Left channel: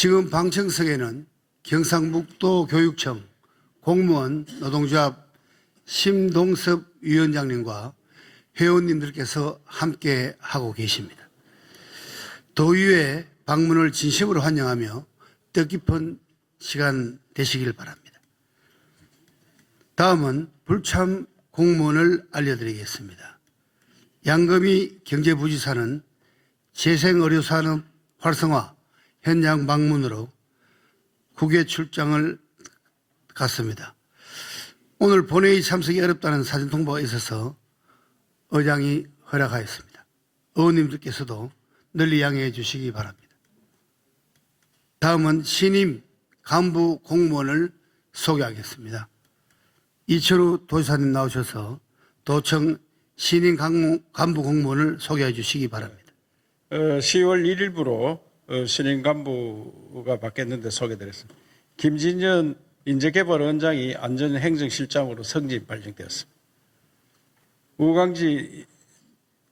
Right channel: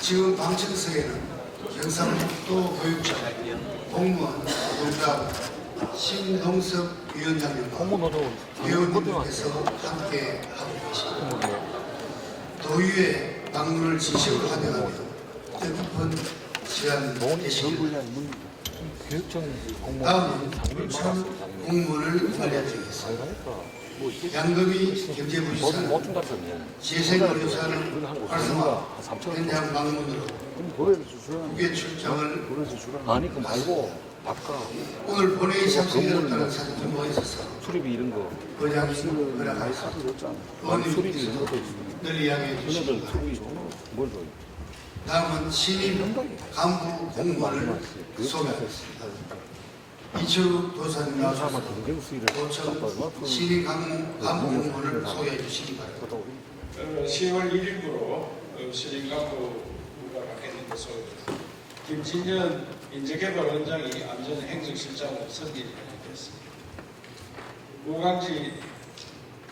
지금 방청석에는 경상북도 교육청 공무원 노동조합 심동섭 위원장님과 회원님들께서 함께 하고 계십니다. 도의회 방문을 진심으로 환영하며 뜻깊은 시간 되시길 바랍니다. 다음은 불참 공무원을 알려드리겠습니다. 양금희 경제부지사는 재생의료산업 활성화 현장 방문으로 국외 출장을 갔습니다. 오늘 본회의 참석이 어렵다는 사진 통보가 있어서 의장이 허락하였습니다. 의원님께서도 널리 양해해 주시기 바랍니다. 다음은 신임 간부 공무원을 소개하겠습니다. 이철우 도지사님 나오셔서 도청 신임 간부 공무원을 소개해 주시기 바랍니다. 10월 1일부로 신임 간부가 바뀌었는데 소개드렸습니다. 김진년 인재개발원장이 안전행정실장으로 선임 발령되었습니다. 우강지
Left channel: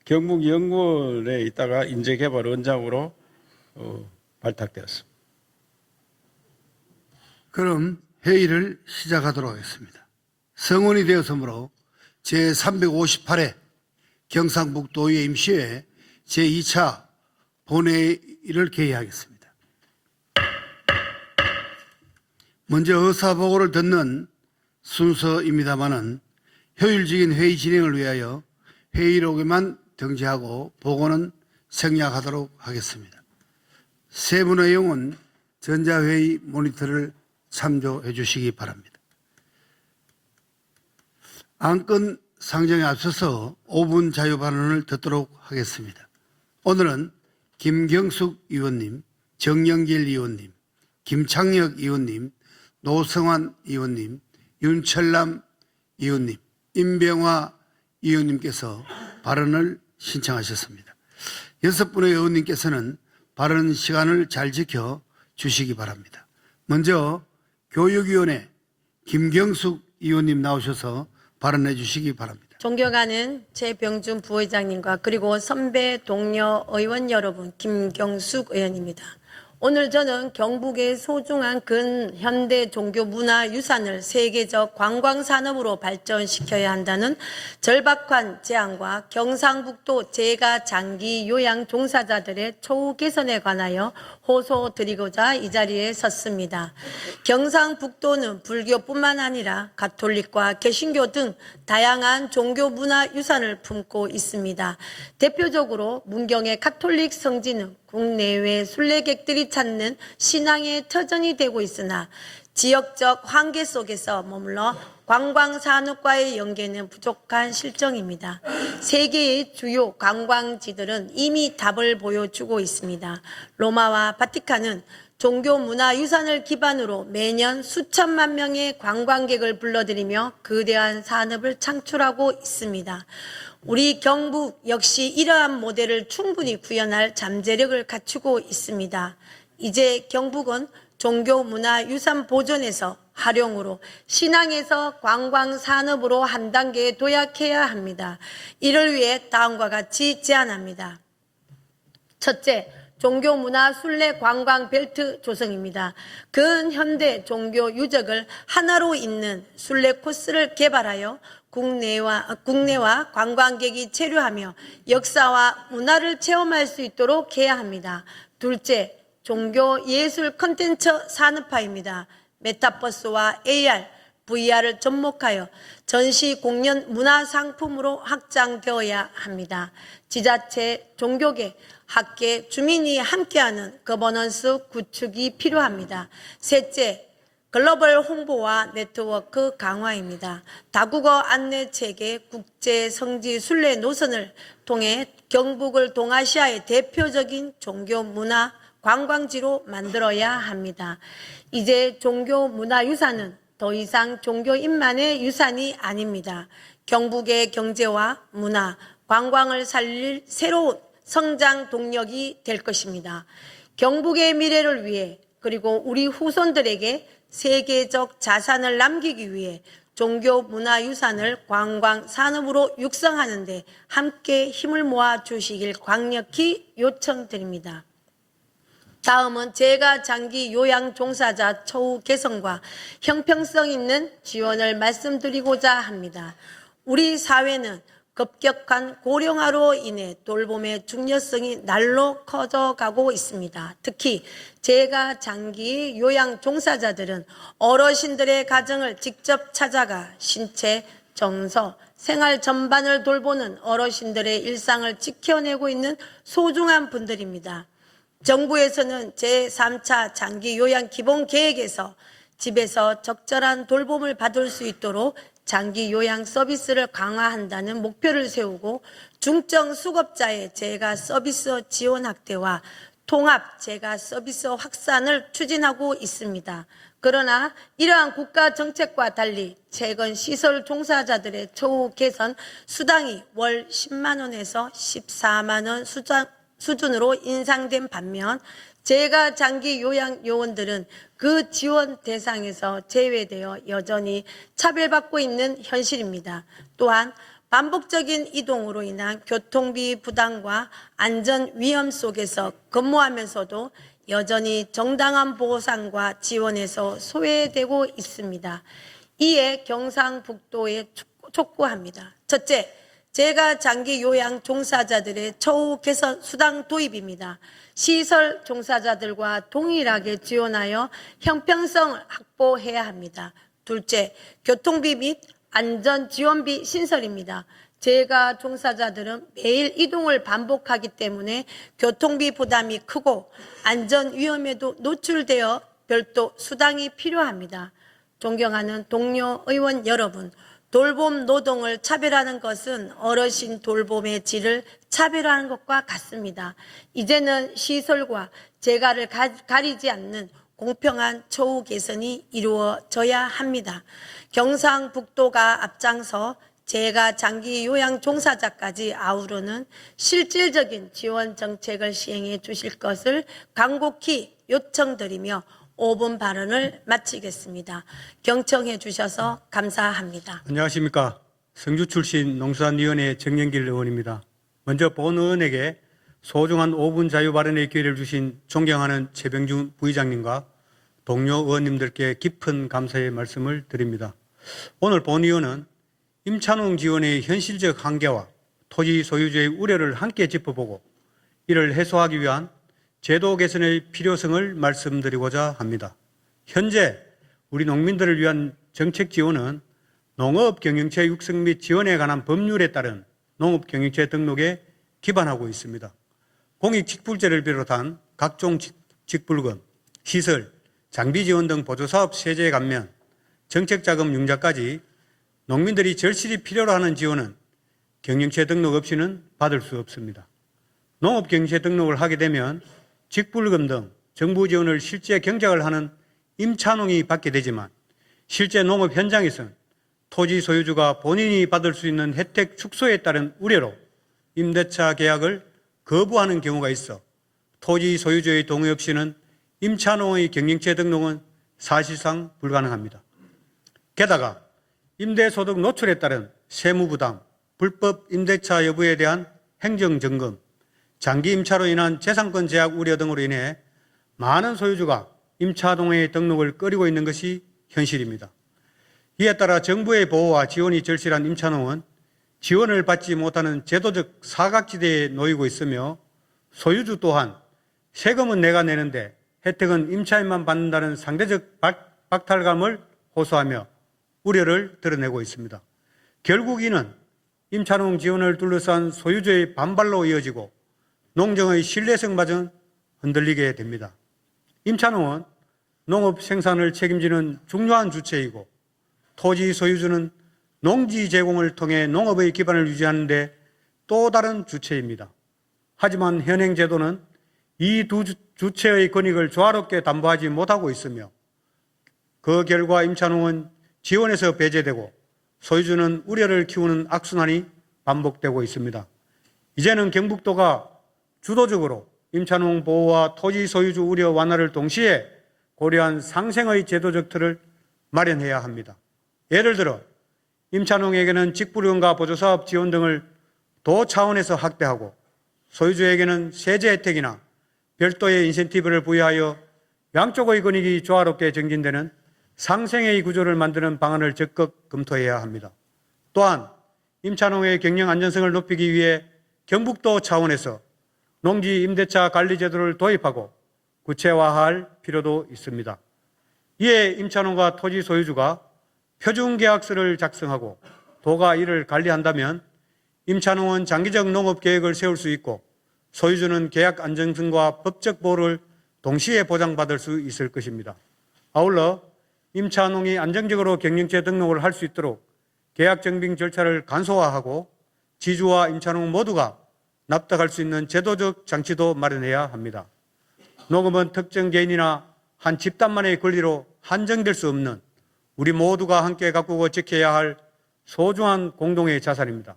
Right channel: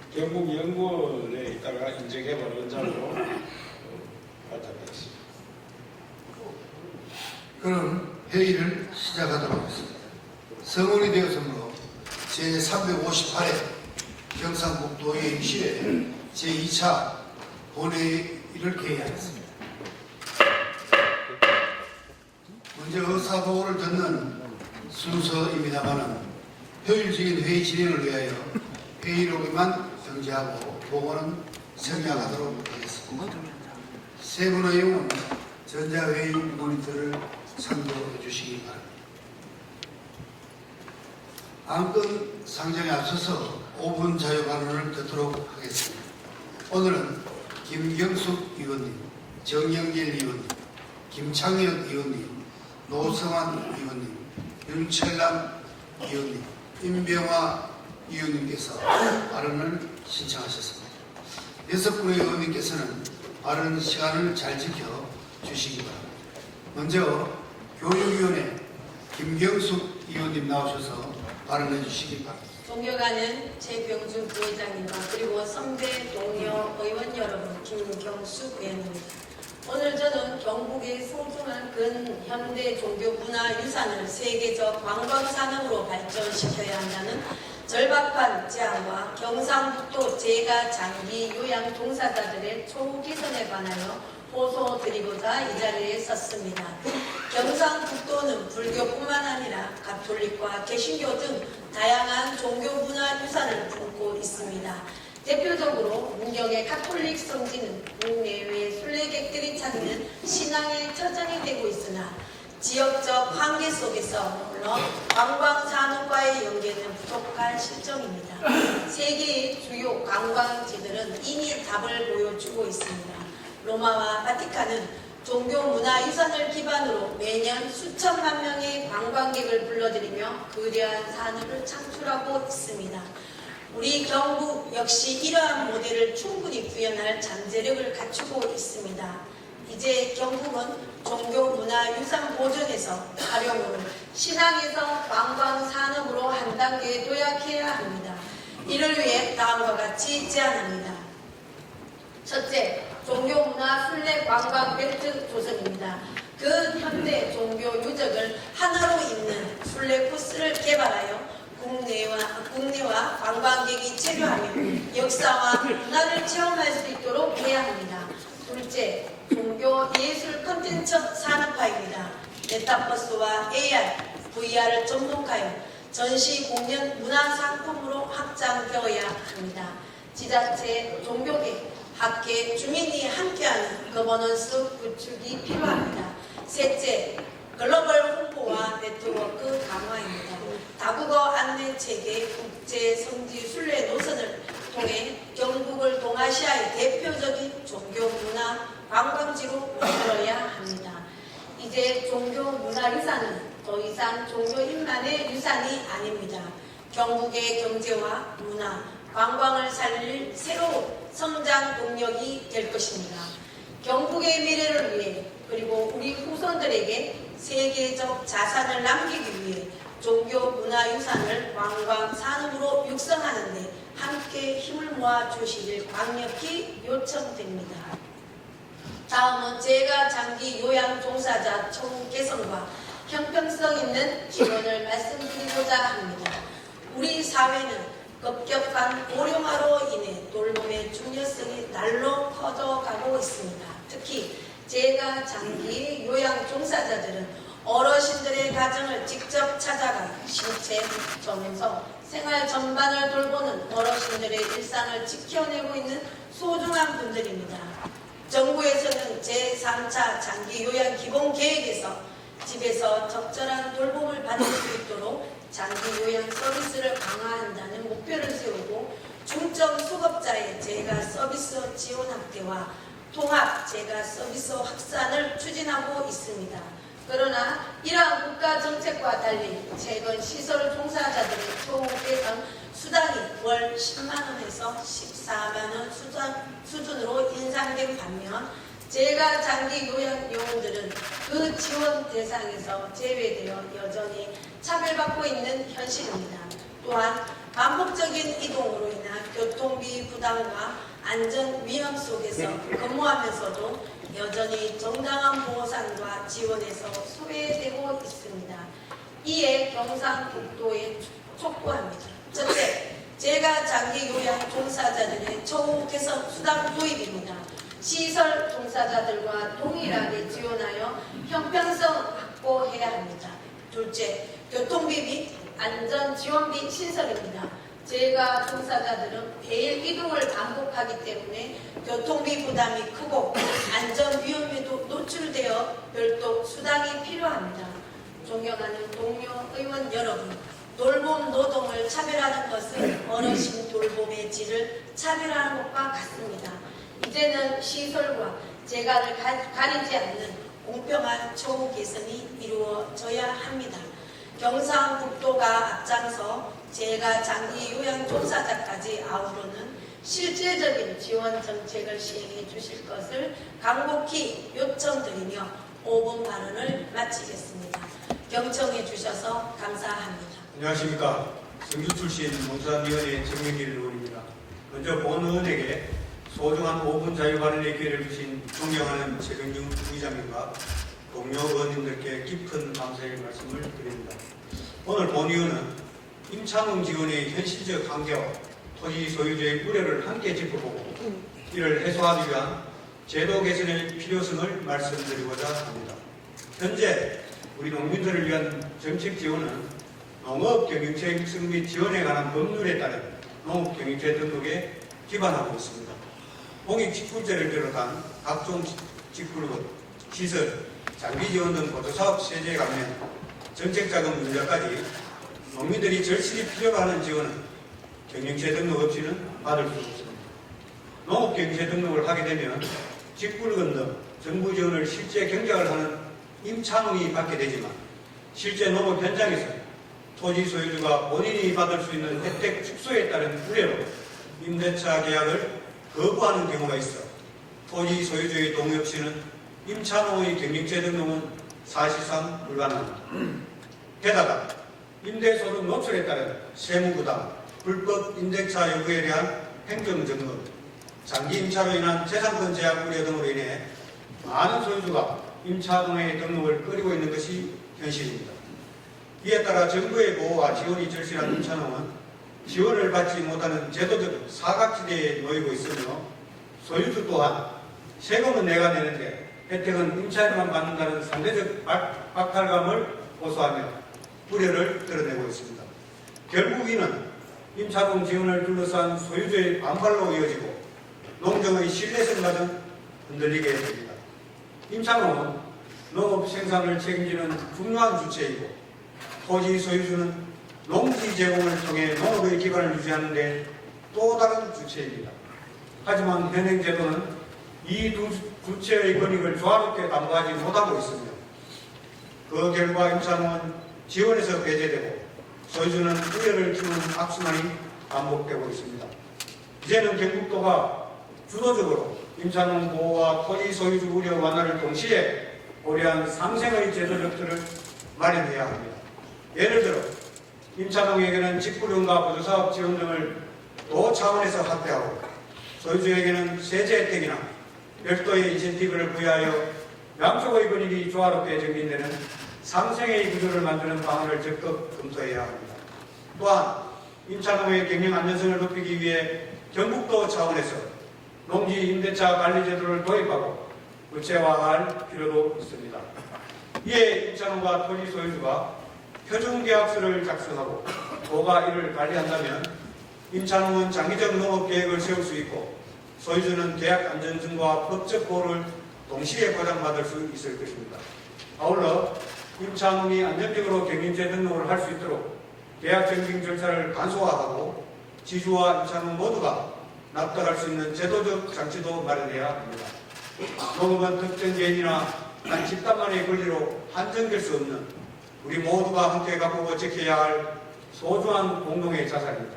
경북연구원에 있다가 인재개발원장으로 발탁되었습니다. 그럼 회의를 시작하도록 하겠습니다. 성원이 되었으므로 제358회 경상북도의회 임시회 제2차 본회의를 개의하겠습니다. 먼저 의사보고를 듣는 순서입니다만 효율적인 회의 진행을 위하여 회의록에만 등재하고 보고는 생략하도록 하겠습니다. 세부 내용은 전자회의 모니터를 참조해 주시기 바랍니다. 안건 상정에 앞서서 5분 자유발언을 듣도록 하겠습니다. 오늘은 김경숙 의원님, 정영길 의원님, 김창혁 의원님, 노성환 의원님, 윤철남 의원님, 임병화 의원님께서 발언을 신청하셨습니다. 6분의 의원님께서는 발언 시간을 잘 지켜 주시기 바랍니다. 먼저 교육위원회 김경숙 의원님 나오셔서 발언해 주시기 바랍니다. 존경하는 최병준 부의장님과 그리고 선배 동료 의원 여러분, 김경숙 의원입니다. 오늘 저는 경북의 소중한 근현대 종교문화유산을 세계적 관광산업으로 발전시켜야 한다는 절박한 제안과 경상북도 재가 장기 요양 종사자들의 처우 개선에 관하여 호소드리고자 이 자리에 섰습니다. 경상북도는 불교뿐만 아니라 가톨릭과 개신교 등 다양한 종교문화유산을 품고 있습니다. 대표적으로 문경의 가톨릭 성지는 국내외 순례객들이 찾는 신앙의 터전이 되고 있으나 지역적 한계 속에서 머물러 관광산업과의 연계는 부족한 실정입니다. 세계의 주요 관광지들은 이미 답을 보여주고 있습니다. 로마와 바티칸은 종교문화유산을 기반으로 매년 수천만 명의 관광객을 불러들이며 거대한 산업을 창출하고 있습니다. 우리 경북 역시 이러한 모델을 충분히 구현할 잠재력을 갖추고 있습니다. 이제 경북은 종교문화유산 보존에서 활용으로 신앙에서 관광산업으로 한 단계 도약해야 합니다. 이를 위해 다음과 같이 제안합니다. 첫째, 종교문화 순례 관광 벨트 조성입니다. 근현대 종교 유적을 하나로 잇는 순례 코스를 개발하여 국내와 관광객이 체류하며 역사와 문화를 체험할 수 있도록 해야 합니다. 둘째, 종교 예술 콘텐츠 산업화입니다. 메타버스와 AR, VR을 접목하여 전시 공연 문화 상품으로 확장되어야 합니다. 지자체, 종교계, 학계, 주민이 함께하는 거버넌스 구축이 필요합니다. 셋째, 글로벌 홍보와 네트워크 강화입니다. 다국어 안내체계, 국제 성지 순례 노선을 통해 경북을 동아시아의 대표적인 종교 문화 관광지로 만들어야 합니다. 이제 종교 문화 유산은 더 이상 종교인만의 유산이 아닙니다. 경북의 경제와 문화, 관광을 살릴 새로운 성장 동력이 될 것입니다. 경북의 미래를 위해 그리고 우리 후손들에게 세계적 자산을 남기기 위해 종교문화유산을 관광산업으로 육성하는 데 함께 힘을 모아 주시길 강력히 요청드립니다. 다음은 재가 장기 요양 종사자 처우 개선과 형평성 있는 지원을 말씀드리고자 합니다. 우리 사회는 급격한 고령화로 인해 돌봄의 중요성이 날로 커져가고 있습니다. 특히 재가 장기 요양 종사자들은 어르신들의 가정을 직접 찾아가 신체, 정서, 생활 전반을 돌보는 어르신들의 일상을 지켜내고 있는 소중한 분들입니다. 정부에서는 제3차 장기 요양 기본 계획에서 집에서 적절한 돌봄을 받을 수 있도록 장기 요양 서비스를 강화한다는 목표를 세우고 중증 수급자의 재가 서비스 지원 확대와 통합 재가 서비스 확산을 추진하고 있습니다. 그러나 이러한 국가 정책과 달리 최근 시설 종사자들의 처우 개선 수당이 월 10만 원에서 14만 원 수준으로 인상된 반면 재가 장기 요양 요원들은 그 지원 대상에서 제외되어 여전히 차별받고 있는 현실입니다. 또한 반복적인 이동으로 인한 교통비 부담과 안전 위험 속에서 근무하면서도 여전히 정당한 보상과 지원에서 소외되고 있습니다. 이에 경상북도에 촉구합니다. 첫째, 재가 장기 요양 종사자들의 처우 개선 수당 도입입니다. 시설 종사자들과 동일하게 지원하여 형평성 확보해야 합니다. 둘째, 교통비 및 안전지원비 신설입니다. 재가 종사자들은 매일 이동을 반복하기 때문에 교통비 부담이 크고 안전 위험에도 노출되어 별도 수당이 필요합니다. 존경하는 동료 의원 여러분, 돌봄 노동을 차별하는 것은 어르신 돌봄의 질을 차별하는 것과 같습니다. 이제는 시설과 재가를 가리지 않는 공평한 처우 개선이 이루어져야 합니다. 경상북도가 앞장서 재가 장기 요양 종사자까지 아우르는 실질적인 지원 정책을 시행해 주실 것을 간곡히 요청드리며 5분 발언을 마치겠습니다. 경청해 주셔서 감사합니다. 안녕하십니까. 성주 출신 농수산위원회 정영길 의원입니다. 먼저 본 의원에게 소중한 5분 자유 발언의 기회를 주신 존경하는 최병준 부의장님과 동료 의원님들께 깊은 감사의 말씀을 드립니다. 오늘 본 의원은 임찬홍 지원의 현실적 한계와 토지 소유주의 우려를 함께 짚어보고 이를 해소하기 위한 제도 개선의 필요성을 말씀드리고자 합니다. 현재 우리 농민들을 위한 정책 지원은 농업 경영체 육성 및 지원에 관한 법률에 따른 농업 경영체 등록에 기반하고 있습니다. 공익 직불제를 비롯한 각종 직불금, 시설, 장비 지원 등 보조사업 세제 감면, 정책자금 융자까지 농민들이 절실히 필요로 하는 지원은 경영체 등록 없이는 받을 수 없습니다. 농업 경영체 등록을 하게 되면 직불금 등 정부 지원을 실제 경작을 하는 임차농이 받게 되지만 실제 농업 현장에서 토지 소유주가 본인이 받을 수 있는 혜택 축소에 따른 우려로 임대차 계약을 거부하는 경우가 있어 토지 소유주의 동의 없이는 임차농의 경영체 등록은 사실상 불가능합니다. 게다가 임대소득 노출에 따른 세무부담, 불법 임대차 여부에 대한 행정점검, 장기 임차로 인한 재산권 제약 우려 등으로 인해 많은 소유주가 임차동의 등록을 꺼리고 있는 것이 현실입니다. 이에 따라 정부의 보호와 지원이 절실한 임차농은 지원을 받지 못하는 제도적 사각지대에 놓이고 있으며 소유주 또한 세금은 내가 내는데 혜택은 임차인만 받는다는 상대적 박탈감을 호소하며 우려를 드러내고 있습니다. 결국 이는 임차농 지원을 둘러싼 소유주의 반발로 이어지고 농정의 신뢰성마저 흔들리게 됩니다. 임차농은 농업 생산을 책임지는 중요한 주체이고 토지 소유주는 농지 제공을 통해 농업의 기반을 유지하는 데 또 다른 주체입니다. 하지만 현행 제도는 이 두 주체의 권익을 조화롭게 담보하지 못하고 있으며 그 결과 임차농은 지원에서 배제되고 소유주는 우려를 키우는 악순환이 반복되고 있습니다. 이제는 경북도가 주도적으로 임차농 보호와 토지 소유주 우려 완화를 동시에 고려한 상생의 제도적 틀을 마련해야 합니다. 예를 들어 임차농에게는 직불금과 보조사업 지원 등을 도 차원에서 확대하고 소유주에게는 세제 혜택이나 별도의 인센티브를 부여하여 양쪽의 권익이 조화롭게 정진되는 상생의 구조를 만드는 방안을 적극 검토해야 합니다. 또한 임차농의 경영 안전성을 높이기 위해 경북도 차원에서 농지 임대차 관리 제도를 도입하고 구체화할 필요도 있습니다. 이에 임차농과 토지 소유주가 표준 계약서를 작성하고 도가 이를 관리한다면 임차농은 장기적 농업 계획을 세울 수 있고 소유주는 계약 안전성과 법적 보호를 동시에 보장받을 수 있을 것입니다. 아울러 임차농이 안정적으로 경영체 등록을 할 수 있도록 계약 정빙 절차를 간소화하고 지주와 임차농 모두가 납득할 수 있는 제도적 장치도 마련해야 합니다. 농업은 특정 개인이나 한 집단만의 권리로 한정될 수 없는 우리 모두가 함께 가꾸고 지켜야 할 소중한 공동의 자산입니다.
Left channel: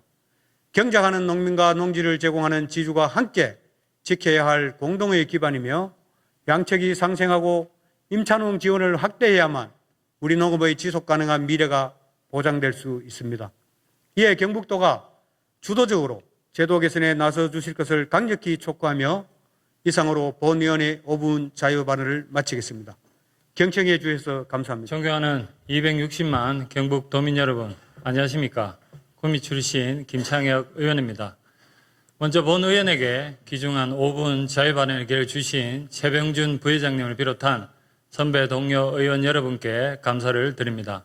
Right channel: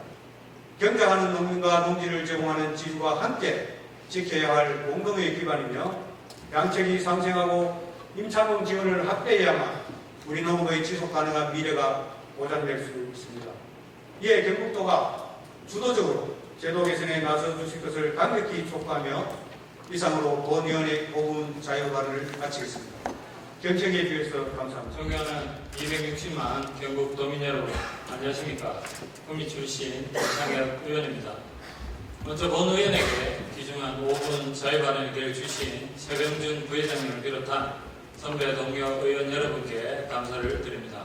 경작하는 농민과 농지를 제공하는 지주가 함께 지켜야 할 공동의 기반이며 양측이 상생하고 임차농 지원을 확대해야만 우리 농업의 지속가능한 미래가 보장될 수 있습니다. 이에 경북도가 주도적으로 제도 개선에 나서 주실 것을 강력히 촉구하며 이상으로 본위원회 5분 자유 발언을 마치겠습니다. 경청해 주셔서 감사합니다. 존경하는 260만 경북 도민 여러분, 안녕하십니까? 구미 출신 김창혁 의원입니다. 먼저 본 의원에게 귀중한 5분 자유 발언의 기회를 주신 최병준 부회장님을 비롯한 선배 동료 의원 여러분께 감사를 드립니다.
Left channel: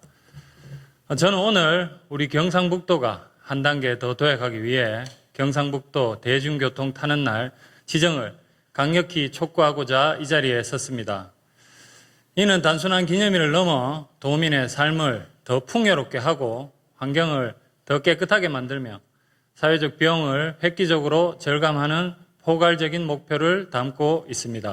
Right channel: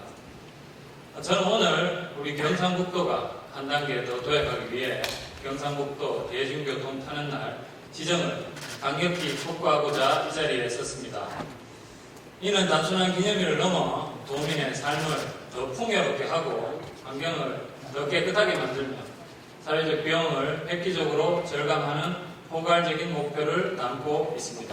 저는 오늘 우리 경상북도가 한 단계 더 도약하기 위해 경상북도 대중교통 타는 날 지정을 강력히 촉구하고자 이 자리에 섰습니다. 이는 단순한 기념일을 넘어 도민의 삶을 더 풍요롭게 하고 환경을 더 깨끗하게 만들며 사회적 비용을 획기적으로 절감하는 포괄적인 목표를 담고 있습니다.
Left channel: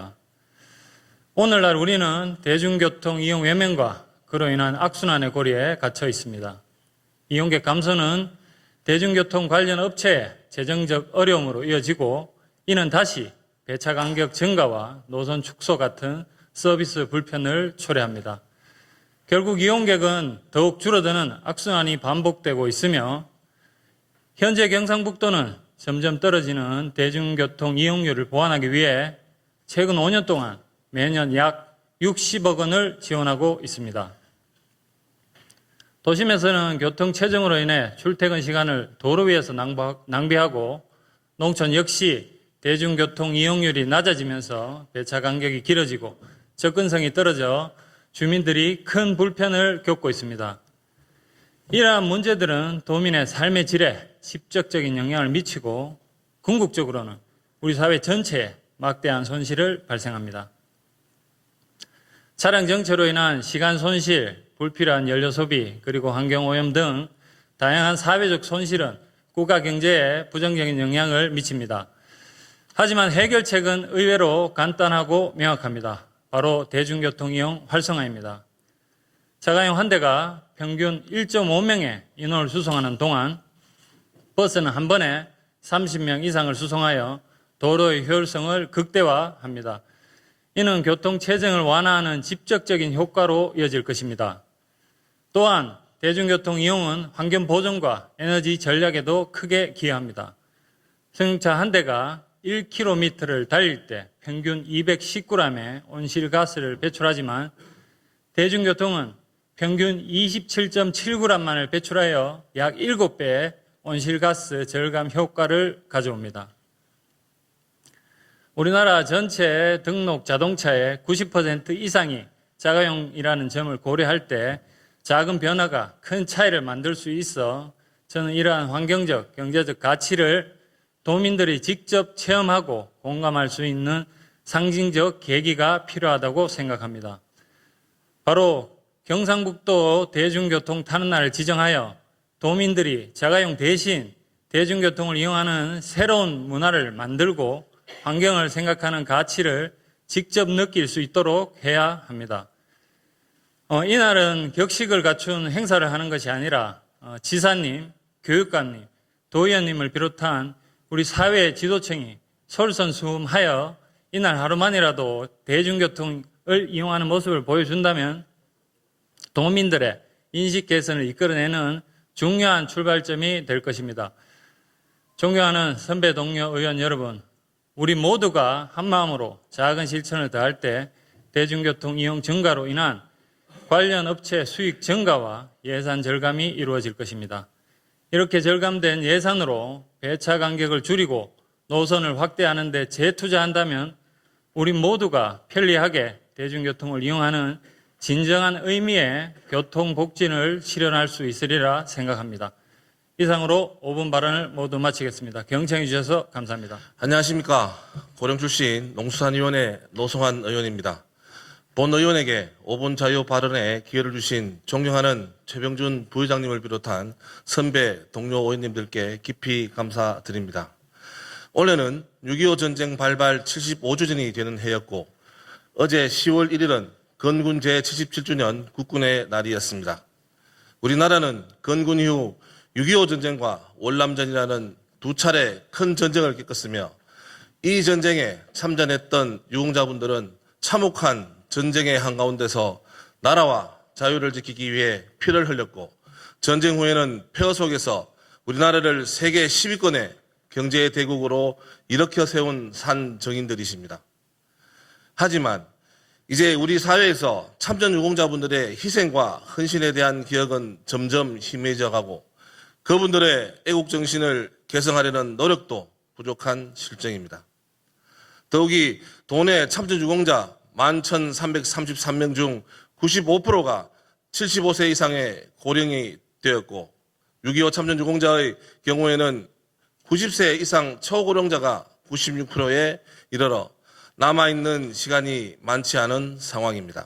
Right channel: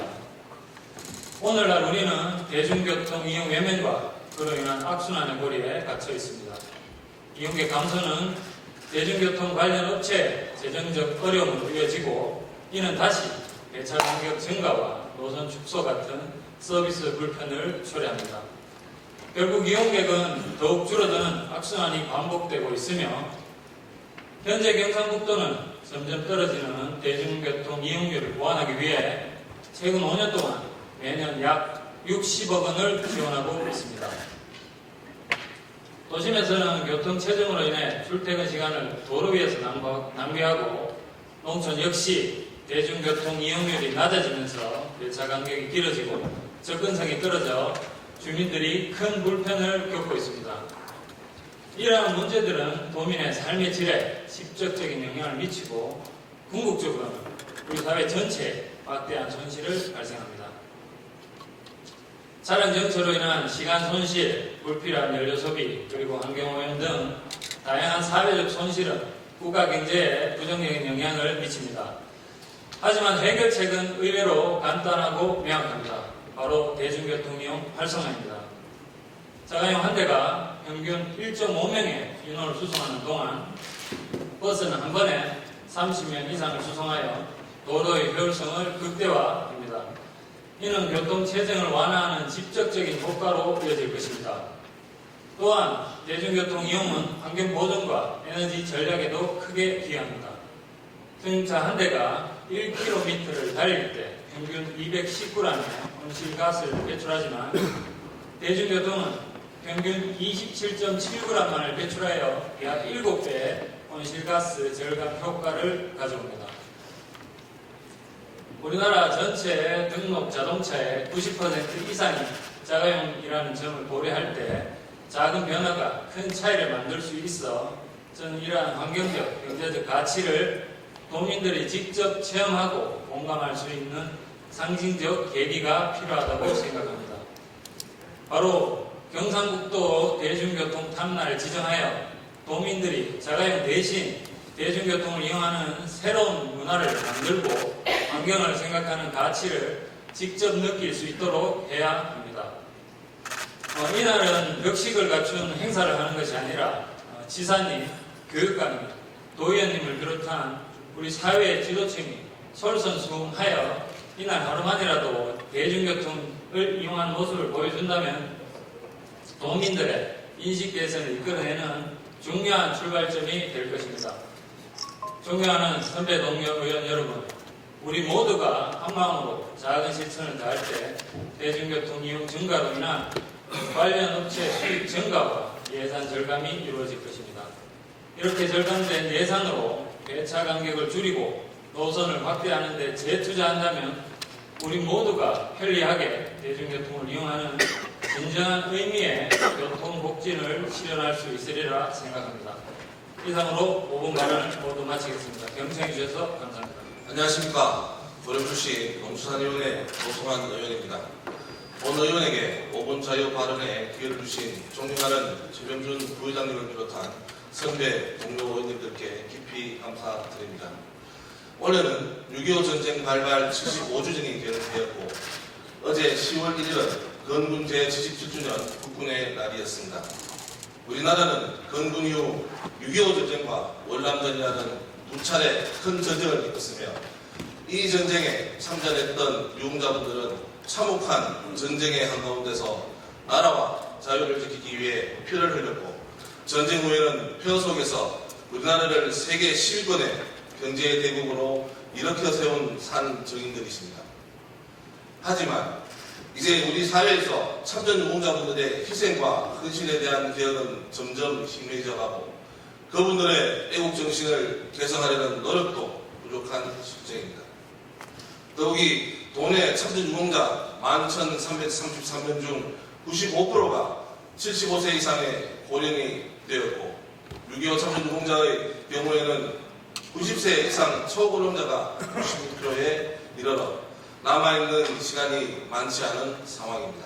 오늘날 우리는 대중교통 이용 외면과 그로 인한 악순환의 고리에 갇혀 있습니다. 이용객 감소는 대중교통 관련 업체의 재정적 어려움으로 이어지고 이는 다시 배차 간격 증가와 노선 축소 같은 서비스 불편을 초래합니다. 결국 이용객은 더욱 줄어드는 악순환이 반복되고 있으며 현재 경상북도는 점점 떨어지는 대중교통 이용률을 보완하기 위해 최근 5년 동안 매년 약 60억 원을 지원하고 있습니다. 도심에서는 교통체증으로 인해 출퇴근 시간을 도로 위에서 낭비하고 농촌 역시 대중교통 이용률이 낮아지면서 배차 간격이 길어지고 접근성이 떨어져 주민들이 큰 불편을 겪고 있습니다. 이러한 문제들은 도민의 삶의 질에 직접적인 영향을 미치고 궁극적으로는 우리 사회 전체에 막대한 손실을 발생합니다. 차량 정체로 인한 시간 손실, 불필요한 연료 소비, 그리고 환경오염 등 다양한 사회적 손실은 국가 경제에 부정적인 영향을 미칩니다. 하지만 해결책은 의외로 간단하고 명확합니다. 바로 대중교통 이용 활성화입니다. 자가용 한 대가 평균 1.5명의 인원을 수송하는 동안 버스는 한 번에 30명 이상을 수송하여 도로의 효율성을 극대화합니다. 이는 교통체증을 완화하는 직접적인 효과로 이어질 것입니다. 또한 대중교통 이용은 환경 보존과 에너지 전략에도 크게 기여합니다. 승용차 한 대가 1km를 달릴 때 평균 219g의 온실가스를 배출하지만 대중교통은 평균 27.7g만을 배출하여 약 7배의 온실가스 절감 효과를 가져옵니다. 우리나라 전체 등록 자동차의 90% 이상이 자가용이라는 점을 고려할 때 작은 변화가 큰 차이를 만들 수 있어 저는 이러한 환경적, 경제적 가치를 도민들이 직접 체험하고 공감할 수 있는 상징적 계기가 필요하다고 생각합니다. 바로 경상북도 대중교통 타는 날을 지정하여 도민들이 자가용 대신 대중교통을 이용하는 새로운 문화를 만들고 환경을 생각하는 가치를 직접 느낄 수 있도록 해야 합니다. 이날은 격식을 갖춘 행사를 하는 것이 아니라 지사님, 교육관님, 도의원님을 비롯한 우리 사회 지도층이 솔선수범하여 이날 하루만이라도 대중교통을 이용하는 모습을 보여준다면 도민들의 인식 개선을 이끌어내는 중요한 출발점이 될 것입니다. 존경하는 선배 동료 의원 여러분, 우리 모두가 한마음으로 작은 실천을 다할 때 대중교통 이용 증가로 인한 관련 업체 수익 증가와 예산 절감이 이루어질 것입니다. 이렇게 절감된 예산으로 배차 간격을 줄이고 노선을 확대하는 데 재투자한다면 우리 모두가 편리하게 대중교통을 이용하는 진정한 의미의 교통복진을 실현할 수 있으리라 생각합니다. 이상으로 5분 발언을 모두 마치겠습니다. 경청해 주셔서 감사합니다. 안녕하십니까. 고령 출신 농수산위원회 노성환 의원입니다. 본 의원에게 5분 자유 발언에 기회를 주신 존경하는 최병준 부의장님을 비롯한 선배 동료 의원님들께 깊이 감사드립니다. 올해는 6.25 전쟁 발발 75주년이 되는 해였고 어제 10월 1일은 건군 제77주년 국군의 날이었습니다. 우리나라는 건군 이후 6.25 전쟁과 월남전이라는 두 차례 큰 전쟁을 겪었으며 이 전쟁에 참전했던 유공자분들은 참혹한 전쟁의 한가운데서 나라와 자유를 지키기 위해 피를 흘렸고 전쟁 후에는 폐허 속에서 우리나라를 세계 10위권의 경제 대국으로 일으켜 세운 산 정인들이십니다. 하지만 이제 우리 사회에서 참전 유공자분들의 희생과 헌신에 대한 기억은 점점 희미해져 가고 그분들의 애국정신을 개성하려는 노력도 부족한 실정입니다. 더욱이 도내 참전 유공자 11,333명 중 95%가 75세 이상의 고령이 되었고 6.25 참전 유공자의 경우에는 90세 이상 초고령자가 96%에 이르러 남아있는 시간이 많지 않은 상황입니다.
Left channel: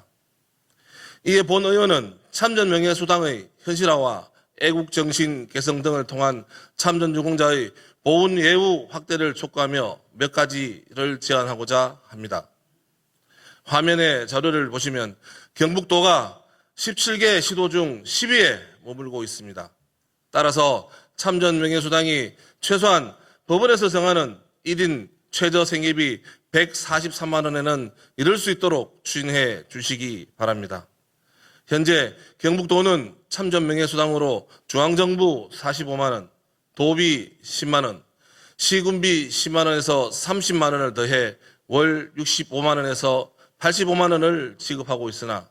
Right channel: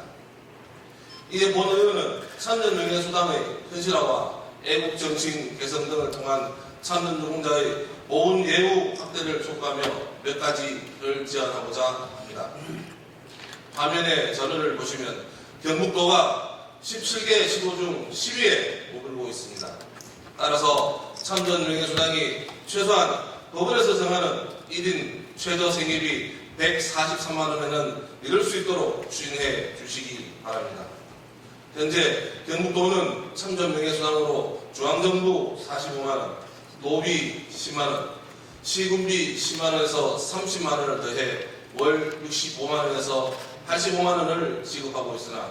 이에 본 의원은 참전 명예수당의 현실화와 애국정신 개성 등을 통한 참전 유공자의 보훈 예우 확대를 촉구하며 몇 가지를 제안하고자 합니다. 화면의 자료를 보시면 경북도가 17개 시도 중 10위에 머물고 있습니다. 따라서 참전 명예수당이 최소한 법원에서 정하는 1인 최저 생계비 143만 원에는 이를 수 있도록 추진해 주시기 바랍니다. 현재 경북도는 참전 명예수당으로 중앙정부 45만 원, 도비 10만 원, 시군비 10만 원에서 30만 원을 더해 월 65만 원에서 85만 원을 지급하고 있으나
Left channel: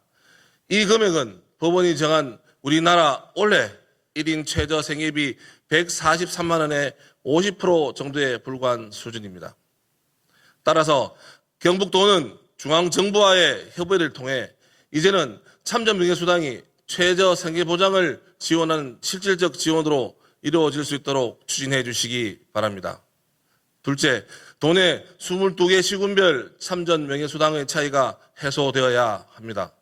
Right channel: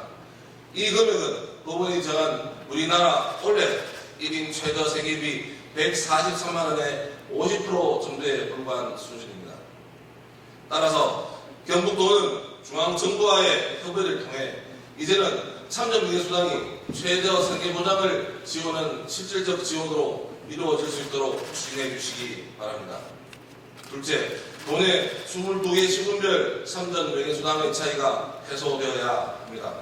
이 금액은 법원이 정한 우리나라 올해 1인 최저 생계비 143만 원의 50% 정도에 불과한 수준입니다. 따라서 경북도는 중앙정부와의 협의를 통해 이제는 참전 명예수당이 최저 생계보장을 지원하는 실질적 지원으로 이루어질 수 있도록 추진해 주시기 바랍니다. 둘째, 도내 22개 시군별 참전 명예수당의 차이가 해소되어야 합니다.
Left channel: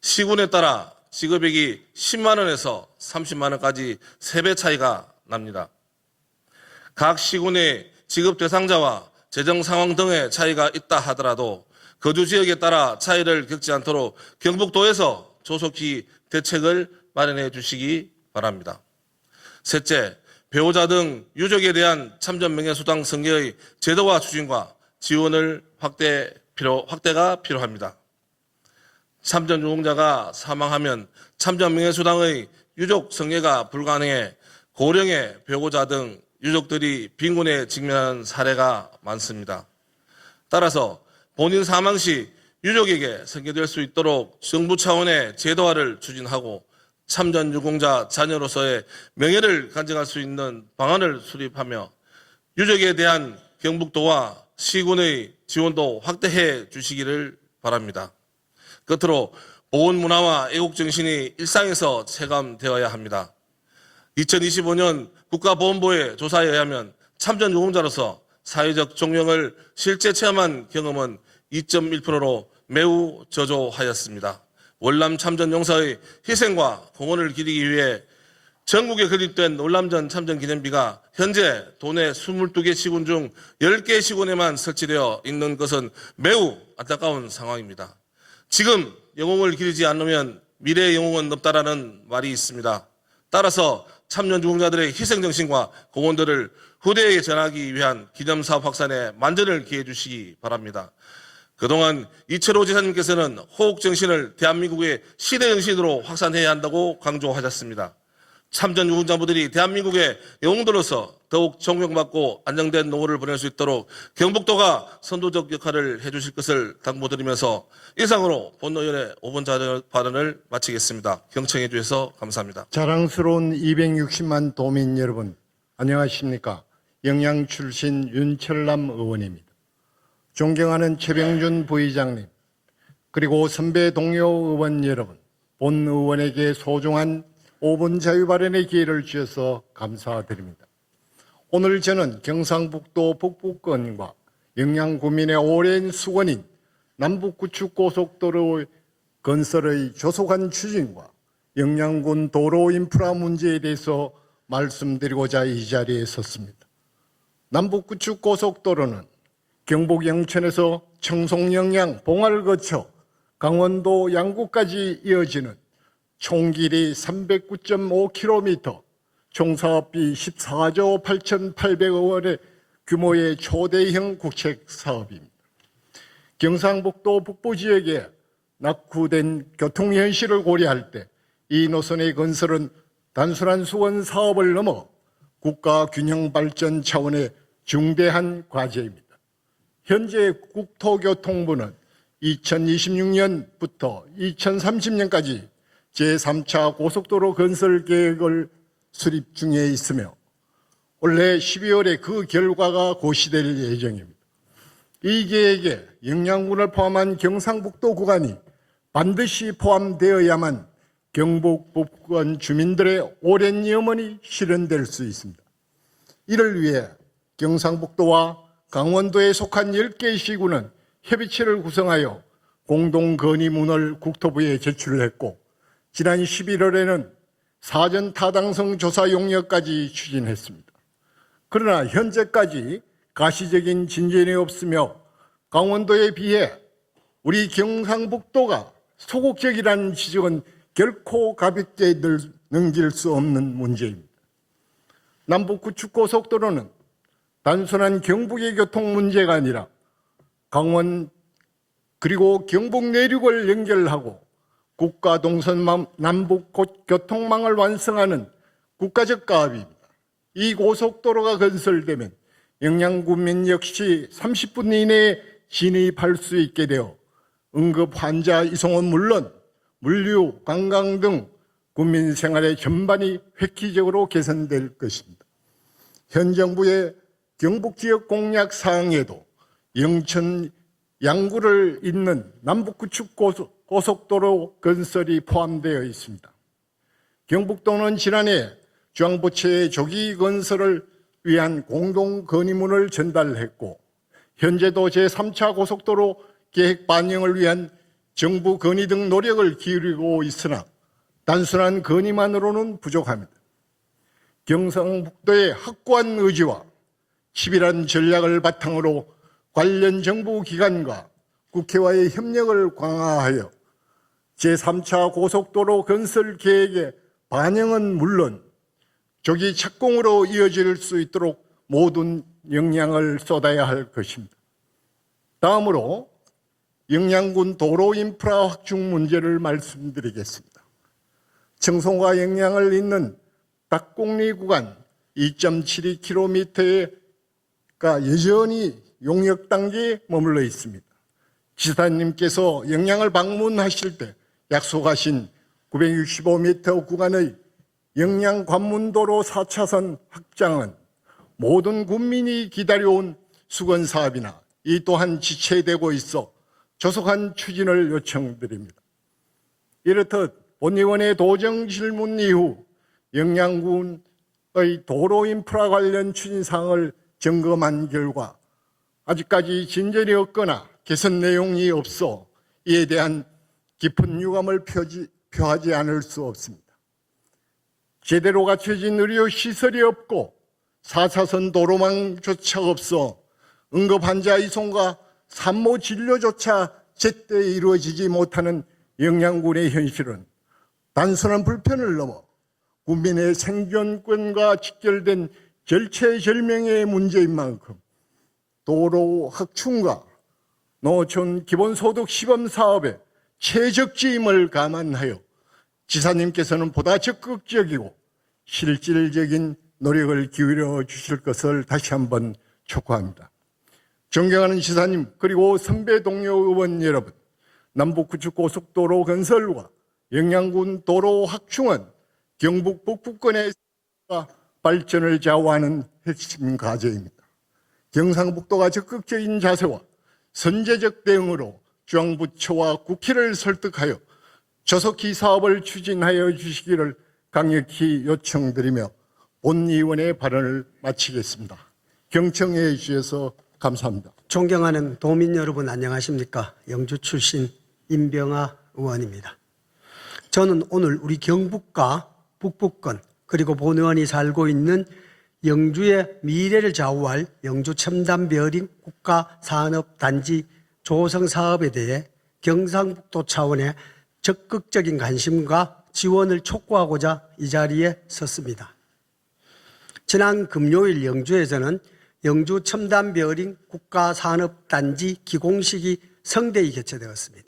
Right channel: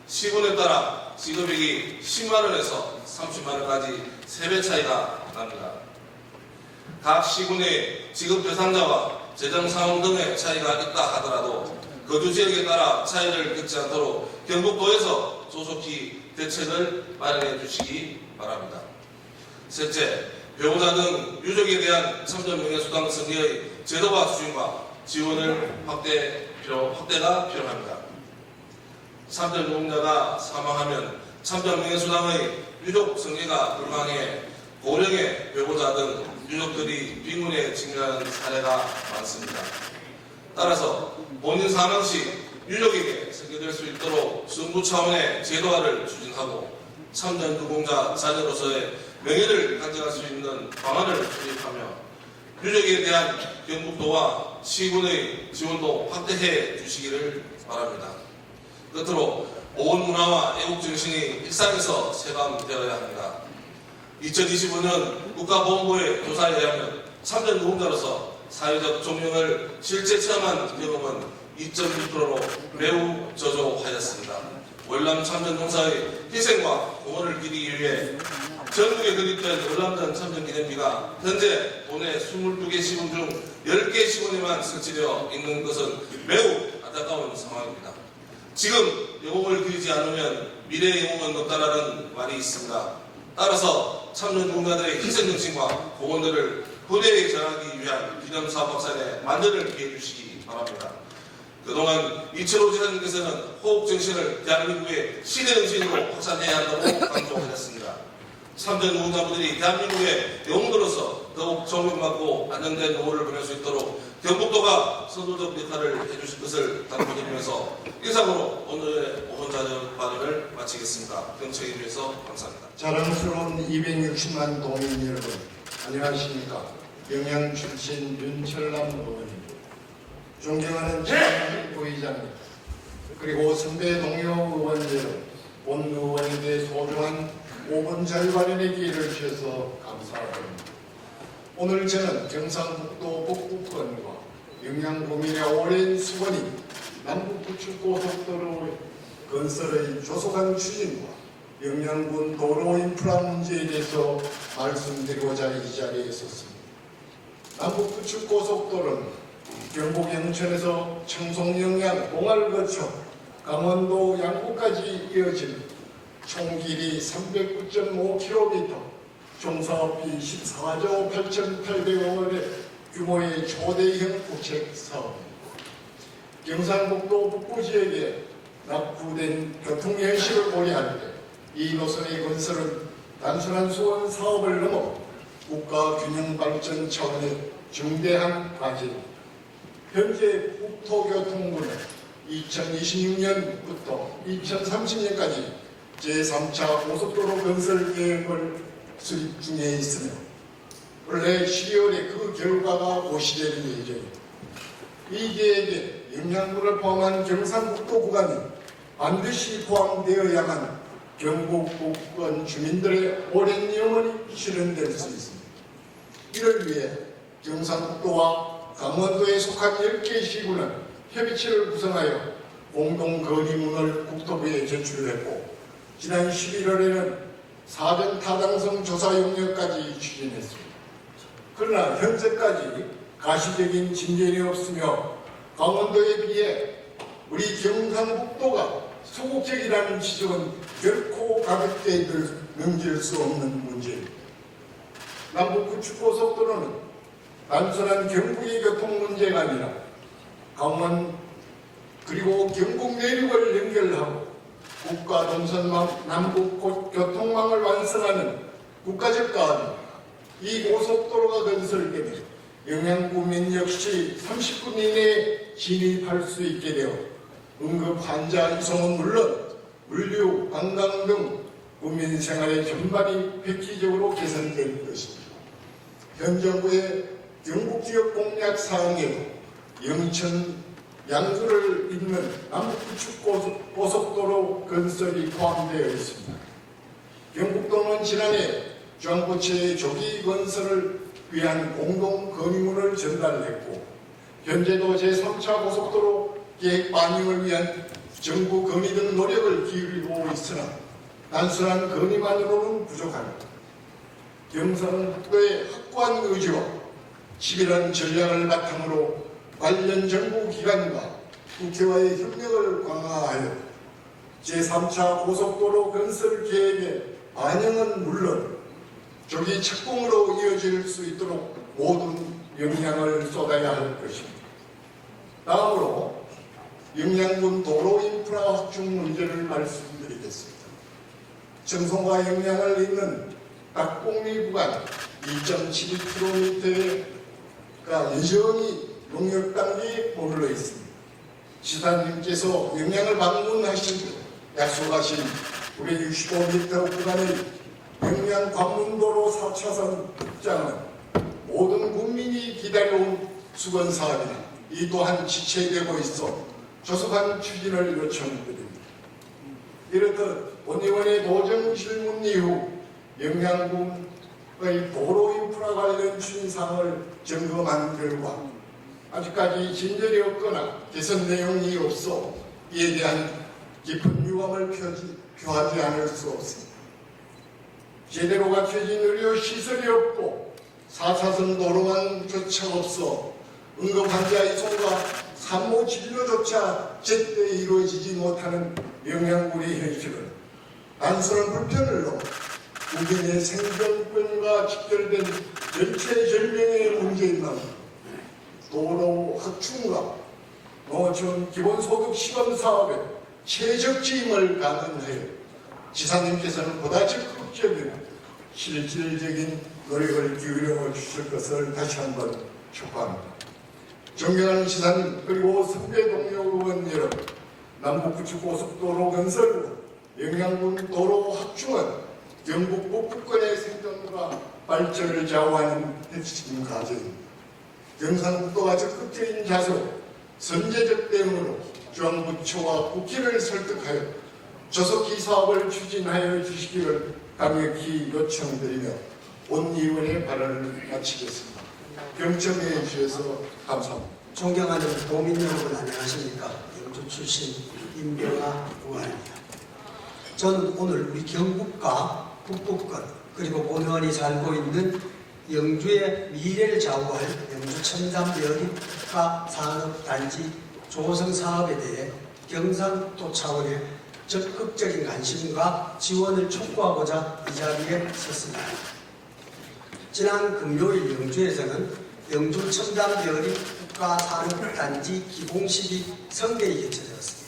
시군에 따라 지급액이 10만 원에서 30만 원까지 3배 차이가 납니다. 각 시군의 지급 대상자와 재정 상황 등의 차이가 있다 하더라도 거주 지역에 따라 차이를 겪지 않도록 경북도에서 조속히 대책을 마련해 주시기 바랍니다. 셋째, 배우자 등 유족에 대한 참전 명예수당 승계의 제도화 추진과 지원을 확대가 필요합니다. 참전 유공자가 사망하면 참전 명예수당의 유족 승계가 불가능해 고령의 배우자 등 유족들이 빈곤에 직면하는 사례가 많습니다. 따라서 본인 사망 시 유족에게 승계될 수 있도록 정부 차원의 제도화를 추진하고 참전 유공자 자녀로서의 명예를 간직할 수 있는 방안을 수립하며 유족에 대한 경북도와 시군의 지원도 확대해 주시기를 바랍니다. 끝으로 보훈 문화와 애국 정신이 일상에서 체감되어야 합니다. 2025년 국가보훈부의 참조사에 의하면 참전 유공자로서 사회적 존경을 실제 체험한 경험은 2.1%로 매우 저조하였습니다. 월남 참전 용사의 희생과 공헌을 기리기 위해 전국에 건립된 월남전 참전 기념비가 현재 도내 22개 시군 중 10개 시군에만 설치되어 있는 것은 매우 안타까운 상황입니다. 지금 영웅을 기리지 않으면 미래의 영웅은 없다라는 말이 있습니다. 따라서 참전 유공자들의 희생정신과 공헌들을 후대에 전하기 위한 기념사업 확산에 만전을 기해 주시기 바랍니다. 그동안 이철호 지사님께서는 호국정신을 대한민국의 시대정신으로 확산해야 한다고 강조하셨습니다. 참전 유공자분들이 대한민국의 영웅들로서 더욱 존경받고 안정된 노후를 보낼 수 있도록 경북도가 선도적 역할을 해주실 것을 당부드리면서 이상으로 본의원의 5분 자료 발언을 마치겠습니다. 경청해 주셔서 감사합니다. 자랑스러운 260만 도민 여러분, 안녕하십니까? 영양 출신 윤철남 의원님, 존경하는 최병준 부의장님, 그리고 선배 동료 의원 여러분, 본 의원에게 소중한 5분 자유 발언의 기회를 주셔서 감사드립니다. 오늘 저는 경상북도 북구권과 영양군민의 오랜 수건인 남북구축고속도로 건설의 조속한 추진과 영양군 도로 인프라 문제에 대해서 말씀드리고자 이 자리에 섰습니다. 남북구축고속도로는 경북 영천에서 청송, 영양, 봉화를 거쳐 강원도 양구까지 이어지는 총 길이 309.5km, 총 사업비 14조 8,800억 원의 규모의 초대형 국책 사업입니다. 경상북도 북부 지역에 낙후된 교통 현실을 고려할 때 이 노선의 건설은 단순한 수건 사업을 넘어 국가 균형 발전 차원의 중대한 과제입니다. 현재 국토교통부는 2026년부터 2030년까지 제3차 고속도로 건설 계획을 수립 중에 있으며 올해 12월에 그 결과가 고시될 예정입니다. 이 계획에 영양군을 포함한 경상북도 구간이 반드시 포함되어야만 경북 북부권 주민들의 오랜 염원이 실현될 수 있습니다. 이를 위해 경상북도와 강원도에 속한 10개의 시군은 협의체를 구성하여 공동 건의문을 국토부에 제출했고 지난 11월에는 사전 타당성 조사 용역까지 추진했습니다. 그러나 현재까지 가시적인 진전이 없으며 강원도에 비해 우리 경상북도가 소극적이라는 지적은 결코 가볍게 넘길 수 없는 문제입니다. 남북구축고속도로는 단순한 경북의 교통 문제가 아니라 강원 그리고 경북 내륙을 연결하고 국가 동선 남북 교통망을 완성하는 국가적 가업입니다. 이 고속도로가 건설되면 영양군민 역시 30분 이내에 진입할 수 있게 되어 응급 환자 이송은 물론 물류, 관광 등 국민 생활의 전반이 획기적으로 개선될 것입니다. 현 정부의 경북지역 공약 사항에도 영천, 양구를 잇는 남북구축고속도로 건설이 포함되어 있습니다. 경북도는 지난해 중앙부처의 조기 건설을 위한 공동 건의문을 전달했고 현재도 제3차 고속도로 계획 반영을 위한 정부 건의 등 노력을 기울이고 있으나 단순한 건의만으로는 부족합니다. 경상북도의 확고한 의지와 치밀한 전략을 바탕으로 관련 정부 기관과 국회와의 협력을 강화하여 제3차 고속도로 건설 계획의 반영은 물론 조기 착공으로 이어질 수 있도록 모든 역량을 쏟아야 할 것입니다. 다음으로 영양군 도로 인프라 확충 문제를 말씀드리겠습니다. 청송과 영양을 잇는 닭곡리 구간 2.72km가 여전히 용역 단계에 머물러 있습니다. 지사님께서 영양을 방문하실 때 약속하신 965m 구간의 영양 관문도로 4차선 확장은 모든 국민이 기다려온 수건 사업이나 이 또한 지체되고 있어 조속한 추진을 요청드립니다. 이렇듯 본의원의 도정 질문 이후 영양군의 도로 인프라 관련 추진사항을 점검한 결과 아직까지 진전이 없거나 개선 내용이 없어 이에 대한 깊은 유감을 표하지 않을 수 없습니다. 제대로 갖춰진 의료 시설이 없고 4차선 도로망조차 없어 응급 환자 이송과 산모 진료조차 제때 이루어지지 못하는 영양군의 현실은 단순한 불편을 넘어 국민의 생존권과 직결된 절체절명의 문제인 만큼 도로 확충과 노천 기본소득 시범 사업의 최적지임을 감안하여 지사님께서는 보다 적극적이고 실질적인 노력을 기울여 주실 것을 다시 한번 촉구합니다. 존경하는 시사님 그리고 선배 동료 의원 여러분, 남북부축고속도로 건설과 영양군 도로 확충은 경북 북부권의 생존과 발전을 좌우하는 핵심 과제입니다. 경상북도가 적극적인 자세로 선제적 대응으로 중앙부처와 국회를 설득하여 조속히 사업을 추진하여 주시기를 강력히 요청드리며 본의원의 발언을 마치겠습니다. 경청해 주셔서 감사합니다. 존경하는 도민 여러분 안녕하십니까? 영주 출신 임병하 의원입니다. 저는 오늘 우리 경북과 북부권 그리고 본의원이 살고 있는 영주의 미래를 좌우할 영주 첨단별인 국가산업단지 조성 사업에 대해 경상도 차원의 적극적인 관심과 지원을 촉구하고자 이 자리에 섰습니다. 지난 금요일 영주에서는 영주 첨단별인 국가산업단지 기공식이 성대히 개최되었습니다.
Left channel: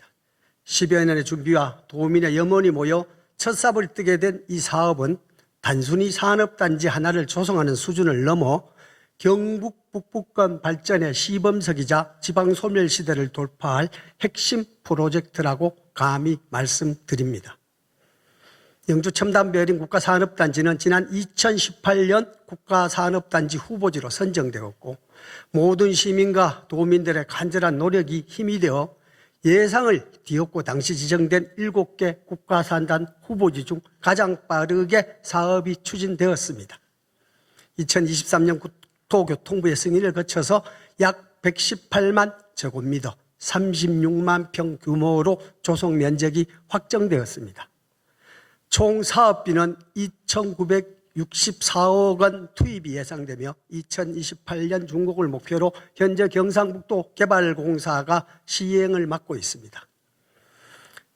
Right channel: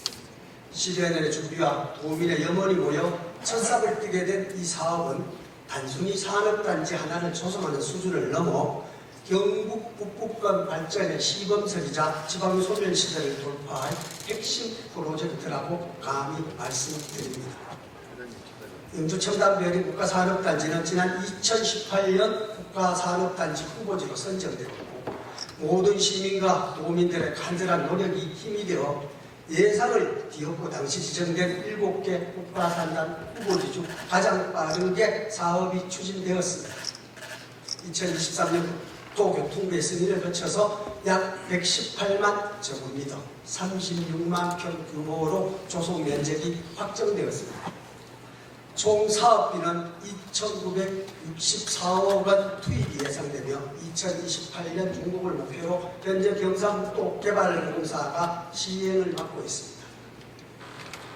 10여 년의 준비와 도민의 염원이 모여 첫삽을 뜨게 된 이 사업은 단순히 산업단지 하나를 조성하는 수준을 넘어 경북 북부권 발전의 시범석이자 지방소멸시대를 돌파할 핵심 프로젝트라고 감히 말씀드립니다. 영주 첨단별인 국가산업단지는 지난 2018년 국가산업단지 후보지로 선정되었고 모든 시민과 도민들의 간절한 노력이 힘이 되어 예상을 뒤엎고 당시 지정된 7개 국가산단 후보지 중 가장 빠르게 사업이 추진되었습니다. 2023년 국토교통부의 승인을 거쳐서 약 118만 제곱미터 36만 평 규모로 조성 면적이 확정되었습니다. 총 사업비는 2,964억 원 투입이 예상되며 2028년 준공을 목표로 현재 경상북도 개발공사가 시행을 맡고 있습니다.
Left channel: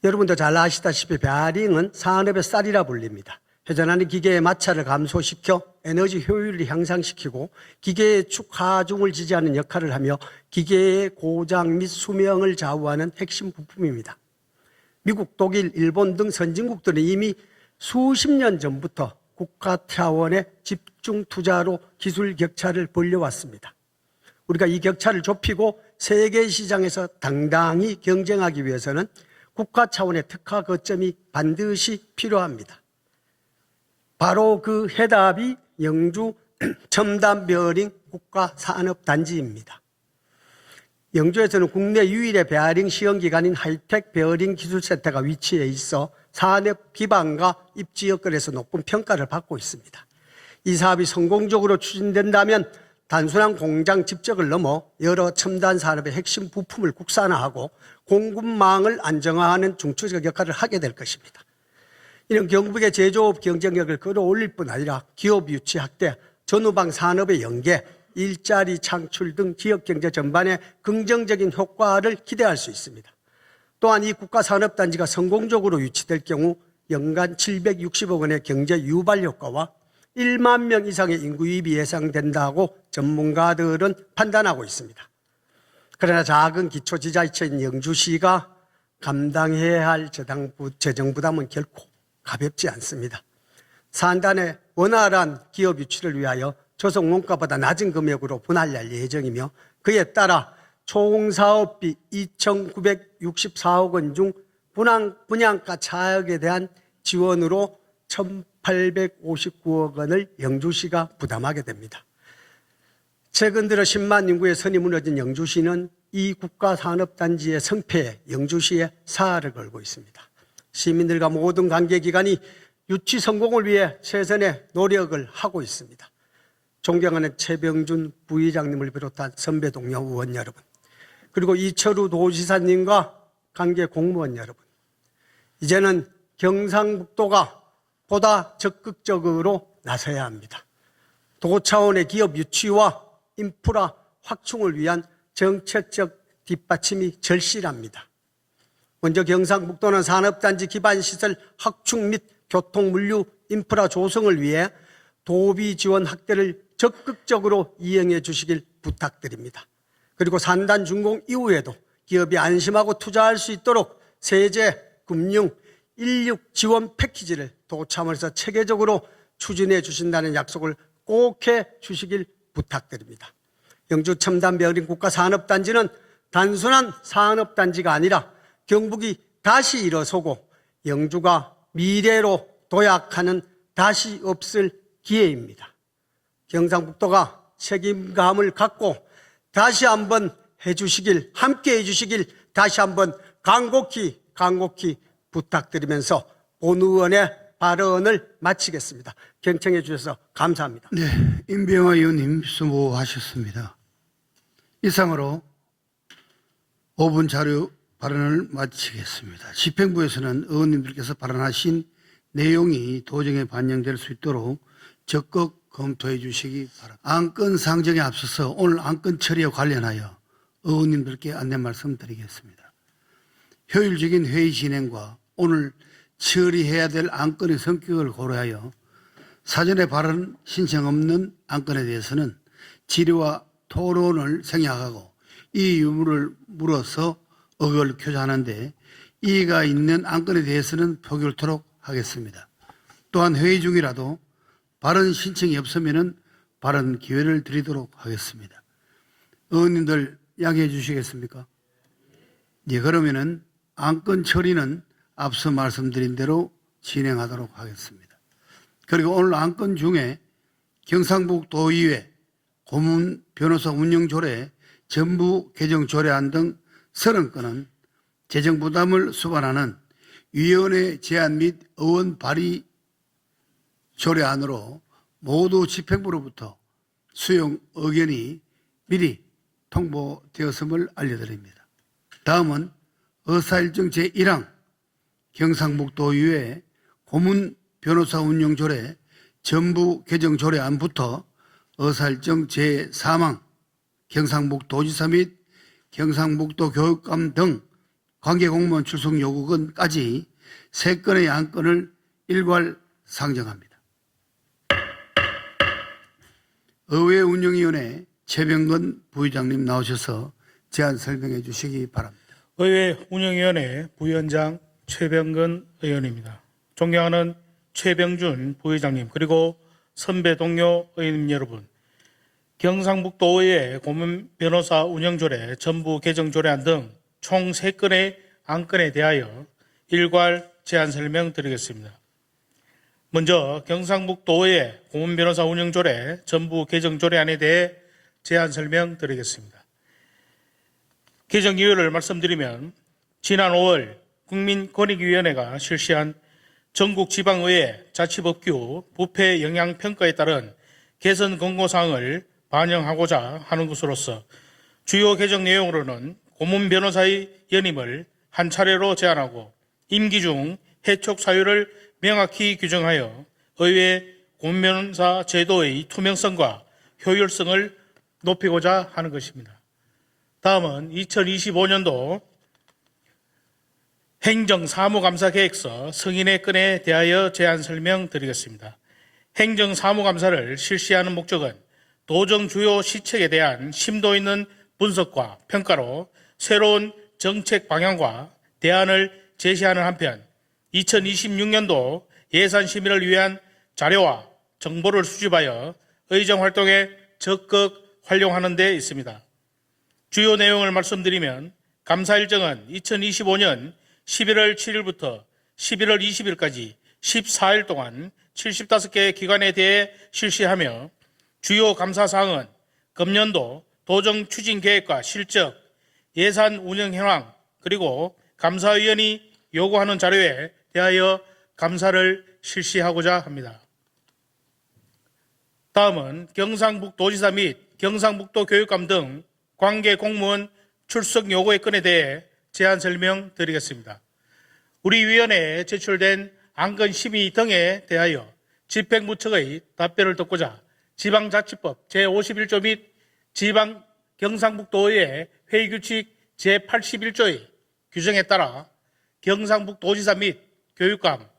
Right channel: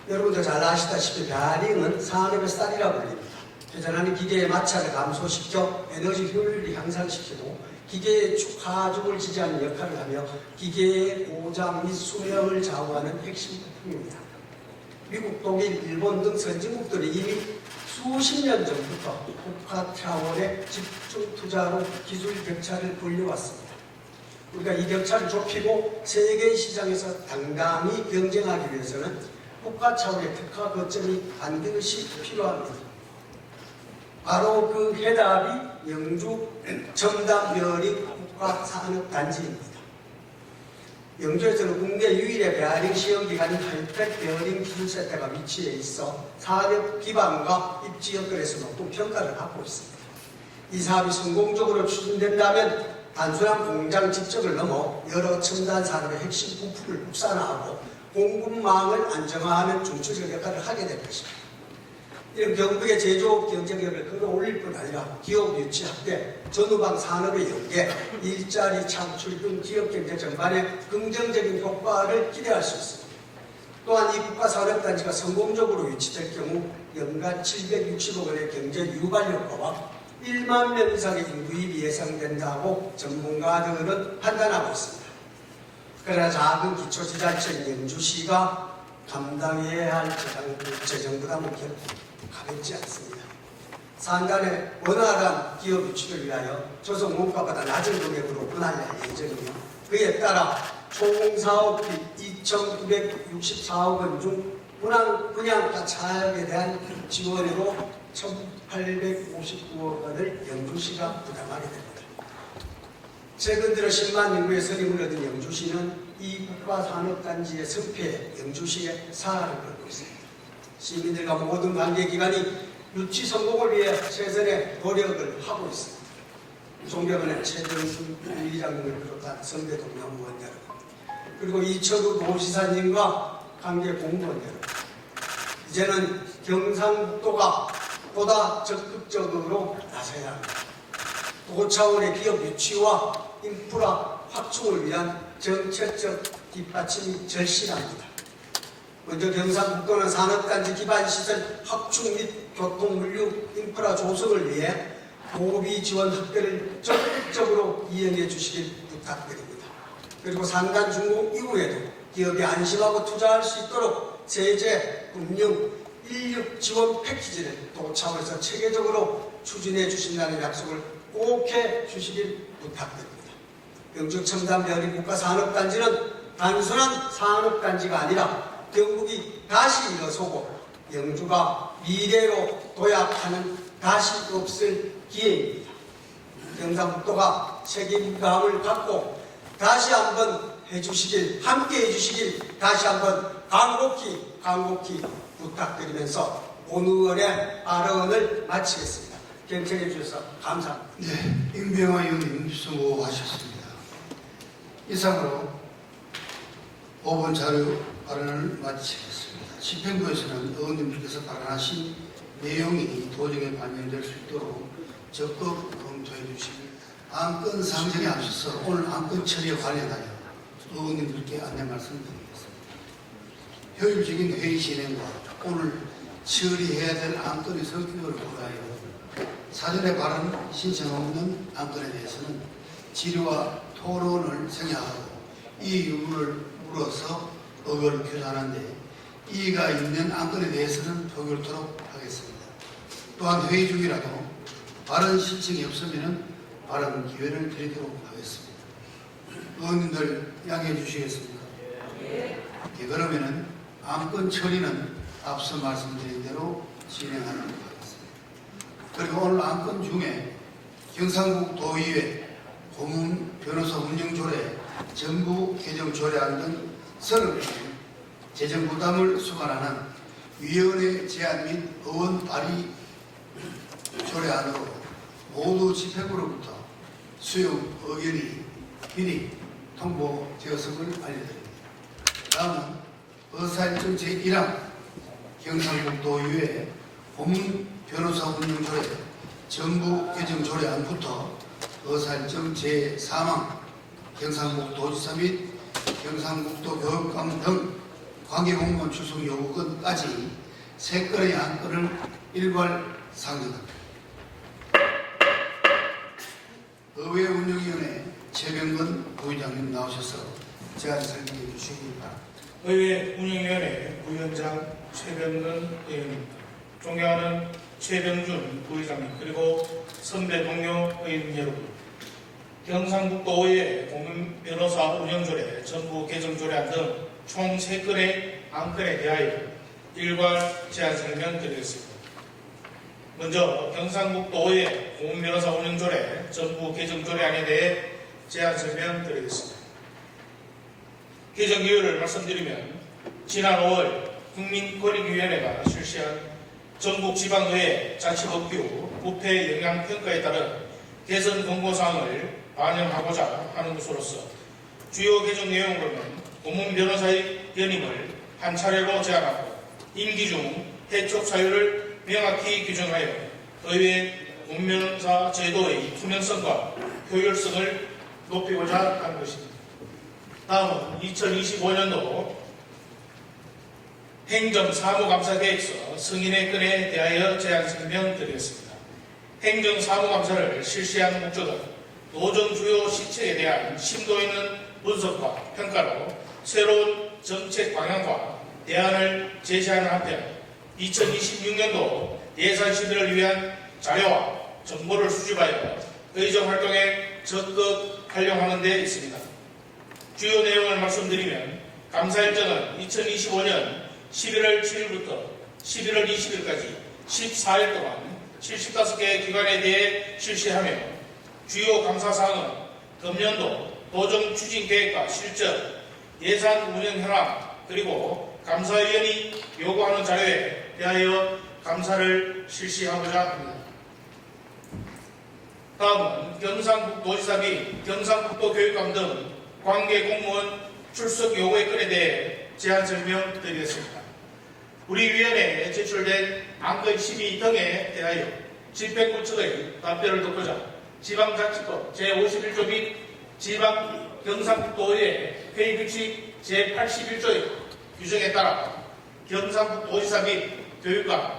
여러분도 잘 아시다시피 베어링은 산업의 쌀이라 불립니다. 회전하는 기계의 마찰을 감소시켜 에너지 효율을 향상시키고 기계의 축 하중을 지지하는 역할을 하며 기계의 고장 및 수명을 좌우하는 핵심 부품입니다. 미국, 독일, 일본 등 선진국들은 이미 수십 년 전부터 국가 차원의 집중 투자로 기술 격차를 벌려왔습니다. 우리가 이 격차를 좁히고 세계 시장에서 당당히 경쟁하기 위해서는 국가 차원의 특화 거점이 반드시 필요합니다. 바로 그 해답이 영주 첨단별인 국가산업단지입니다. 영주에서는 국내 유일의 베어링 시험기관인 하이텍 베어링 기술센터가 위치해 있어 산업 기반과 입지 여건에서 높은 평가를 받고 있습니다. 이 사업이 성공적으로 추진된다면 단순한 공장 집적을 넘어 여러 첨단 산업의 핵심 부품을 국산화하고 공급망을 안정화하는 중추적 역할을 하게 될 것입니다. 이는 경북의 제조업 경쟁력을 끌어올릴 뿐 아니라 기업 유치 확대, 전후방 산업의 연계, 일자리 창출 등 기업 경제 전반에 긍정적인 효과를 기대할 수 있습니다. 또한 이 국가산업단지가 성공적으로 유치될 경우 연간 760억 원의 경제 유발 효과와 1만 명 이상의 인구 유입이 예상된다고 전문가들은 판단하고 있습니다. 그러나 작은 기초지자체인 영주시가 감당해야 할 재정 부담은 결코 가볍지 않습니다. 산단의 원활한 기업 유치를 위하여 조성 원가보다 낮은 금액으로 분할할 예정이며 그에 따라 총 사업비 2,964억 원 중 분양가 차액에 대한 지원으로 1,859억 원을 영주시가 부담하게 됩니다. 최근 들어 10만 인구의 선이 무너진 영주시는 이 국가산업단지의 성패에 영주시에 사활을 걸고 있습니다. 시민들과 모든 관계기관이 유치 성공을 위해 최선의 노력을 하고 있습니다. 존경하는 최병준 부의장님을 비롯한 선배 동료 의원 여러분, 그리고 이철우 도지사님과 관계 공무원 여러분, 이제는 경상도가 보다 적극적으로 나서야 합니다. 도 차원의 기업 유치와 인프라 확충을 위한 정책적 뒷받침이 절실합니다. 먼저 경상북도는 산업단지 기반시설 확충 및 교통, 물류, 인프라 조성을 위해 도비 지원 확대를 적극적으로 이행해 주시길 부탁드립니다. 그리고 산단 준공 이후에도 기업이 안심하고 투자할 수 있도록 세제, 금융, 인력 지원 패키지를 도 차원에서 체계적으로 추진해 주신다는 약속을 꼭 해 주시길 부탁드립니다. 영주 첨단 배어린 국가산업단지는 단순한 산업단지가 아니라 경북이 다시 일어서고 영주가 미래로 도약하는 다시 없을 기회입니다. 경상북도가 책임감을 갖고 다시 한번 해주시길, 함께 해주시길 다시 한번 간곡히 부탁드리면서 온 의원의 발언을 마치겠습니다. 경청해 주셔서 감사합니다. 네, 임병화 의원님 수고하셨습니다. 이상으로 5분 자료 발언을 마치겠습니다. 집행부에서는 의원님들께서 발언하신 내용이 도정에 반영될 수 있도록 적극 검토해 주시기 바랍니다. 안건 상정에 앞서서 오늘 안건 처리에 관련하여 의원님들께 안내 말씀드리겠습니다. 효율적인 회의 진행과 오늘 처리해야 될 안건의 성격을 고려하여 사전에 발언 신청 없는 안건에 대해서는 질의와 토론을 생략하고 이 유무를 물어서 의견을 표시하는데 이의가 있는 안건에 대해서는 표결토록 하겠습니다. 또한 회의 중이라도 발언 신청이 없으면 발언 기회를 드리도록 하겠습니다. 의원님들 양해해 주시겠습니까? 예, 그러면은 안건 처리는 앞서 말씀드린 대로 진행하도록 하겠습니다. 그리고 오늘 안건 중에 경상북도의회 고문 변호사 운영 조례, 전부 개정 조례안 등 30건은 재정 부담을 수반하는 위원회 제안 및 의원 발의 조례안으로 모두 집행부로부터 수용 의견이 미리 통보되었음을 알려드립니다. 다음은 의사일정 제1항 경상북도의회 고문 변호사 운영 조례 전부 개정 조례안부터 의사일정 제3항 경상북도지사 및 경상북도 교육감 등 관계공무원 출석 요구건까지 3건의 안건을 일괄 상정합니다. 의회 운영위원회 최병근 부의장님 나오셔서 제안 설명해 주시기 바랍니다. 의회 운영위원회 위원장 최병근 의원입니다. 존경하는 최병준 부의장님 그리고 선배 동료 의원 여러분, 경상북도의회 고문 변호사 운영조례 전부 개정조례안 등 총 3건의 안건에 대하여 일괄 제안 설명드리겠습니다. 먼저 경상북도의회 고문 변호사 운영조례 전부 개정조례안에 대해 제안 설명드리겠습니다. 개정 이유를 말씀드리면 지난 5월 국민권익위원회가 실시한 전국지방의회 자치법규 부패 영향평가에 따른 개선 권고사항을 반영하고자 하는 것으로서 주요 개정 내용으로는 고문 변호사의 연임을 한 차례로 제한하고 임기 중 해촉 사유를 명확히 규정하여 의회 고문 변호사 제도의 투명성과 효율성을 높이고자 하는 것입니다. 다음은 2025년도 행정사무감사계획서 승인의 건에 대하여 제안 설명드리겠습니다. 행정사무감사를 실시하는 목적은 도정 주요 시책에 대한 심도 있는 분석과 평가로 새로운 정책 방향과 대안을 제시하는 한편 2026년도 예산 심의를 위한 자료와 정보를 수집하여 의정활동에 적극 활용하는 데 있습니다. 주요 내용을 말씀드리면 감사 일정은 2025년 11월 7일부터 11월 20일까지 14일 동안 75개 기관에 대해 실시하며 주요 감사사항은 금년도 도정 추진 계획과 실적, 예산 운영 현황, 그리고 감사위원이 요구하는 자료에 대하여 감사를 실시하고자 합니다. 다음은 경상북도지사 및 경상북도 교육감 등 관계 공무원 출석 요구의 건에 대해 제안 설명드리겠습니다. 우리 위원회에 제출된 안건 심의 등에 대하여 집행부 측의 답변을 듣고자 지방자치법 제51조 및 지방 경상북도의회 회의규칙 제81조의 규정에 따라 경상북도지사 및 교육감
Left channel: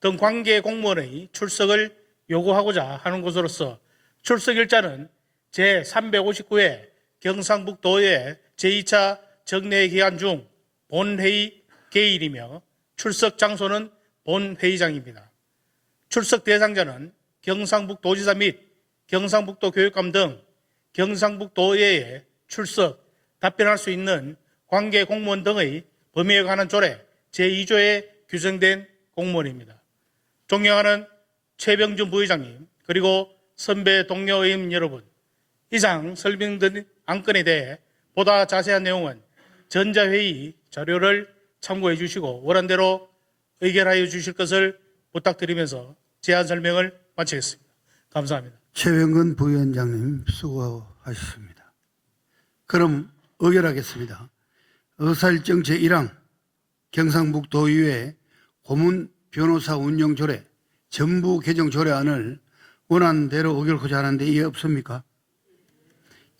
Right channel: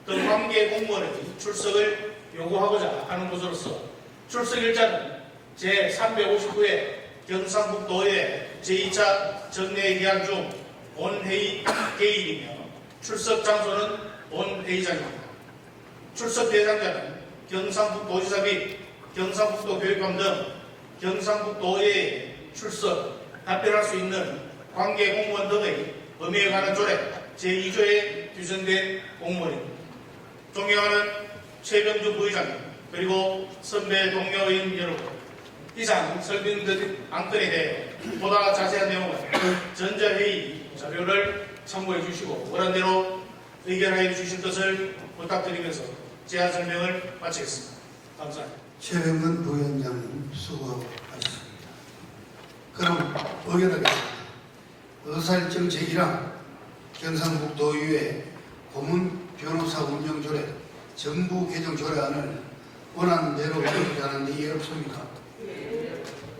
등 관계 공무원의 출석을 요구하고자 하는 것으로서 출석일자는 제359회 경상북도의회 제2차 정례 기간 중 본회의 개일이며 출석 장소는 본회의장입니다. 출석 대상자는 경상북도지사 및 경상북도 교육감 등 경상북도에 출석, 답변할 수 있는 관계 공무원 등의 범위에 관한 조례 제2조에 규정된 공무원입니다. 존경하는 최병준 부의장님 그리고 선배 동료인 여러분, 이상 설명드린 안건에 대해 보다 자세한 내용은 전자회의 자료를 참고해 주시고 원안대로 의견하여 주실 것을 부탁드리면서 제안 설명을 마치겠습니다. 감사합니다. 최영근 부위원장님 수고하셨습니다. 그럼 의결하겠습니다. 의사일정 제1항 경상북도의회 고문 변호사 운영 조례 전부 개정 조례안을 원안대로 의결하고자 하는데 이해 없습니까?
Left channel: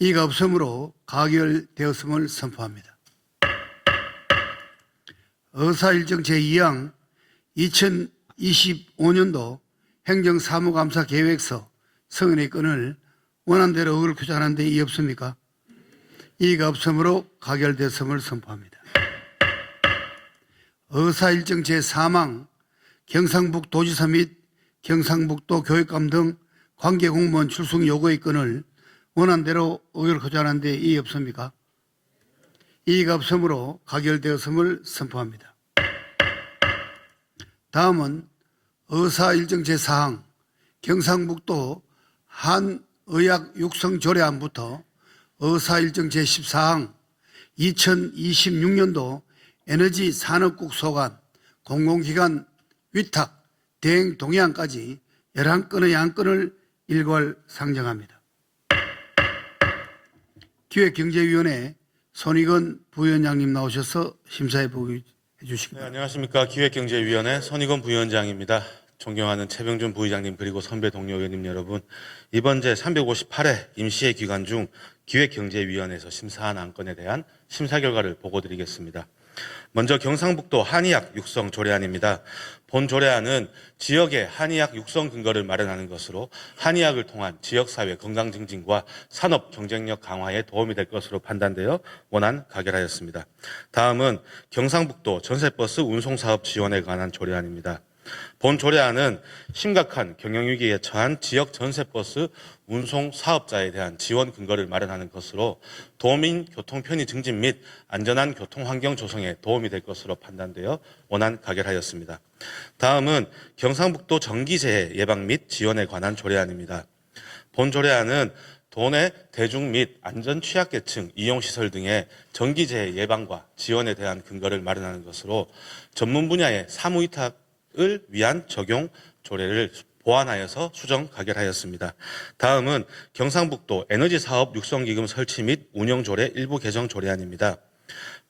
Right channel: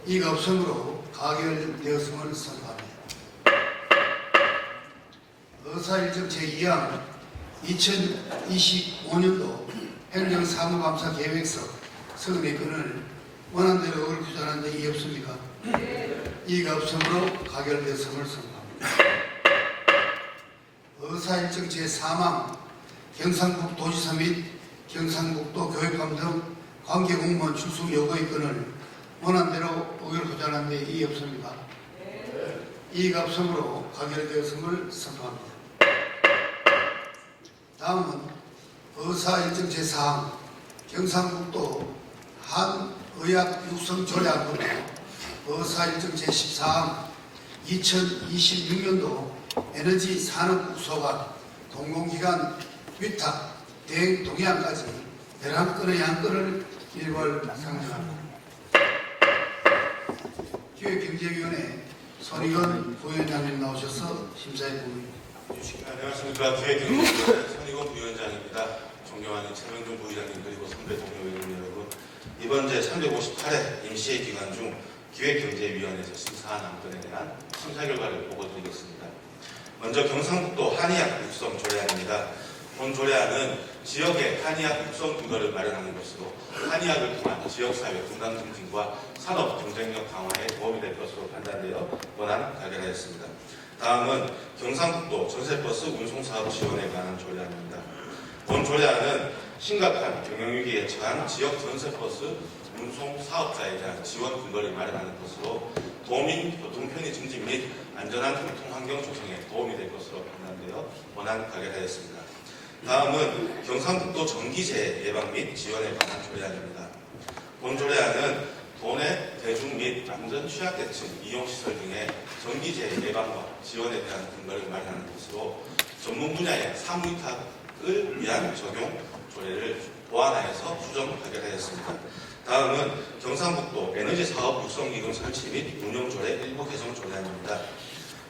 이가 없으므로 가결되었음을 선포합니다. 의사일정 제2항 2025년도 행정사무감사 계획서 성인의 건을 원안대로 의결하고자 하는데 이해 없습니까? 이가 없으므로 가결되었음을 선포합니다. 의사일정 제3항 경상북도지사 및 경상북도 교육감 등 관계공무원 출석 요구의 건을 원안대로 의결하고자 하는데 이의 없습니까? 이의가 없으므로 가결되었음을 선포합니다. 다음은 의사일정 제4항 경상북도 한의학 육성 조례안부터 의사일정 제14항 2026년도 에너지 산업국 소관 공공기관 위탁 대행 동의안까지 11건의 안건을 일괄 상정합니다. 기획경제위원회 손익원 부위원장님 나오셔서 심사해 보기 주십니다. 네, 안녕하십니까. 기획경제위원회 손익원 부위원장입니다. 존경하는 최병준 부의장님 그리고 선배 동료 의원님 여러분, 이번 제358회 임시회 기간 중 기획경제위원회에서 심사한 안건에 대한 심사 결과를 보고드리겠습니다. 먼저 경상북도 한의학 육성 조례안입니다. 본 조례안은 지역의 한의학 육성 근거를 마련하는 것으로 한의학을 통한 지역사회 건강 증진과 산업 경쟁력 강화에 도움이 될 것으로 판단되어 원안 가결하였습니다. 다음은 경상북도 전세버스 운송사업 지원에 관한 조례안입니다. 본 조례안은 심각한 경영위기에 처한 지역 전세버스 운송 사업자에 대한 지원 근거를 마련하는 것으로 도민 교통 편의 증진 및 안전한 교통 환경 조성에 도움이 될 것으로 판단되어 원안 가결하였습니다. 다음은 경상북도 전기재해 예방 및 지원에 관한 조례안입니다. 본 조례안은 도내 대중 및 안전 취약계층 이용시설 등의 전기재해 예방과 지원에 대한 근거를 마련하는 것으로 전문 분야의 사무위탁을 위한 적용 조례를 보완하여서 수정 가결하였습니다. 다음은 경상북도 에너지사업 육성기금 설치 및 운영조례 일부 개정 조례안입니다.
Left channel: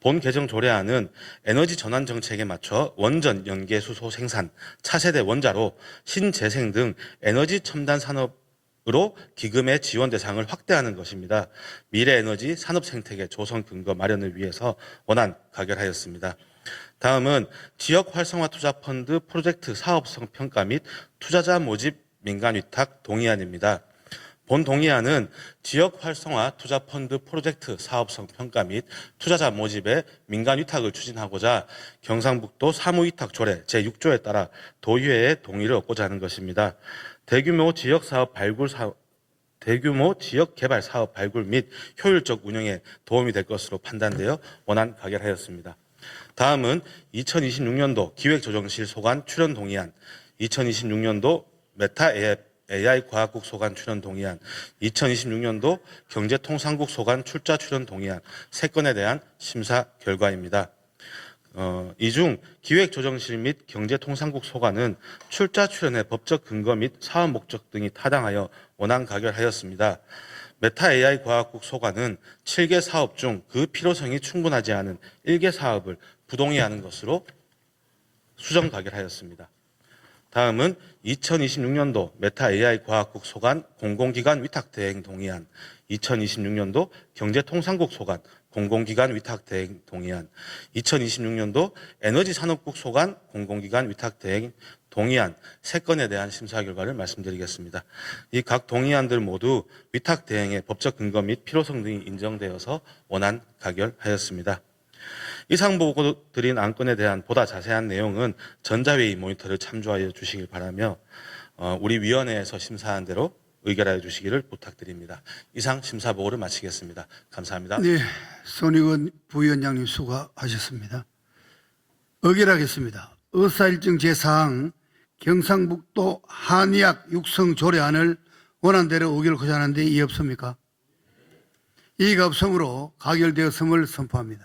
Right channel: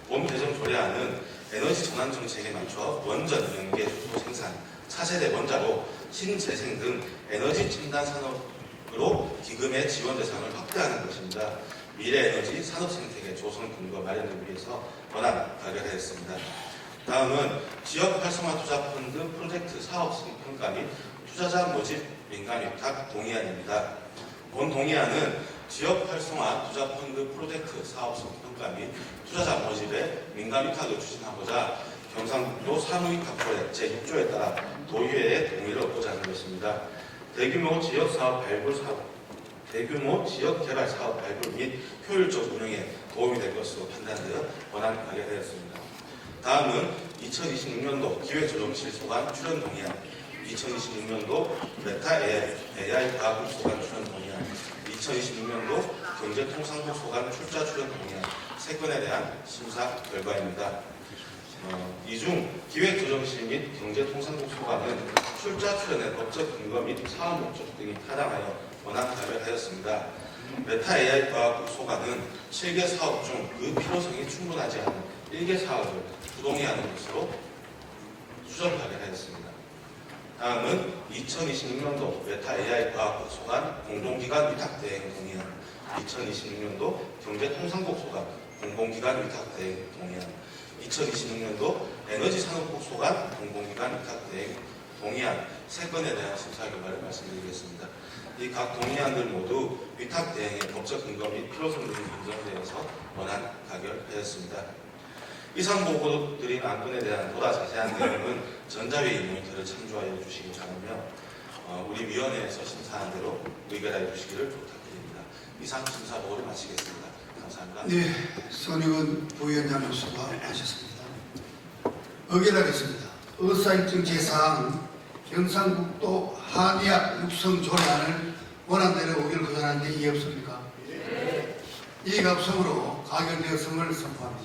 본 개정 조례안은 에너지 전환 정책에 맞춰 원전, 연계, 수소 생산, 차세대 원자로, 신재생 등 에너지 첨단 산업으로 기금의 지원 대상을 확대하는 것입니다. 미래 에너지 산업 생태계 조성 근거 마련을 위해서 원안 가결하였습니다. 다음은 지역 활성화 투자 펀드 프로젝트 사업성 평가 및 투자자 모집 민간 위탁 동의안입니다. 본 동의안은 지역 활성화 투자 펀드 프로젝트 사업성 평가 및 투자자 모집의 민간 위탁을 추진하고자 경상북도 사무위탁 조례 제6조에 따라 도의회의 동의를 얻고자 하는 것입니다. 대규모 지역 개발 사업 발굴 및 효율적 운영에 도움이 될 것으로 판단되어 원안 가결하였습니다. 다음은 2026년도 기획조정실 소관 출연 동의안, 2026년도 메타 AI 과학국 소관 출연 동의안, 2026년도 경제통상국 소관 출자 출연 동의안 3건에 대한 심사 결과입니다. 이 중 기획조정실 및 경제통상국 소관은 출자 출연의 법적 근거 및 사업 목적 등이 타당하여 원안 가결하였습니다. 메타 AI 과학국 소관은 7개 사업 중 그 필요성이 충분하지 않은 1개 사업을 부동의하는 것으로 수정 가결하였습니다. 다음은 2026년도 메타 AI 과학국 소관 공공기관 위탁 대행 동의안, 2026년도 경제통상국 소관 공공기관 위탁 대행 동의안, 2026년도 에너지산업국 소관 공공기관 위탁 대행 동의안 3건에 대한 심사 결과를 말씀드리겠습니다. 이 각 동의안들 모두 위탁 대행의 법적 근거 및 필요성 등이 인정되어서 원안 가결하였습니다. 이상 보고 드린 안건에 대한 보다 자세한 내용은 전자회의 모니터를 참조하여 주시기 바라며 우리 위원회에서 심사한 대로 의결하여 주시기를 부탁드립니다. 이상 심사 보고를 마치겠습니다. 감사합니다. 네, 손익원 부위원장님 수고하셨습니다. 의결하겠습니다. 의사일정 제4항 경상북도 한의학 육성 조례안을 원안대로 의결 구사하는데 이의 없습니까? 이의가 없으므로 가결되었음을 선포합니다.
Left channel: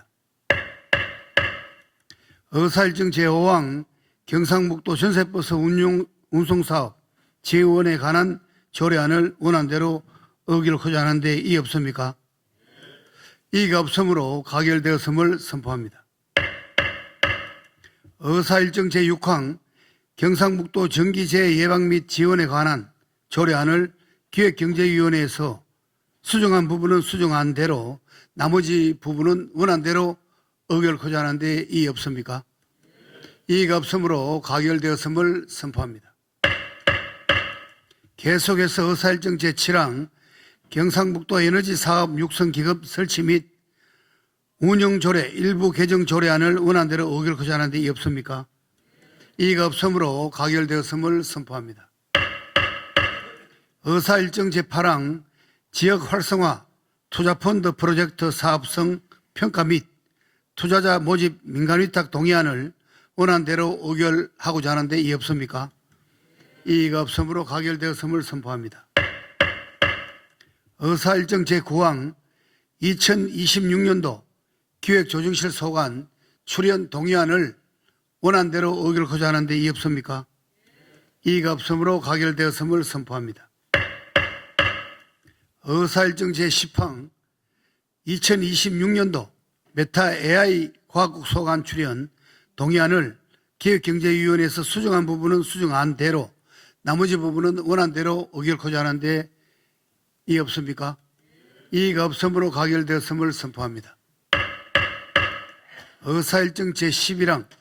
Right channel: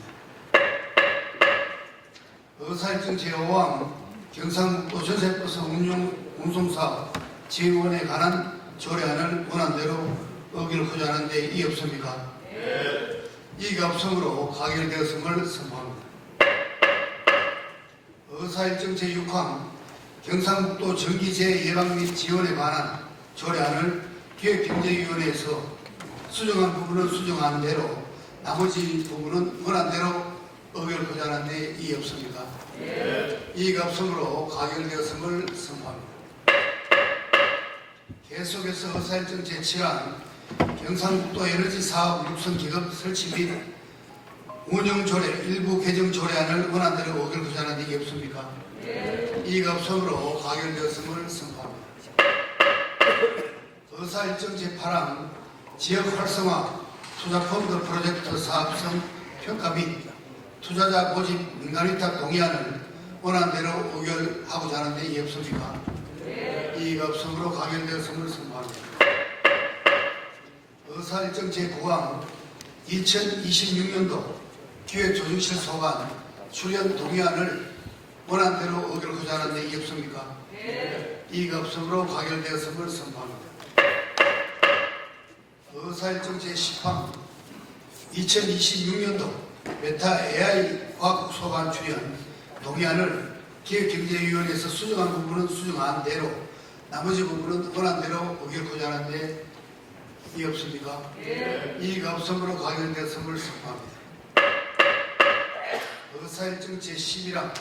의사일정 제5항 경상북도 전세버스 운송사업 재원에 관한 조례안을 원안대로 의결 구사하는데 이의 없습니까? 이의가 없으므로 가결되었음을 선포합니다. 의사일정 제6항 경상북도 전기세 예방 및 지원에 관한 조례안을 기획경제위원회에서 수정한 부분은 수정한 대로 나머지 부분은 원안대로 의결하고자 하는데 이의 없습니까? 이의가 없으므로 가결되었음을 선포합니다. 계속해서 의사일정 제7항 경상북도 에너지 사업 육성 기업 설치 및 운영 조례 일부 개정 조례안을 원안대로 의결하고자 하는데 이의 없습니까? 이의가 없으므로 가결되었음을 선포합니다. 의사일정 제8항 지역 활성화 투자펀드 프로젝트 사업성 평가 및 투자자 모집 민간위탁 동의안을 원안대로 의결하고자 하는데 이의 없습니까? 이의가 없으므로 가결되었음을 선포합니다. 의사일정 제9항 2026년도 기획조정실 소관 출연 동의안을 원안대로 의결하고자 하는데 이의 없습니까? 이의가 없으므로 가결되었음을 선포합니다. 의사일정 제10항 2026년도 메타 AI 과학 소관 출연 동의안을 기획경제위원회에서 수정한 부분은 수정한 대로 나머지 부분은 원안대로 의결하고자 하는데 이의 없습니까? 이의가 없으므로 가결되었음을 선포합니다. 의사일정 제11항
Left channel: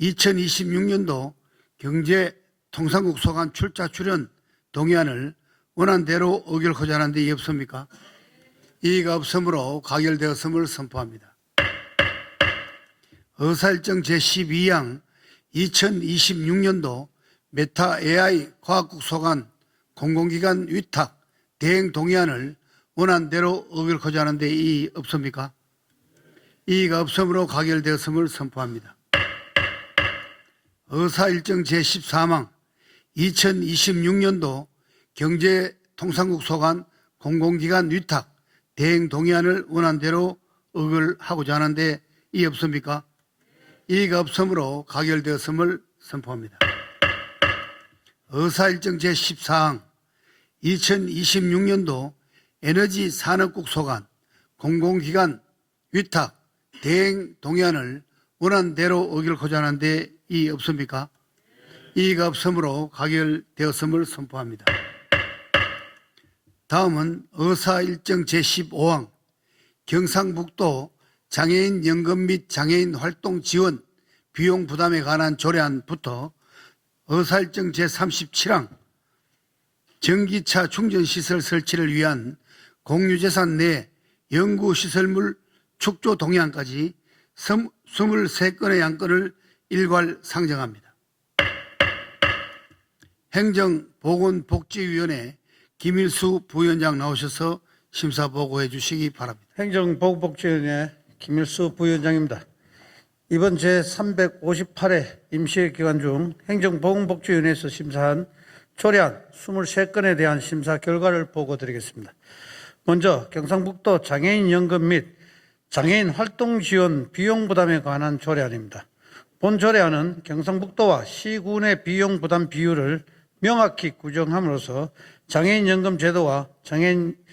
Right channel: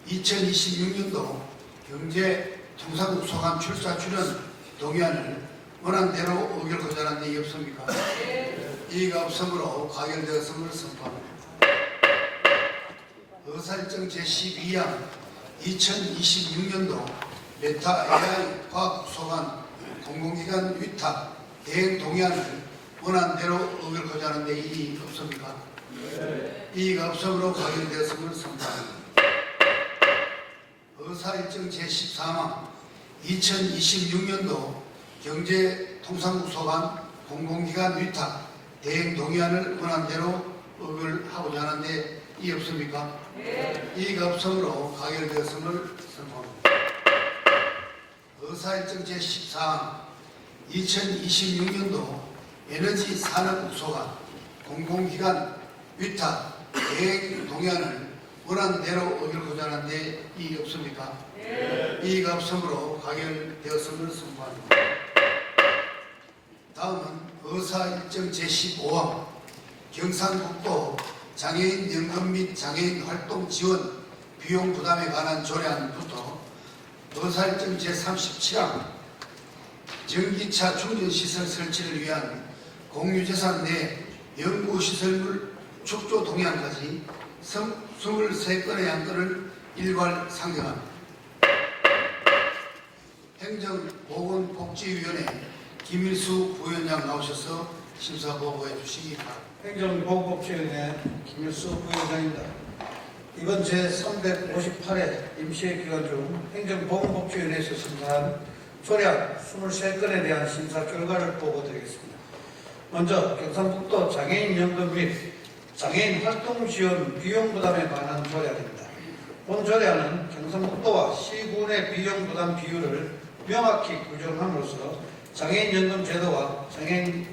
2026년도 경제통상국 소관 출자 출연 동의안을 원안대로 의결하고자 하는데 이의 없습니까? 이의가 없으므로 가결되었음을 선포합니다. 의사일정 제12항 2026년도 메타 AI 과학국 소관 공공기관 위탁 대행 동의안을 원안대로 의결하고자 하는데 이의 없습니까? 이의가 없으므로 가결되었음을 선포합니다. 의사일정 제13항 2026년도 경제통상국 소관 공공기관 위탁 대행 동의안을 원안대로 의결하고자 하는데 이의 없습니까? 이의가 없으므로 가결되었음을 선포합니다. 의사일정 제14항 2026년도 에너지 산업국 소관 공공기관 위탁 대행 동의안을 원안대로 의결하고자 하는데 이의 없습니까? 이의가 없으므로 가결되었음을 선포합니다. 다음은 의사일정 제15항 경상북도 장애인 연금 및 장애인 활동 지원 비용 부담에 관한 조례안부터 의사일정 제37항 전기차 충전시설 설치를 위한 공유재산 내 연구시설물 축조 동의안까지 23건의 양건을 일괄 상정합니다. 행정보건복지위원회 김일수 부위원장 나오셔서 심사 보고해 주시기 바랍니다. 행정보건복지위원회 김일수 부위원장입니다. 이번 제358회 임시회 기간 중 행정보건복지위원회에서 심사한 조례안 23건에 대한 심사 결과를 보고드리겠습니다. 먼저 경상북도 장애인 연금 및 장애인 활동 지원 비용 부담에 관한 조례안입니다. 본 조례안은 경상북도와 시군의 비용 부담 비율을 명확히 규정함으로써 장애인 연금 제도와 장애인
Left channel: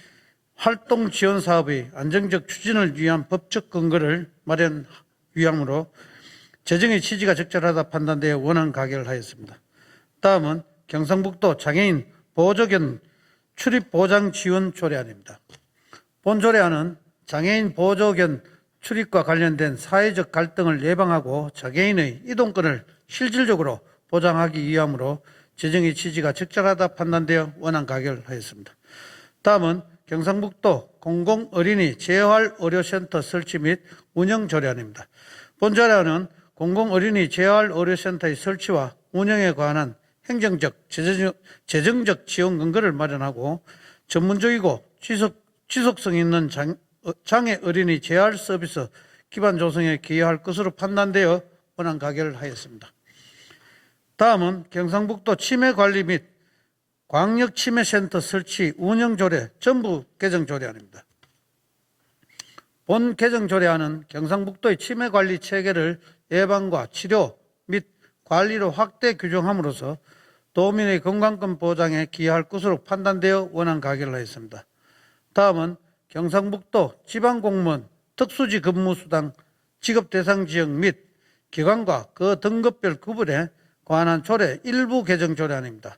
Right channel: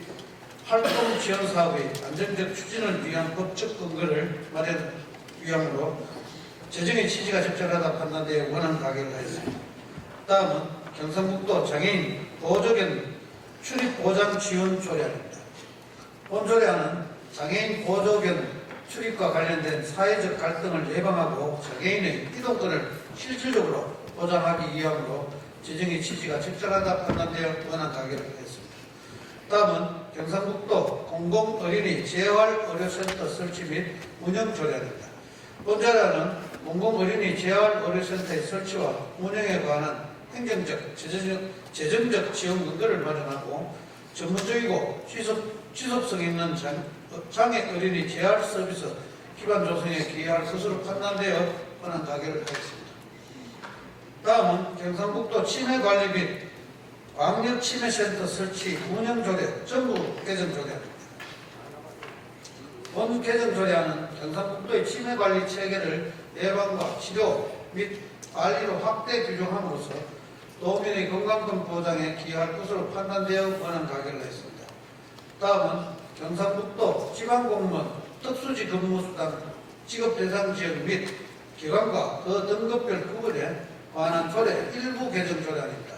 활동 지원 사업의 안정적 추진을 위한 법적 근거를 마련 위함으로 재정의 취지가 적절하다 판단되어 원안 가결을 하였습니다. 다음은 경상북도 장애인 보조견 출입 보장 지원 조례안입니다. 본 조례안은 장애인 보조견 출입과 관련된 사회적 갈등을 예방하고 장애인의 이동권을 실질적으로 보장하기 위함으로 재정의 취지가 적절하다 판단되어 원안 가결하였습니다. 다음은 경상북도 공공어린이 재활의료센터 설치 및 운영 조례안입니다. 본 조례안은 공공어린이 재활의료센터의 설치와 운영에 관한 행정적, 재정적 지원 근거를 마련하고 전문적이고 지속성 있는 장애 어린이 재활 서비스 기반 조성에 기여할 것으로 판단되어 권한 가결하였습니다. 다음은 경상북도 치매관리 및 광역치매센터 설치 운영조례 전부 개정조례안입니다. 본 개정조례안은 경상북도의 치매관리 체계를 예방과 치료 및 관리로 확대 규정함으로써 도민의 건강권 보장에 기여할 것으로 판단되어 원안 가결을 했습니다. 다음은 경상북도 지방공무원 특수지 근무수당 지급 대상 지역 및 기관과 그 등급별 구분에 관한 조례 일부 개정 조례안입니다.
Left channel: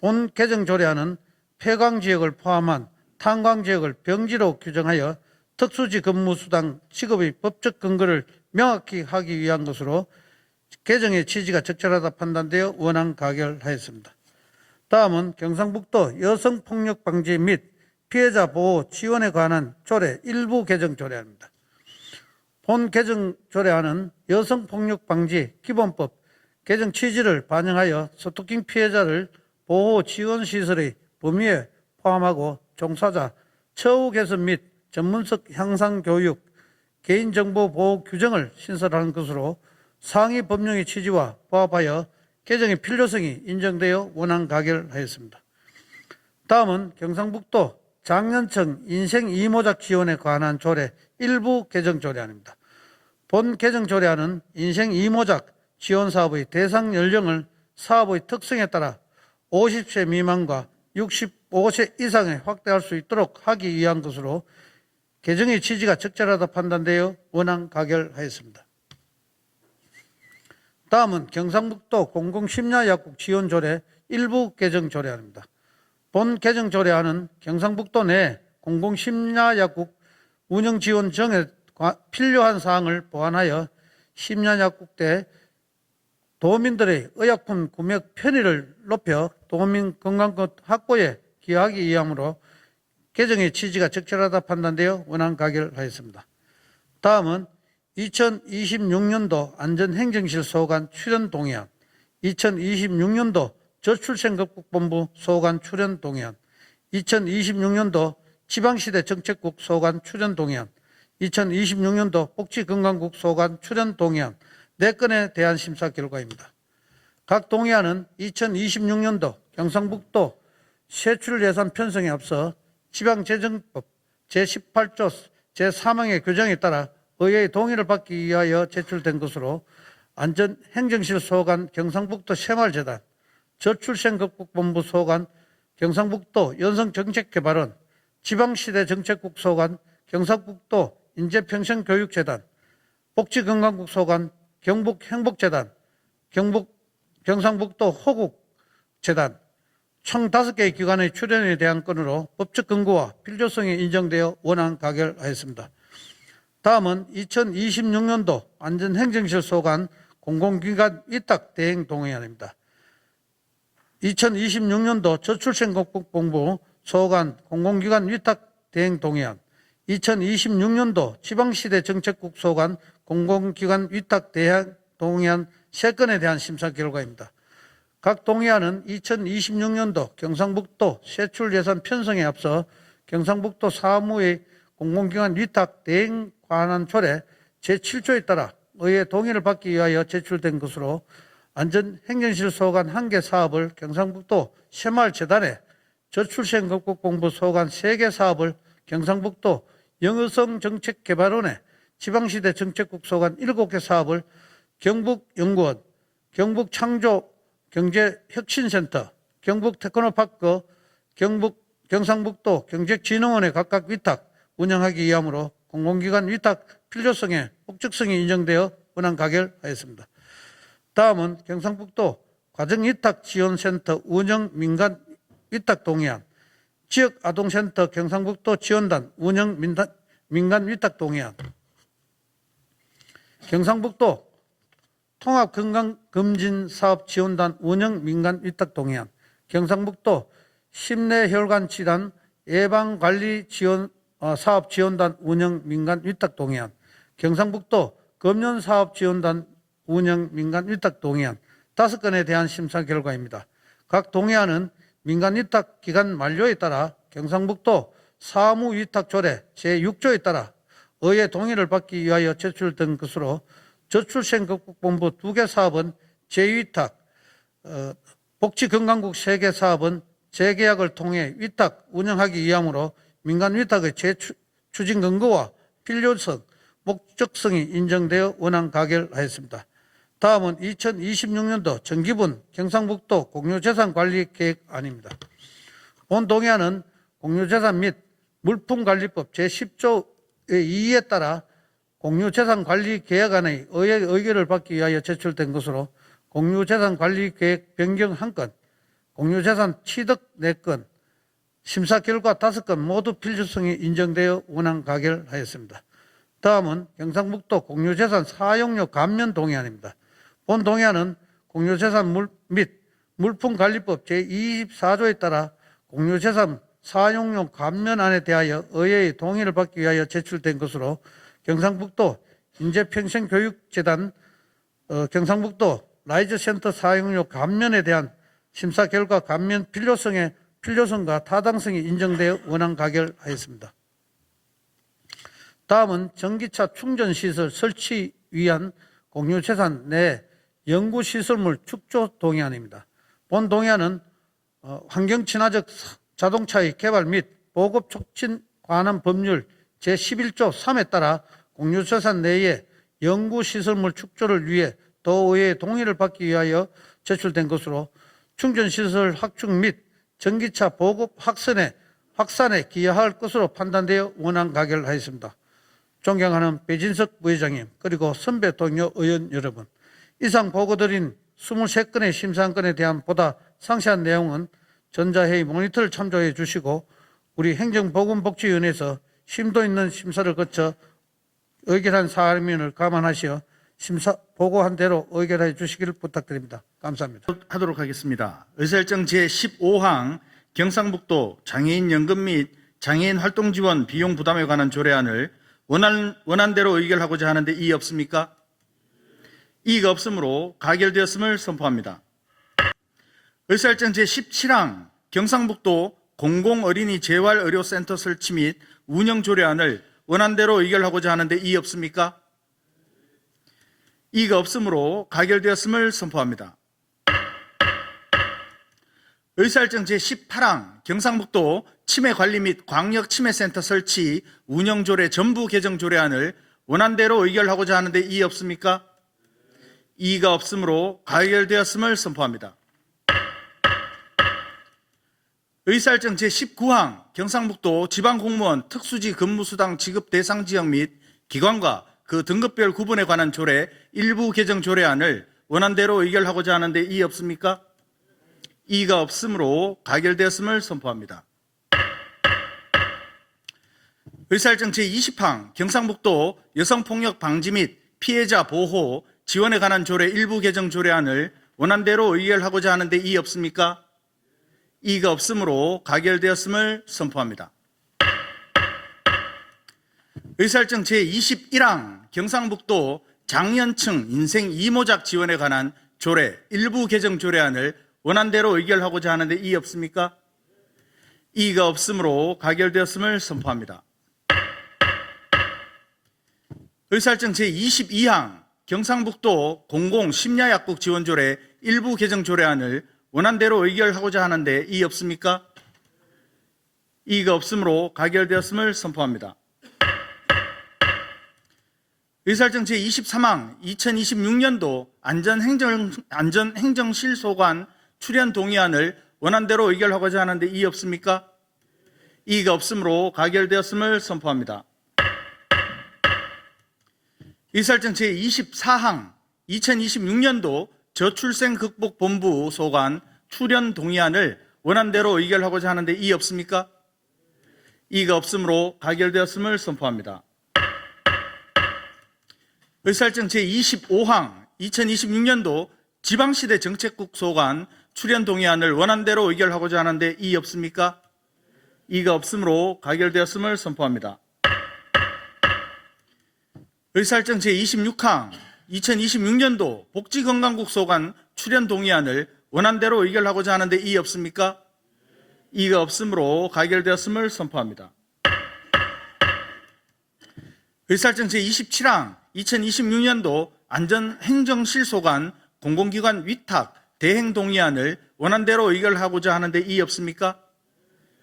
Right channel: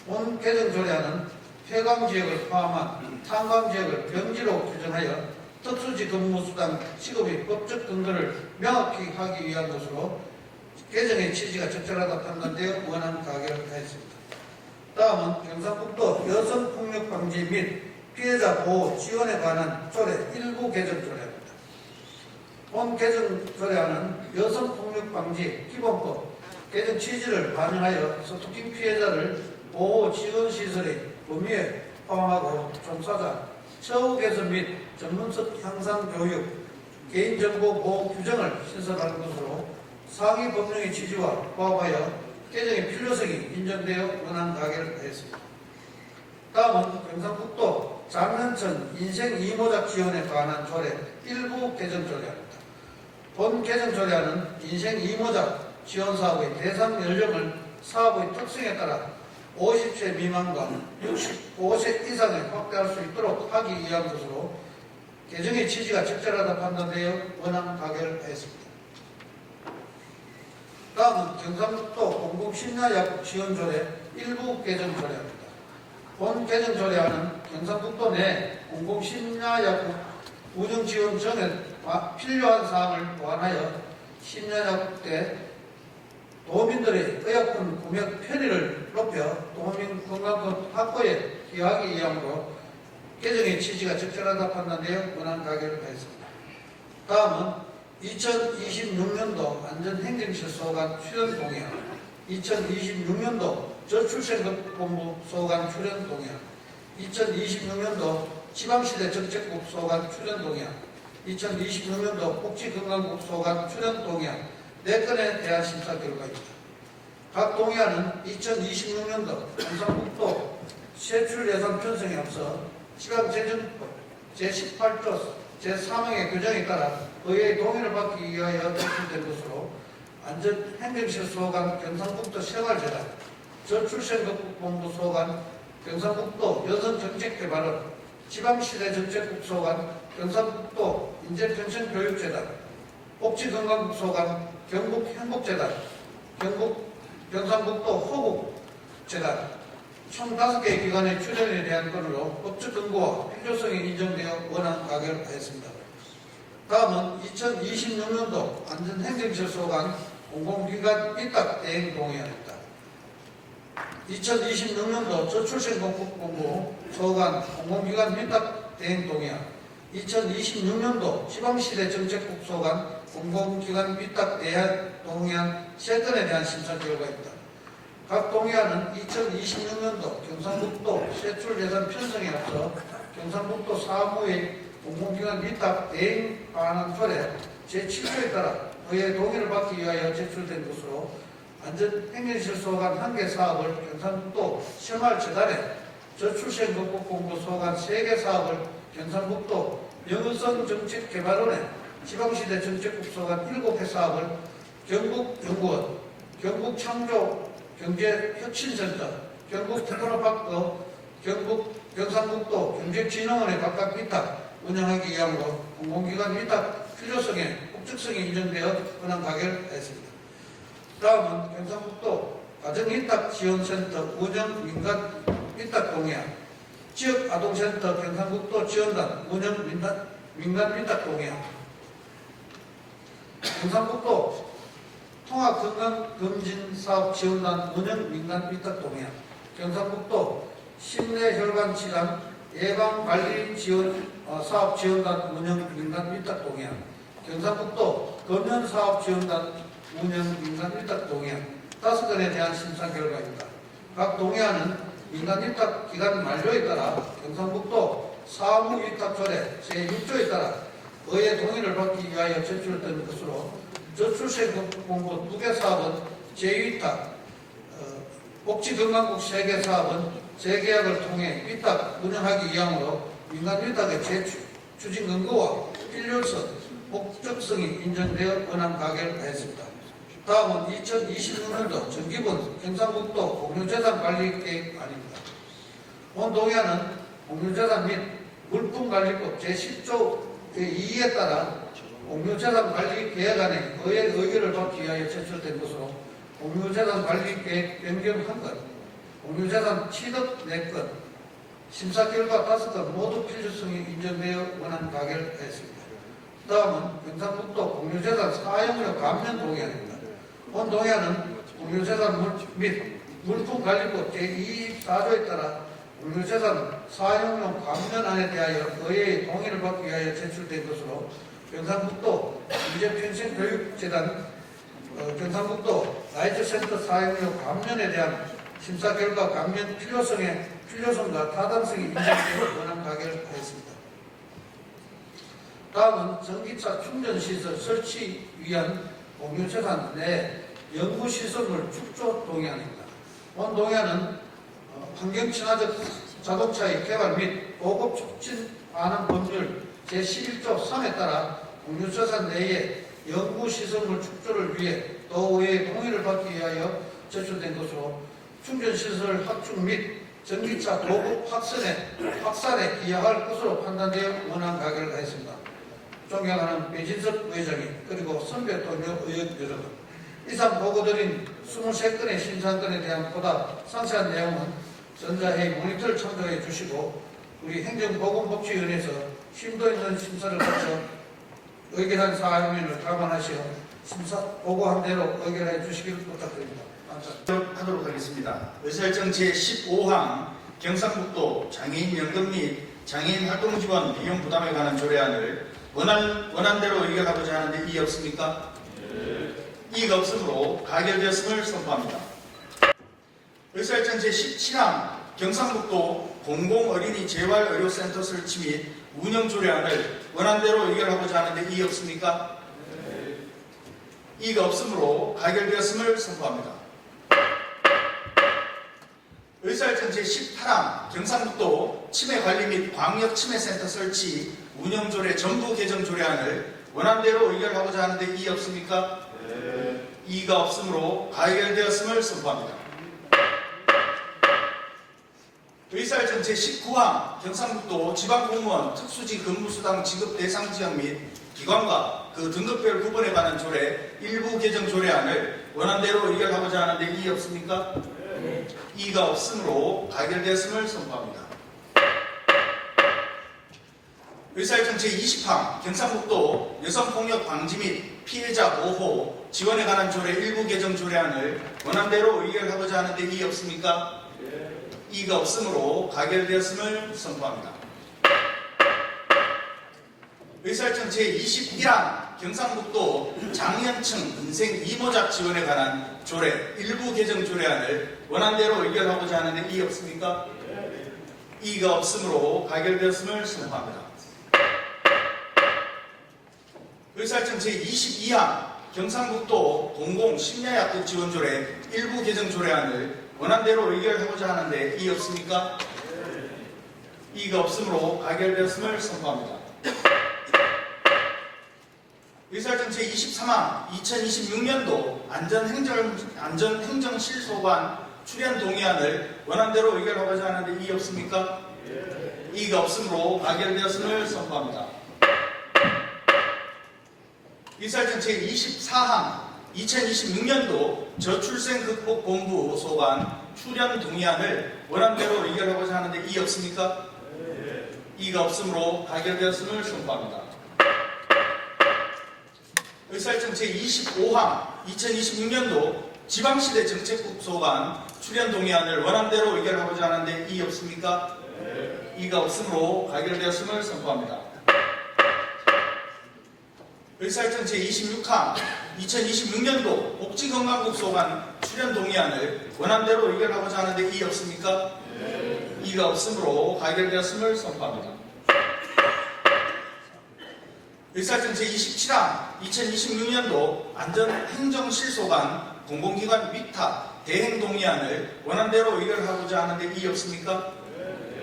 본 개정 조례안은 폐광지역을 포함한 탄광지역을 병지로 규정하여 특수지 근무수당 지급의 법적 근거를 명확히 하기 위한 것으로 개정의 취지가 적절하다 판단되어 원안 가결하였습니다. 다음은 경상북도 여성폭력 방지 및 피해자 보호 지원에 관한 조례 일부 개정 조례안입니다. 본 개정 조례안은 여성폭력 방지 기본법 개정 취지를 반영하여 스토킹 피해자를 보호 지원 시설의 범위에 포함하고 종사자 처우 개선 및 전문성 향상 교육, 개인정보 보호 규정을 신설하는 것으로 상위 법령의 취지와 부합하여 개정의 필요성이 인정되어 원안 가결하였습니다. 다음은 경상북도 장년층 인생 이모작 지원에 관한 조례 일부 개정 조례안입니다. 본 개정 조례안은 인생 이모작 지원 사업의 대상 연령을 사업의 특성에 따라 50세 미만과 65세 이상에 확대할 수 있도록 하기 위한 것으로 개정의 취지가 적절하다 판단되어 원안 가결하였습니다. 다음은 경상북도 공공심야약국 지원조례 일부 개정 조례안입니다. 본 개정 조례안은 경상북도 내 공공심야약국 운영 지원 정에 필요한 사항을 보완하여 심야약국 때 도민들의 의약품 구매 편의를 높여 도민 건강권 확보에 기여하기 위함으로 개정의 취지가 적절하다 판단되어 원안 가결하였습니다. 다음은 2026년도 안전행정실 소관 출연 동의안, 2026년도 저출생급본부 소관 출연 동의안, 2026년도 지방시대 정책국 소관 출연 동의안, 2026년도 복지건강국 소관 출연 동의안 4건에 대한 심사 결과입니다. 각 동의안은 2026년도 경상북도 세출예산 편성에 앞서 지방재정법 제18조 제3항의 규정에 따라 의회의 동의를 받기 위하여 제출된 것으로 안전행정실 소관 경상북도 새마을재단, 저출생급본부 소관 경상북도 연성정책개발원, 지방시대 정책국 소관 경상북도 인재평생교육재단, 복지건강국 소관 경북행복재단, 경상북도 호국재단 총 5개의 기관의 출연에 대한 건으로 법적 근거와 필요성이 인정되어 원안 가결하였습니다. 다음은 2026년도 안전행정실 소관 공공기관 위탁 대행 동의안입니다. 2026년도 저출생공부 소관 공공기관 위탁 대행 동의안, 2026년도 지방시대 정책국 소관 공공기관 위탁 대행 동의안 3건에 대한 심사 결과입니다. 각 동의안은 2026년도 경상북도 세출예산 편성에 앞서 경상북도 사무의 공공기관 위탁 대행 관한 조례 제7조에 따라 의회 동의를 받기 위하여 제출된 것으로 안전행정실 소관 1개 사업을 경상북도 새마을재단에, 저출생급공부 소관 3개 사업을 경상북도 영유성정책개발원에, 지방시대 정책국 소관 7개 사업을 경북연구원, 경북창조경제혁신센터, 경북테크노파크, 경상북도 경제진흥원에 각각 위탁, 운영하기 위함으로 공공기관 위탁 필요성에 법적성이 인정되어 원안 가결하였습니다. 다음은 경상북도 가정위탁지원센터 운영 민간 위탁 동의안, 지역아동센터 경상북도 지원단 운영 민간 위탁 동의안, 경상북도 통합건강검진사업지원단 운영 민간 위탁 동의안, 경상북도 심내혈관 질환 예방관리 지원 사업지원단 운영 민간 위탁 동의안, 경상북도 금연사업지원단 운영 민간 위탁 동의안 5건에 대한 심사 결과입니다. 각 동의안은 민간 위탁 기간 만료에 따라 경상북도 사무위탁조례 제6조에 따라 의회 동의를 받기 위하여 제출된 것으로 저출생본부 2개 사업은 재위탁, 복지건강국 3개 사업은 재계약을 통해 위탁 운영하기 위함으로 민간 위탁의 재추진 근거와 필요성, 목적성이 인정되어 원안 가결하였습니다. 다음은 2026년도 정기분 경상북도 공유재산관리계획안입니다. 본 동의안은 공유재산 및 물품관리법 제10조의 2에 따라 공유재산관리계획안의 의회 의결을 받기 위하여 제출된 것으로 공유재산관리계획 변경 1건, 공유재산 취득 4건, 심사 결과 5건 모두 필요성이 인정되어 원안 가결하였습니다. 다음은 경상북도 공유재산 사용료 감면 동의안입니다. 본 동의안은 공유재산 및 물품관리법 제24조에 따라 공유재산 사용료 감면안에 대하여 의회의 동의를 받기 위하여 제출된 것으로 경상북도 인재평생교육재단 경상북도 라이즈센터 사용료 감면에 대한 심사 결과 감면 필요성과 타당성이 인정되어 원안 가결하였습니다. 다음은 전기차 충전시설 설치 위한 공유재산 내 연구시설물 축조 동의안입니다. 본 동의안은 환경친화적 자동차의 개발 및 보급 촉진 관한 법률 제11조 3에 따라 공유재산 내의 연구시설물 축조를 위해 도의회의 동의를 받기 위하여 제출된 것으로 충전시설 확충 및 전기차 보급 확산에 기여할 것으로 판단되어 원안 가결하였습니다. 존경하는 배진석 부회장님 그리고 선배 동료 의원 여러분, 이상 보고드린 23건의 심사안건에 대한 보다 상세한 내용은 전자회의 모니터를 참조해 주시고 우리 행정보건복지위원회에서 심도 있는 심사를 거쳐 의결한 사안면을 감안하시어 심사 보고한 대로 의결해 주시기를 부탁드립니다. 감사합니다. 하도록 하겠습니다. 의사일정 제15항 경상북도 장애인연금 및 장애인 활동지원 비용 부담에 관한 조례안을 원안대로 의결하고자 하는데 이의 없습니까? 이의가 없으므로 가결되었음을 선포합니다. 의사일정 제17항 경상북도 공공어린이 재활의료센터 설치 및 운영 조례안을 원안대로 의결하고자 하는데 이의 없습니까? 이의가 없으므로 가결되었음을 선포합니다. 의사일정 제18항 경상북도 치매관리 및 광역치매센터 설치 운영조례 전부 개정 조례안을 원안대로 의결하고자 하는데 이의 없습니까? 이의가 없으므로 가결되었음을 선포합니다. 의사일정 제19항 경상북도 지방공무원 특수지 근무수당 지급 대상 지역 및 기관과 그 등급별 구분에 관한 조례 일부 개정 조례안을 원안대로 의결하고자 하는데 이의 없습니까? 이의가 없으므로 가결되었음을 선포합니다. 의사일정 제20항 경상북도 여성폭력 방지 및 피해자 보호 지원에 관한 조례 일부 개정 조례안을 원안대로 의결하고자 하는데 이의 없습니까? 이의가 없으므로 가결되었음을 선포합니다. 의사일정 제21항 경상북도 장년층 인생 이모작 지원에 관한 조례 일부 개정 조례안을 원안대로 의결하고자 하는데 이의 없습니까? 이의가 없으므로 가결되었음을 선포합니다. 의사일정 제22항 경상북도 공공심야약국 지원조례 일부 개정 조례안을 원안대로 의결하고자 하는데 이의 없습니까? 이의가 없으므로 가결되었음을 선포합니다. 의사일정 제23항 2026년도 안전행정실소관 출연 동의안을 원안대로 의결하고자 하는데 이의 없습니까? 이의가 없으므로 가결되었음을 선포합니다. 의사일정 제24항 2026년도 저출생극복본부 소관 출연 동의안을 원안대로 의결하고자 하는데 이의 없습니까? 이의가 없으므로 가결되었음을 선포합니다. 의사일정 제25항 2026년도 지방시대 정책국 소관 출연 동의안을 원안대로 의결하고자 하는데 이의 없습니까? 이의가 없으므로 가결되었음을 선포합니다. 의사일정 제26항 2026년도 복지건강국 소관 출연 동의안을 원안대로 의결하고자 하는데 이의 없습니까? 이의가 없으므로 가결되었음을 선포합니다. 의사일정 제27항 2026년도 안전행정실소관 공공기관 위탁 대행 동의안을 원안대로 의결하고자 하는데 이의 없습니까?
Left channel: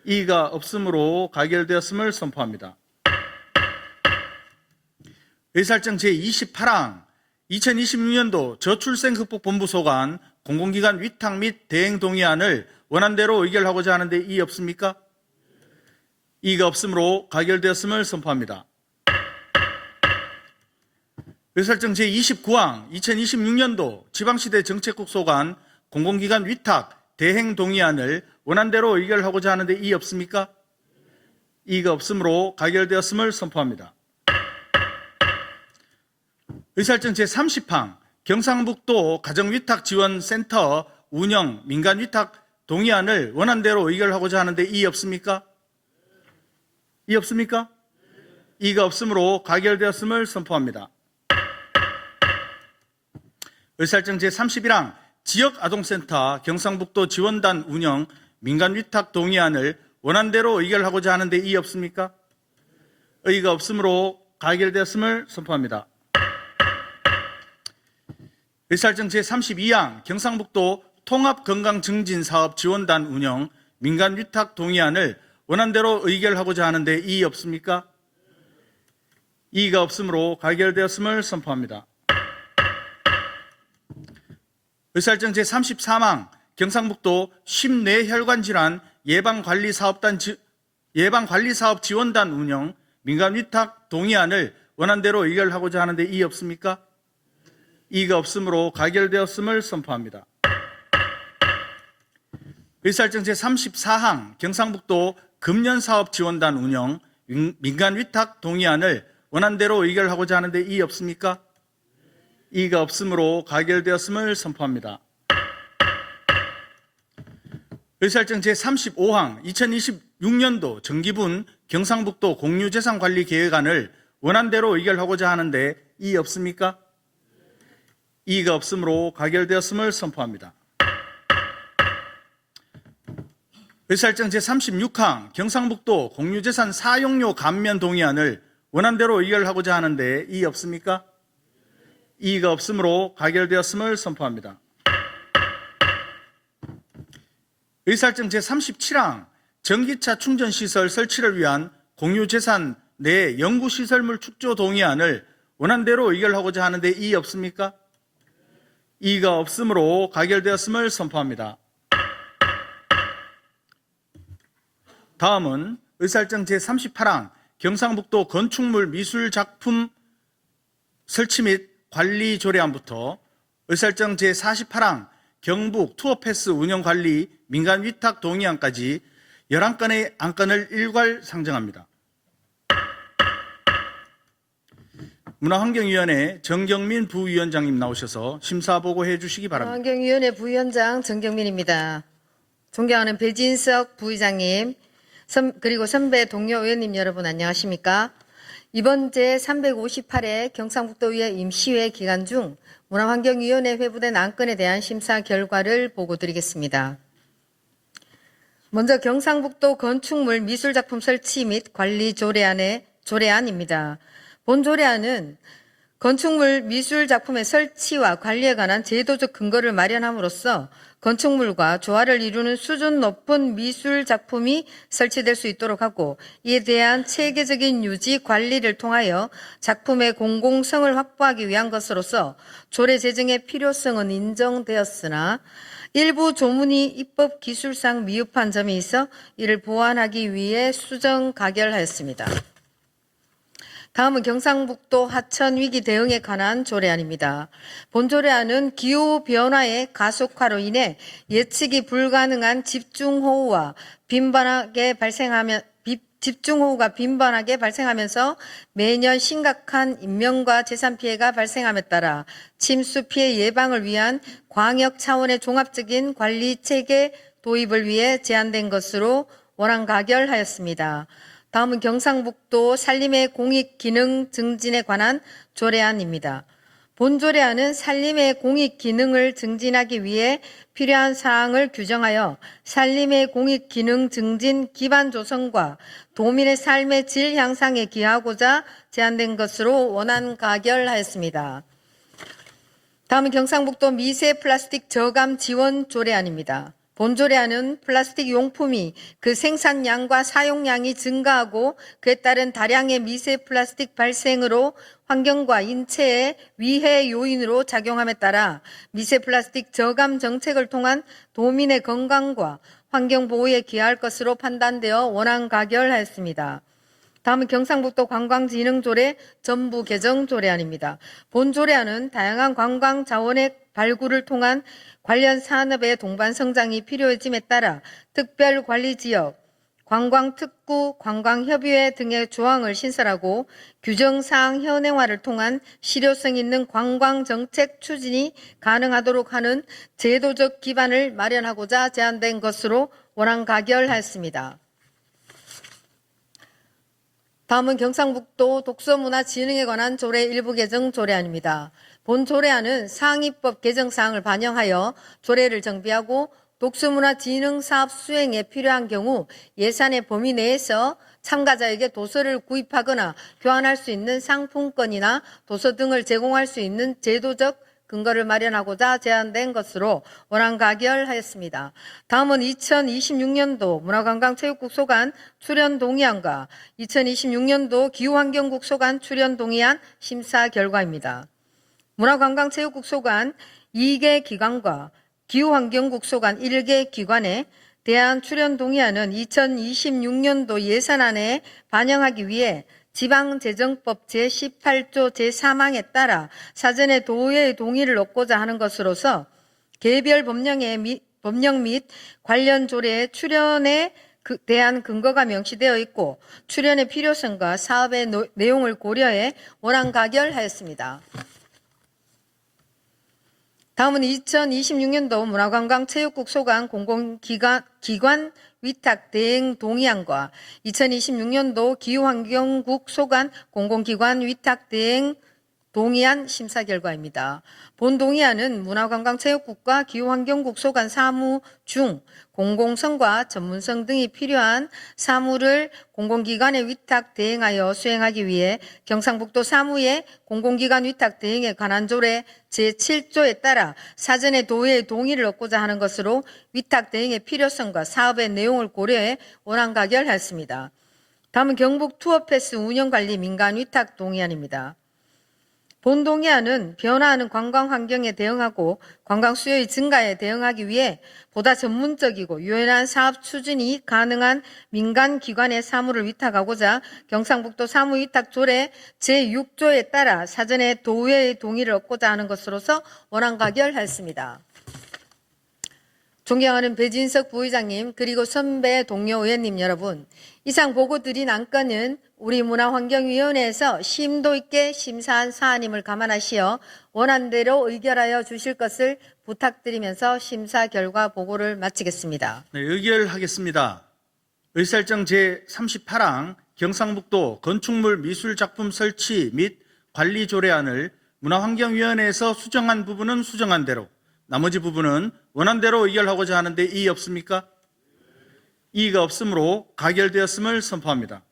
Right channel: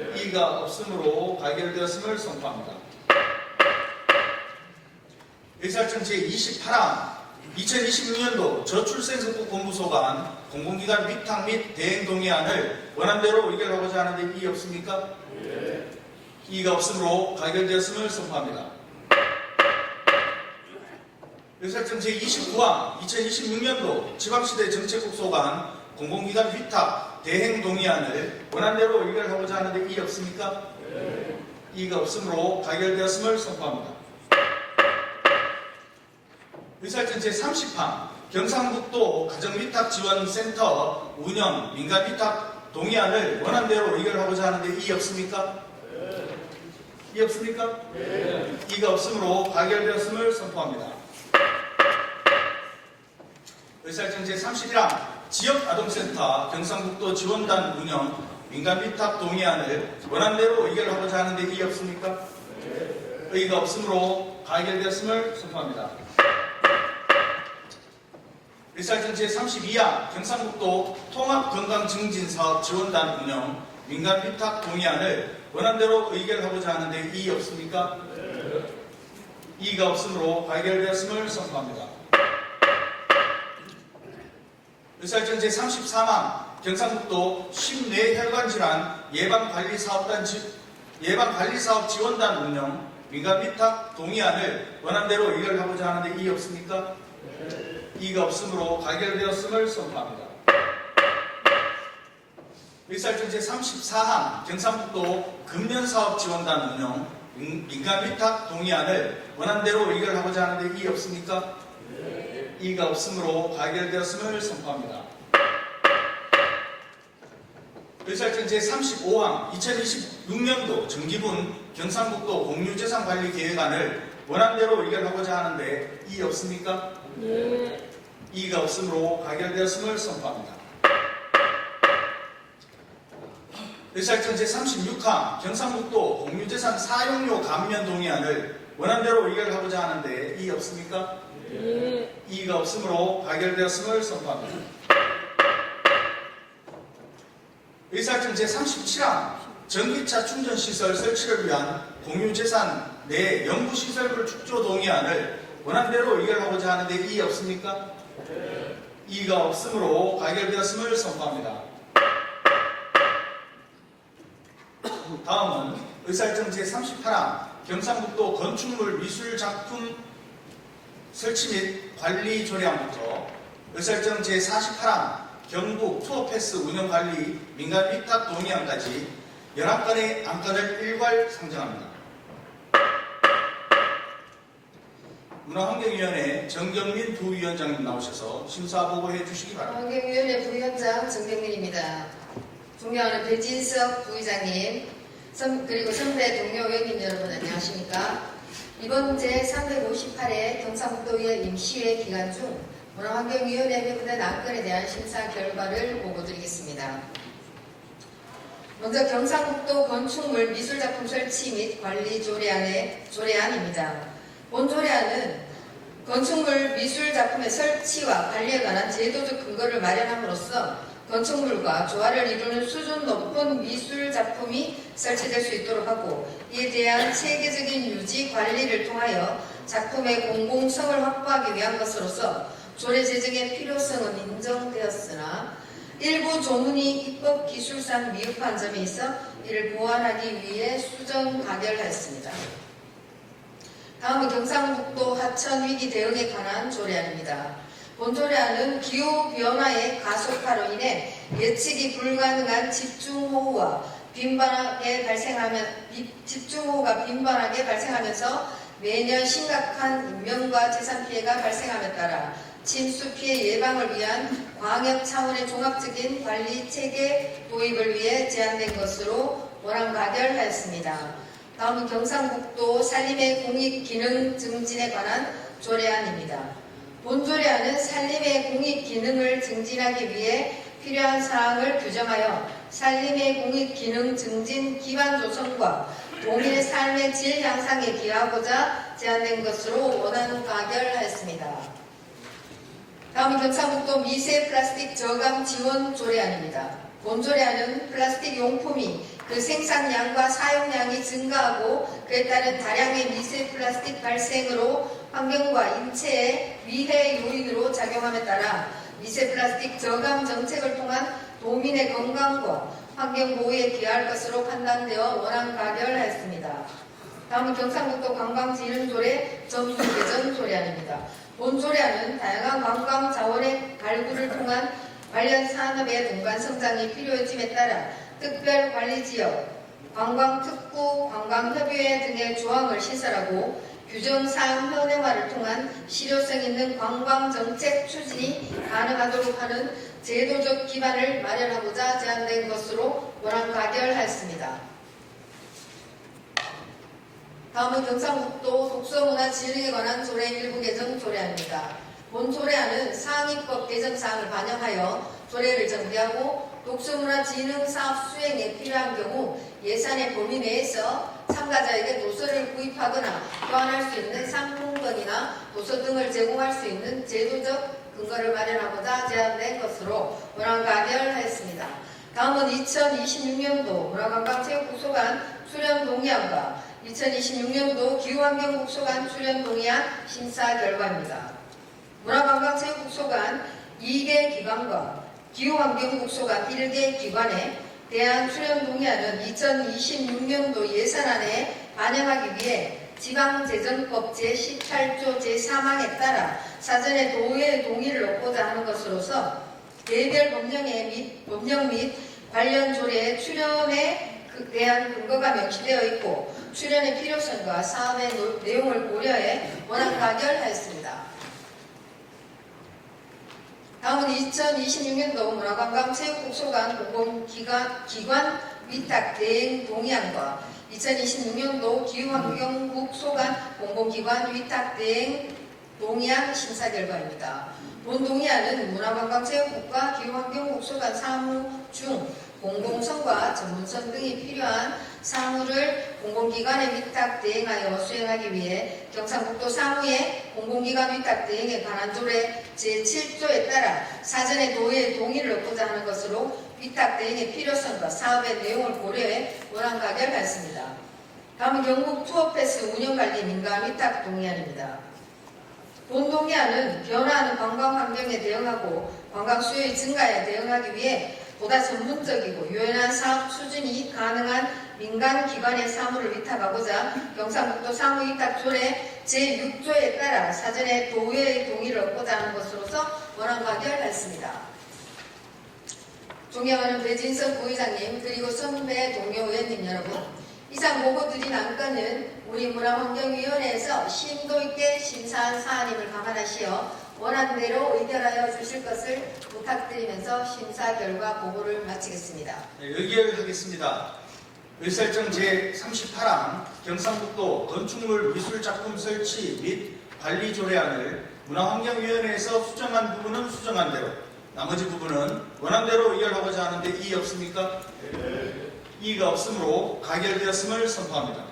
이의가 없으므로 가결되었음을 선포합니다. 의사일정 제28항 2026년도 저출생극복본부 소관 공공기관 위탁 및 대행 동의안을 원안대로 의결하고자 하는데 이의 없습니까? 이의가 없으므로 가결되었음을 선포합니다. 의사일정 제29항 2026년도 지방시대 정책국 소관 공공기관 위탁 대행 동의안을 원안대로 의결하고자 하는데 이의 없습니까? 이의가 없으므로 가결되었음을 선포합니다. 의사일정 제30항 경상북도 가정위탁지원센터 운영 민간위탁 동의안을 원안대로 의결하고자 하는데 이의 없습니까? 이의 없습니까? 이의가 없으므로 가결되었음을 선포합니다. 의사일정 제31항 지역아동센터 경상북도 지원단 운영 민간위탁 동의안을 원안대로 의결하고자 하는데 이의 없습니까? 의의가 없으므로 가결되었음을 선포합니다. 의사일정 제32항 경상북도 통합건강증진사업 지원단 운영 민간위탁 동의안을 원안대로 의결하고자 하는데 이의 없습니까? 이의가 없으므로 가결되었음을 선포합니다. 의사일정 제33항 경상북도 심뇌혈관질환 예방관리사업 지원단 운영 민간위탁 동의안을 원안대로 의결하고자 하는데 이의 없습니까? 이의가 없으므로 가결되었음을 선포합니다. 의사일정 제34항 경상북도 금년사업 지원단 운영 민간위탁 동의안을 원안대로 의결하고자 하는데 이의 없습니까? 이의가 없으므로 가결되었음을 선포합니다. 의사일정 제35항 2026년도 정기분 경상북도 공유재산관리계획안을 원안대로 의결하고자 하는데 이의 없습니까? 이의가 없으므로 가결되었음을 선포합니다. 의사일정 제36항 경상북도 공유재산 사용료 감면 동의안을 원안대로 의결하고자 하는데 이의 없습니까? 이의가 없으므로 가결되었음을 선포합니다. 의사일정 제37항 전기차 충전시설 설치를 위한 공유재산 내 연구시설물 축조 동의안을 원안대로 의결하고자 하는데 이의 없습니까? 이의가 없으므로 가결되었음을 선포합니다. 다음은 의사일정 제38항 경상북도 건축물 미술작품 설치 및 관리 조례안부터 의사일정 제48항 경북 투어패스 운영관리 민간위탁 동의안까지 11건의 안건을 일괄 상정합니다. 문화환경위원회 정경민 부위원장님 나오셔서 심사보고해 주시기 바랍니다. 환경위원회 부위원장 정경민입니다. 존경하는 배진석 부의장님, 그리고 선배 동료 의원님 여러분 안녕하십니까? 이번 제358회 경상북도의회 임시회 기간 중 문화환경위원회 회부된 안건에 대한 심사 결과를 보고드리겠습니다. 먼저 경상북도 건축물 미술작품 설치 및 관리 조례안입니다. 본 조례안은 건축물 미술작품의 설치와 관리에 관한 제도적 근거를 마련함으로써 건축물과 조화를 이루는 수준 높은 미술작품이 설치될 수 있도록 하고, 이에 대한 체계적인 유지 관리를 통하여 작품의 공공성을 확보하기 위한 것으로서 조례 제정의 필요성은 인정되었으나 일부 조문이 입법 기술상 미흡한 점이 있어 이를 보완하기 위해 수정 가결하였습니다. 다음은 경상북도 하천 위기 대응에 관한 조례안입니다. 본 조례안은 기후변화의 가속화로 인해 예측이 불가능한 집중호우가 빈번하게 발생하면서 매년 심각한 인명과 재산 피해가 발생함에 따라 침수 피해 예방을 위한 광역 차원의 종합적인 관리 체계 도입을 위해 제안된 것으로 원안 가결하였습니다. 다음은 경상북도 산림의 공익 기능 증진에 관한 조례안입니다. 본조례안은 산림의 공익 기능을 증진하기 위해 필요한 사항을 규정하여 산림의 공익 기능 증진 기반 조성과 도민의 삶의 질 향상에 기하고자 제안된 것으로 원안 가결하였습니다. 다음은 경상북도 미세 플라스틱 저감 지원 조례안입니다. 본조례안은 플라스틱 용품이 그 생산량과 사용량이 증가하고 그에 따른 다량의 미세 플라스틱 발생으로 환경과 인체에 위해 요인으로 작용함에 따라 미세 플라스틱 저감 정책을 통한 도민의 건강과 환경 보호에 기여할 것으로 판단되어 원안 가결하였습니다. 다음은 경상북도 관광진흥조례 전부 개정 조례안입니다. 본 조례안은 다양한 관광 자원의 발굴을 통한 관련 산업의 동반 성장이 필요해짐에 따라 특별관리지역, 관광특구, 관광협의회 등의 조항을 신설하고 규정사항 현행화를 통한 실효성 있는 관광정책 추진이 가능하도록 하는 제도적 기반을 마련하고자 제안된 것으로 원안 가결하였습니다. 다음은 경상북도 독서문화진흥에 관한 조례 일부 개정 조례안입니다. 본 조례안은 상위법 개정사항을 반영하여 조례를 정비하고 독서문화진흥 사업 수행에 필요한 경우 예산의 범위 내에서 참가자에게 도서를 구입하거나 교환할 수 있는 상품권이나 도서 등을 제공할 수 있는 제도적 근거를 마련하고자 제안된 것으로 원안 가결하였습니다. 다음은 2026년도 문화관광체육국 소관 출연 동의안과 2026년도 기후환경국 소관 출연 동의안 심사 결과입니다. 문화관광체육국 소관 2개 기관과 기후환경국 소관 1개 기관에 대한 출연 동의안은 2026년도 예산안에 반영하기 위해 지방재정법 제18조 제3항에 따라 사전에 도의회의 동의를 얻고자 하는 것으로서 개별 법령 및 관련 조례의 출연에 대한 근거가 명시되어 있고 출연의 필요성과 사업의 내용을 고려해 원안 가결하였습니다. 다음은 2026년도 문화관광체육국 소관 공공기관 위탁 대행 동의안과 2026년도 기후환경국 소관 공공기관 위탁 대행 동의안 심사 결과입니다. 본 동의안은 문화관광체육국과 기후환경국 소관 사무 중 공공성과 전문성 등이 필요한 사무를 공공기관에 위탁 대행하여 수행하기 위해 경상북도 사무의 공공기관 위탁 대행에 관한 조례 제7조에 따라 사전에 도의회의 동의를 얻고자 하는 것으로 위탁 대행의 필요성과 사업의 내용을 고려해 원안 가결하였습니다. 다음은 경북 투어패스 운영관리 민간 위탁 동의안입니다. 본 동의안은 변화하는 관광 환경에 대응하고 관광 수요의 증가에 대응하기 위해 보다 전문적이고 유연한 사업 추진이 가능한 민간 기관의 사무를 위탁하고자 경상북도 사무위탁조례 제6조에 따라 사전에 도의회의 동의를 얻고자 하는 것으로서 원안 가결하였습니다. 존경하는 배진석 부의장님 그리고 선배 동료 의원님 여러분, 이상 보고드린 안건은 우리 문화환경위원회에서 심도 있게 심사한 사안임을 감안하시어 원안대로 의결하여 주실 것을 부탁드리면서 심사 결과 보고를 마치겠습니다. 네, 의결하겠습니다. 의사일정 제38항 경상북도 건축물 미술작품 설치 및 관리 조례안을 문화환경위원회에서 수정한 부분은 수정한 대로, 나머지 부분은 원안대로 의결하고자 하는데 이의 없습니까? 이의가 없으므로 가결되었음을 선포합니다.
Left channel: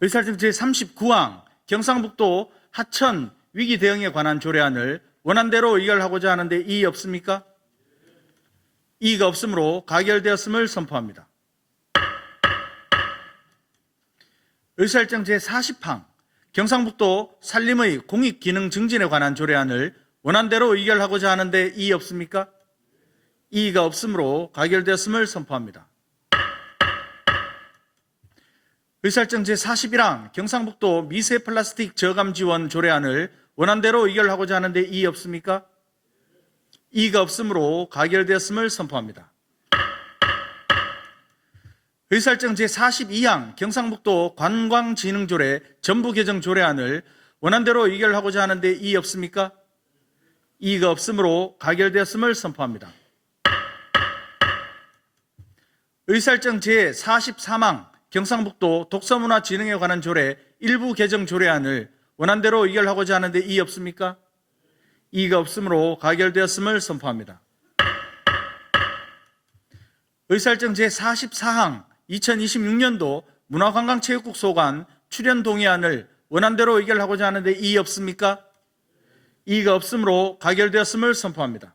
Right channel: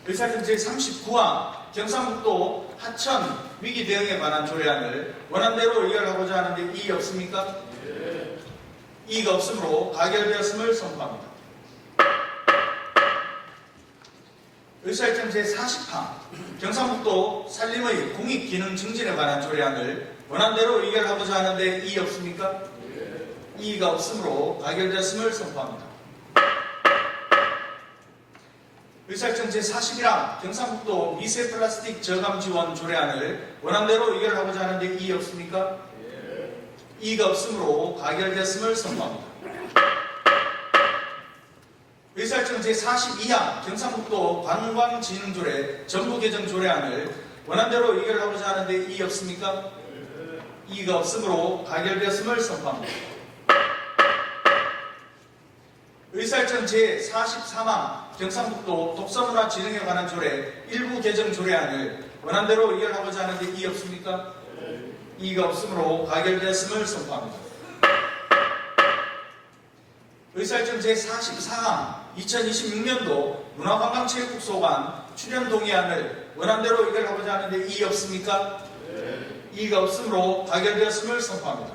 의사일정 제39항 경상북도 하천 위기 대응에 관한 조례안을 원안대로 의결하고자 하는데 이의 없습니까? 이의가 없으므로 가결되었음을 선포합니다. 의사일정 제40항 경상북도 산림의 공익기능 증진에 관한 조례안을 원안대로 의결하고자 하는데 이의 없습니까? 이의가 없으므로 가결되었음을 선포합니다. 의사일정 제41항 경상북도 미세 플라스틱 저감 지원 조례안을 원안대로 의결하고자 하는데 이의 없습니까? 이의가 없으므로 가결되었음을 선포합니다. 의사일정 제42항 경상북도 관광진흥조례 전부 개정 조례안을 원안대로 의결하고자 하는데 이의 없습니까? 이의가 없으므로 가결되었음을 선포합니다. 의사일정 제43항 경상북도 독서문화진흥에 관한 조례 일부 개정 조례안을 원안대로 의결하고자 하는데 이의 없습니까? 이의가 없으므로 가결되었음을 선포합니다. 의사일정 제44항 2026년도 문화관광체육국 소관 출연 동의안을 원안대로 의결하고자 하는데 이의 없습니까? 이의가 없으므로 가결되었음을 선포합니다.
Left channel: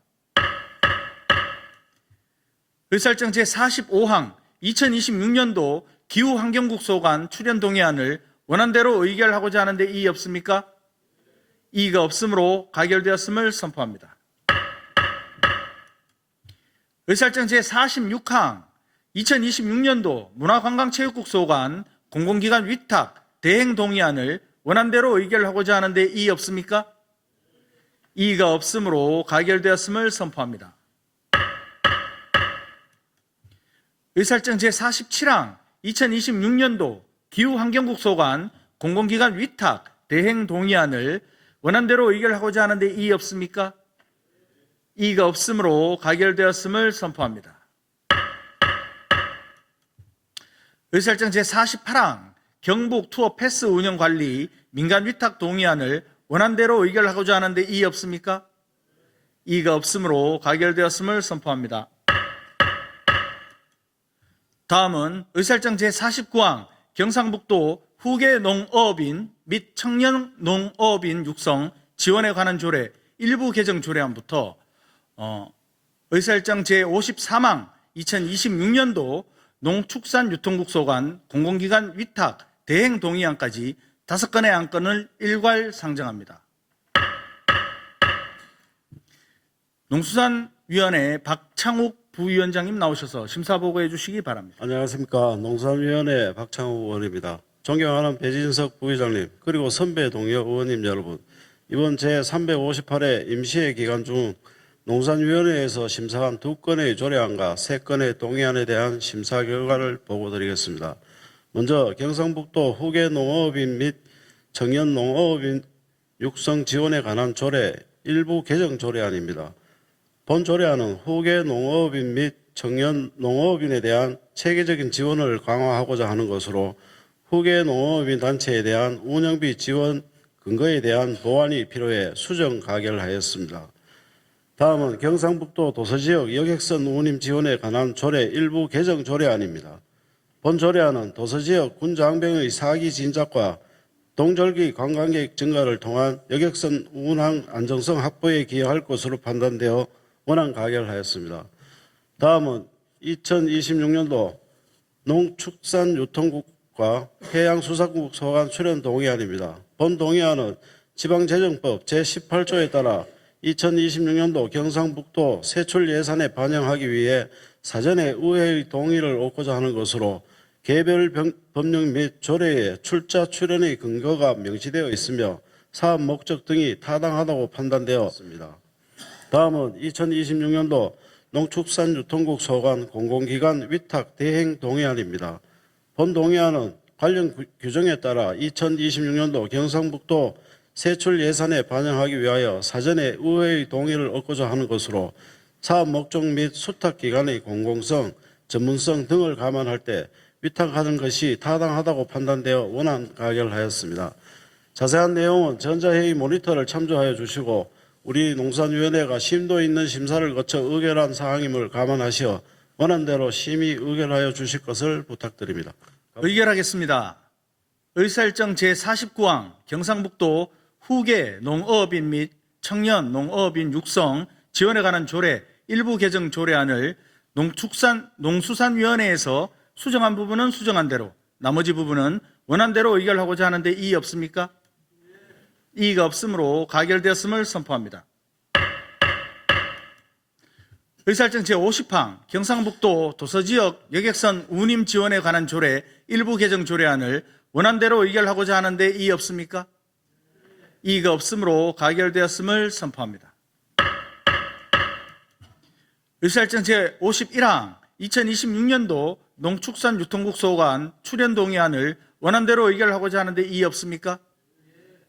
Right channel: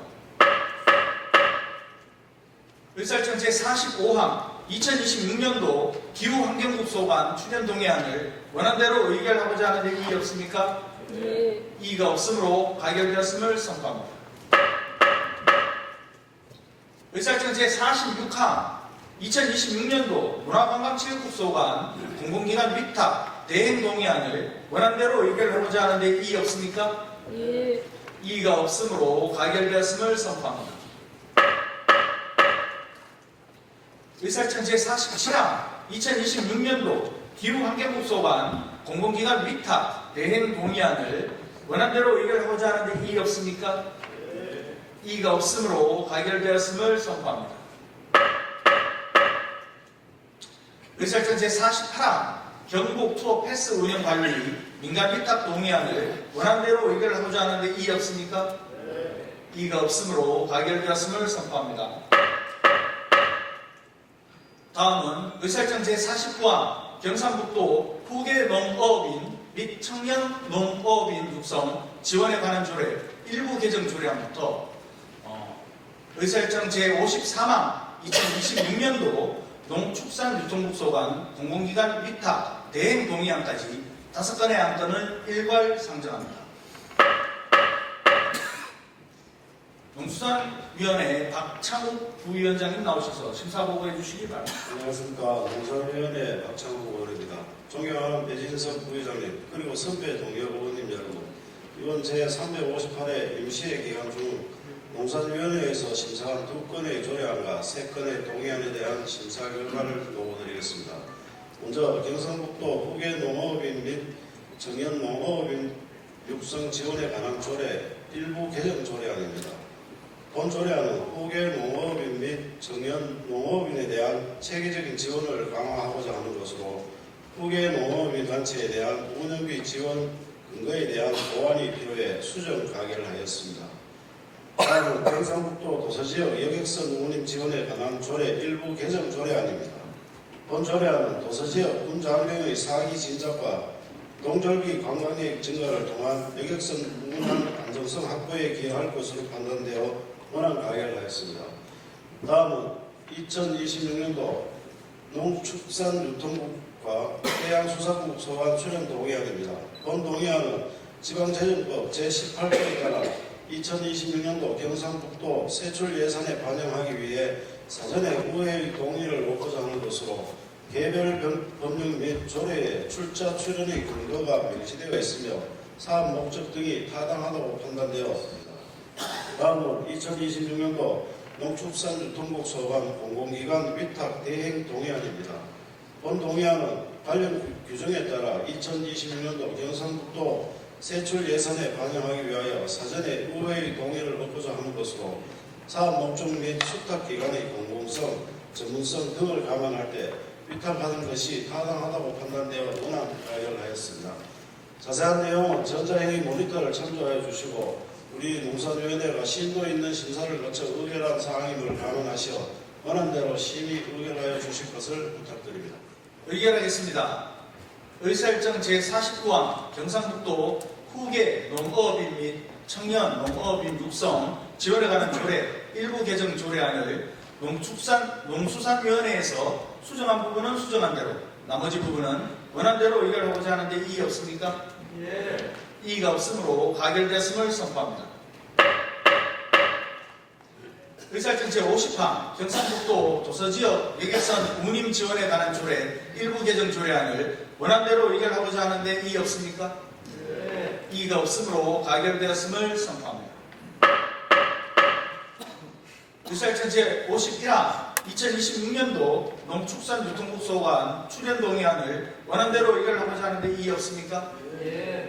의사일정 제45항 2026년도 기후환경국 소관 출연 동의안을 원안대로 의결하고자 하는데 이의 없습니까? 이의가 없으므로 가결되었음을 선포합니다. 의사일정 제46항 2026년도 문화관광체육국 소관 공공기관 위탁 대행 동의안을 원안대로 의결하고자 하는데 이의 없습니까? 이의가 없으므로 가결되었음을 선포합니다. 의사일정 제47항 2026년도 기후환경국 소관 공공기관 위탁 대행 동의안을 원안대로 의결하고자 하는데 이의 없습니까? 이의가 없으므로 가결되었음을 선포합니다. 의사일정 제48항 경북 투어 패스 운영 관리 민간 위탁 동의안을 원안대로 의결하고자 하는데 이의 없습니까? 이의가 없으므로 가결되었음을 선포합니다. 다음은 의사일정 제49항 경상북도 후계 농어업인 및 청년 농어업인 육성 지원에 관한 조례 일부 개정 조례안부터 의사일정 제53항 2026년도 농축산유통국 소관 공공기관 위탁 대행 동의안까지 5건의 안건을 일괄 상정합니다. 농수산위원회 박창욱 부위원장님 나오셔서 심사보고해 주시기 바랍니다. 안녕하십니까. 농산위원회 박창욱 의원입니다. 존경하는 배진석 부회장님 그리고 선배 동료 의원님 여러분, 이번 제358회 임시회 기간 중 농산위원회에서 심사한 2건의 조례안과 3건의 동의안에 대한 심사 결과를 보고드리겠습니다. 먼저 경상북도 후계 농어업인 및 청년 농어업인 육성 지원에 관한 조례 일부 개정 조례안입니다. 본 조례안은 후계 농어업인 및 청년 농어업인에 대한 체계적인 지원을 강화하고자 하는 것으로 후계 농어업인 단체에 대한 운영비 지원 근거에 대한 보완이 필요해 수정 가결하였습니다. 다음은 경상북도 도서지역 여객선 운임 지원에 관한 조례 일부 개정 조례안입니다. 본 조례안은 도서지역 운장병의 사기 진작과 동절기 관광객 증가를 통한 여객선 운항 안정성 확보에 기여할 것으로 판단되어 원안 가결하였습니다. 다음은 2026년도 농축산유통국과 해양수산국 소관 출연 동의안입니다. 본 동의안은 지방재정법 제18조에 따라 2026년도 경상북도 세출 예산에 반영하기 위해 사전에 의회의 동의를 얻고자 하는 것으로 개별 법령 및 조례에 출자 출연의 근거가 명시되어 있으며 사업 목적 등이 타당하다고 판단되었습니다. 다음은 2026년도 농축산유통국 소관 공공기관 위탁 대행 동의안입니다. 본 동의안은 관련 규정에 따라 2026년도 경상북도 세출 예산에 반영하기 위하여 사전에 의회의 동의를 얻고자 하는 것으로 사업 목적 및 수탁 기관의 공공성, 전문성 등을 감안할 때 위탁하는 것이 타당하다고 판단되어 원안 가결하였습니다. 자세한 내용은 전자회의 모니터를 참조하여 주시고 우리 농산위원회가 심도 있는 심사를 거쳐 의결한 사항임을 감안하시어 원안대로 심의 의결하여 주실 것을 부탁드립니다. 의결하겠습니다. 의사일정 제49항 경상북도 후계 농어업인 및 청년 농어업인 육성 지원에 관한 조례 일부 개정 조례안을 농수산위원회에서 수정한 부분은 수정한 대로 나머지 부분은 원안대로 의결하고자 하는데 이의 없습니까? 이의가 없으므로 가결되었음을 선포합니다. 의사일정 제50항 경상북도 도서지역 여객선 운임 지원에 관한 조례 일부 개정 조례안을 원안대로 의결하고자 하는데 이의 없습니까? 이의가 없으므로 가결되었음을 선포합니다. 의사일정 제51항 2026년도 농축산유통국 소관 출연 동의안을 원안대로 의결하고자 하는데 이의 없습니까?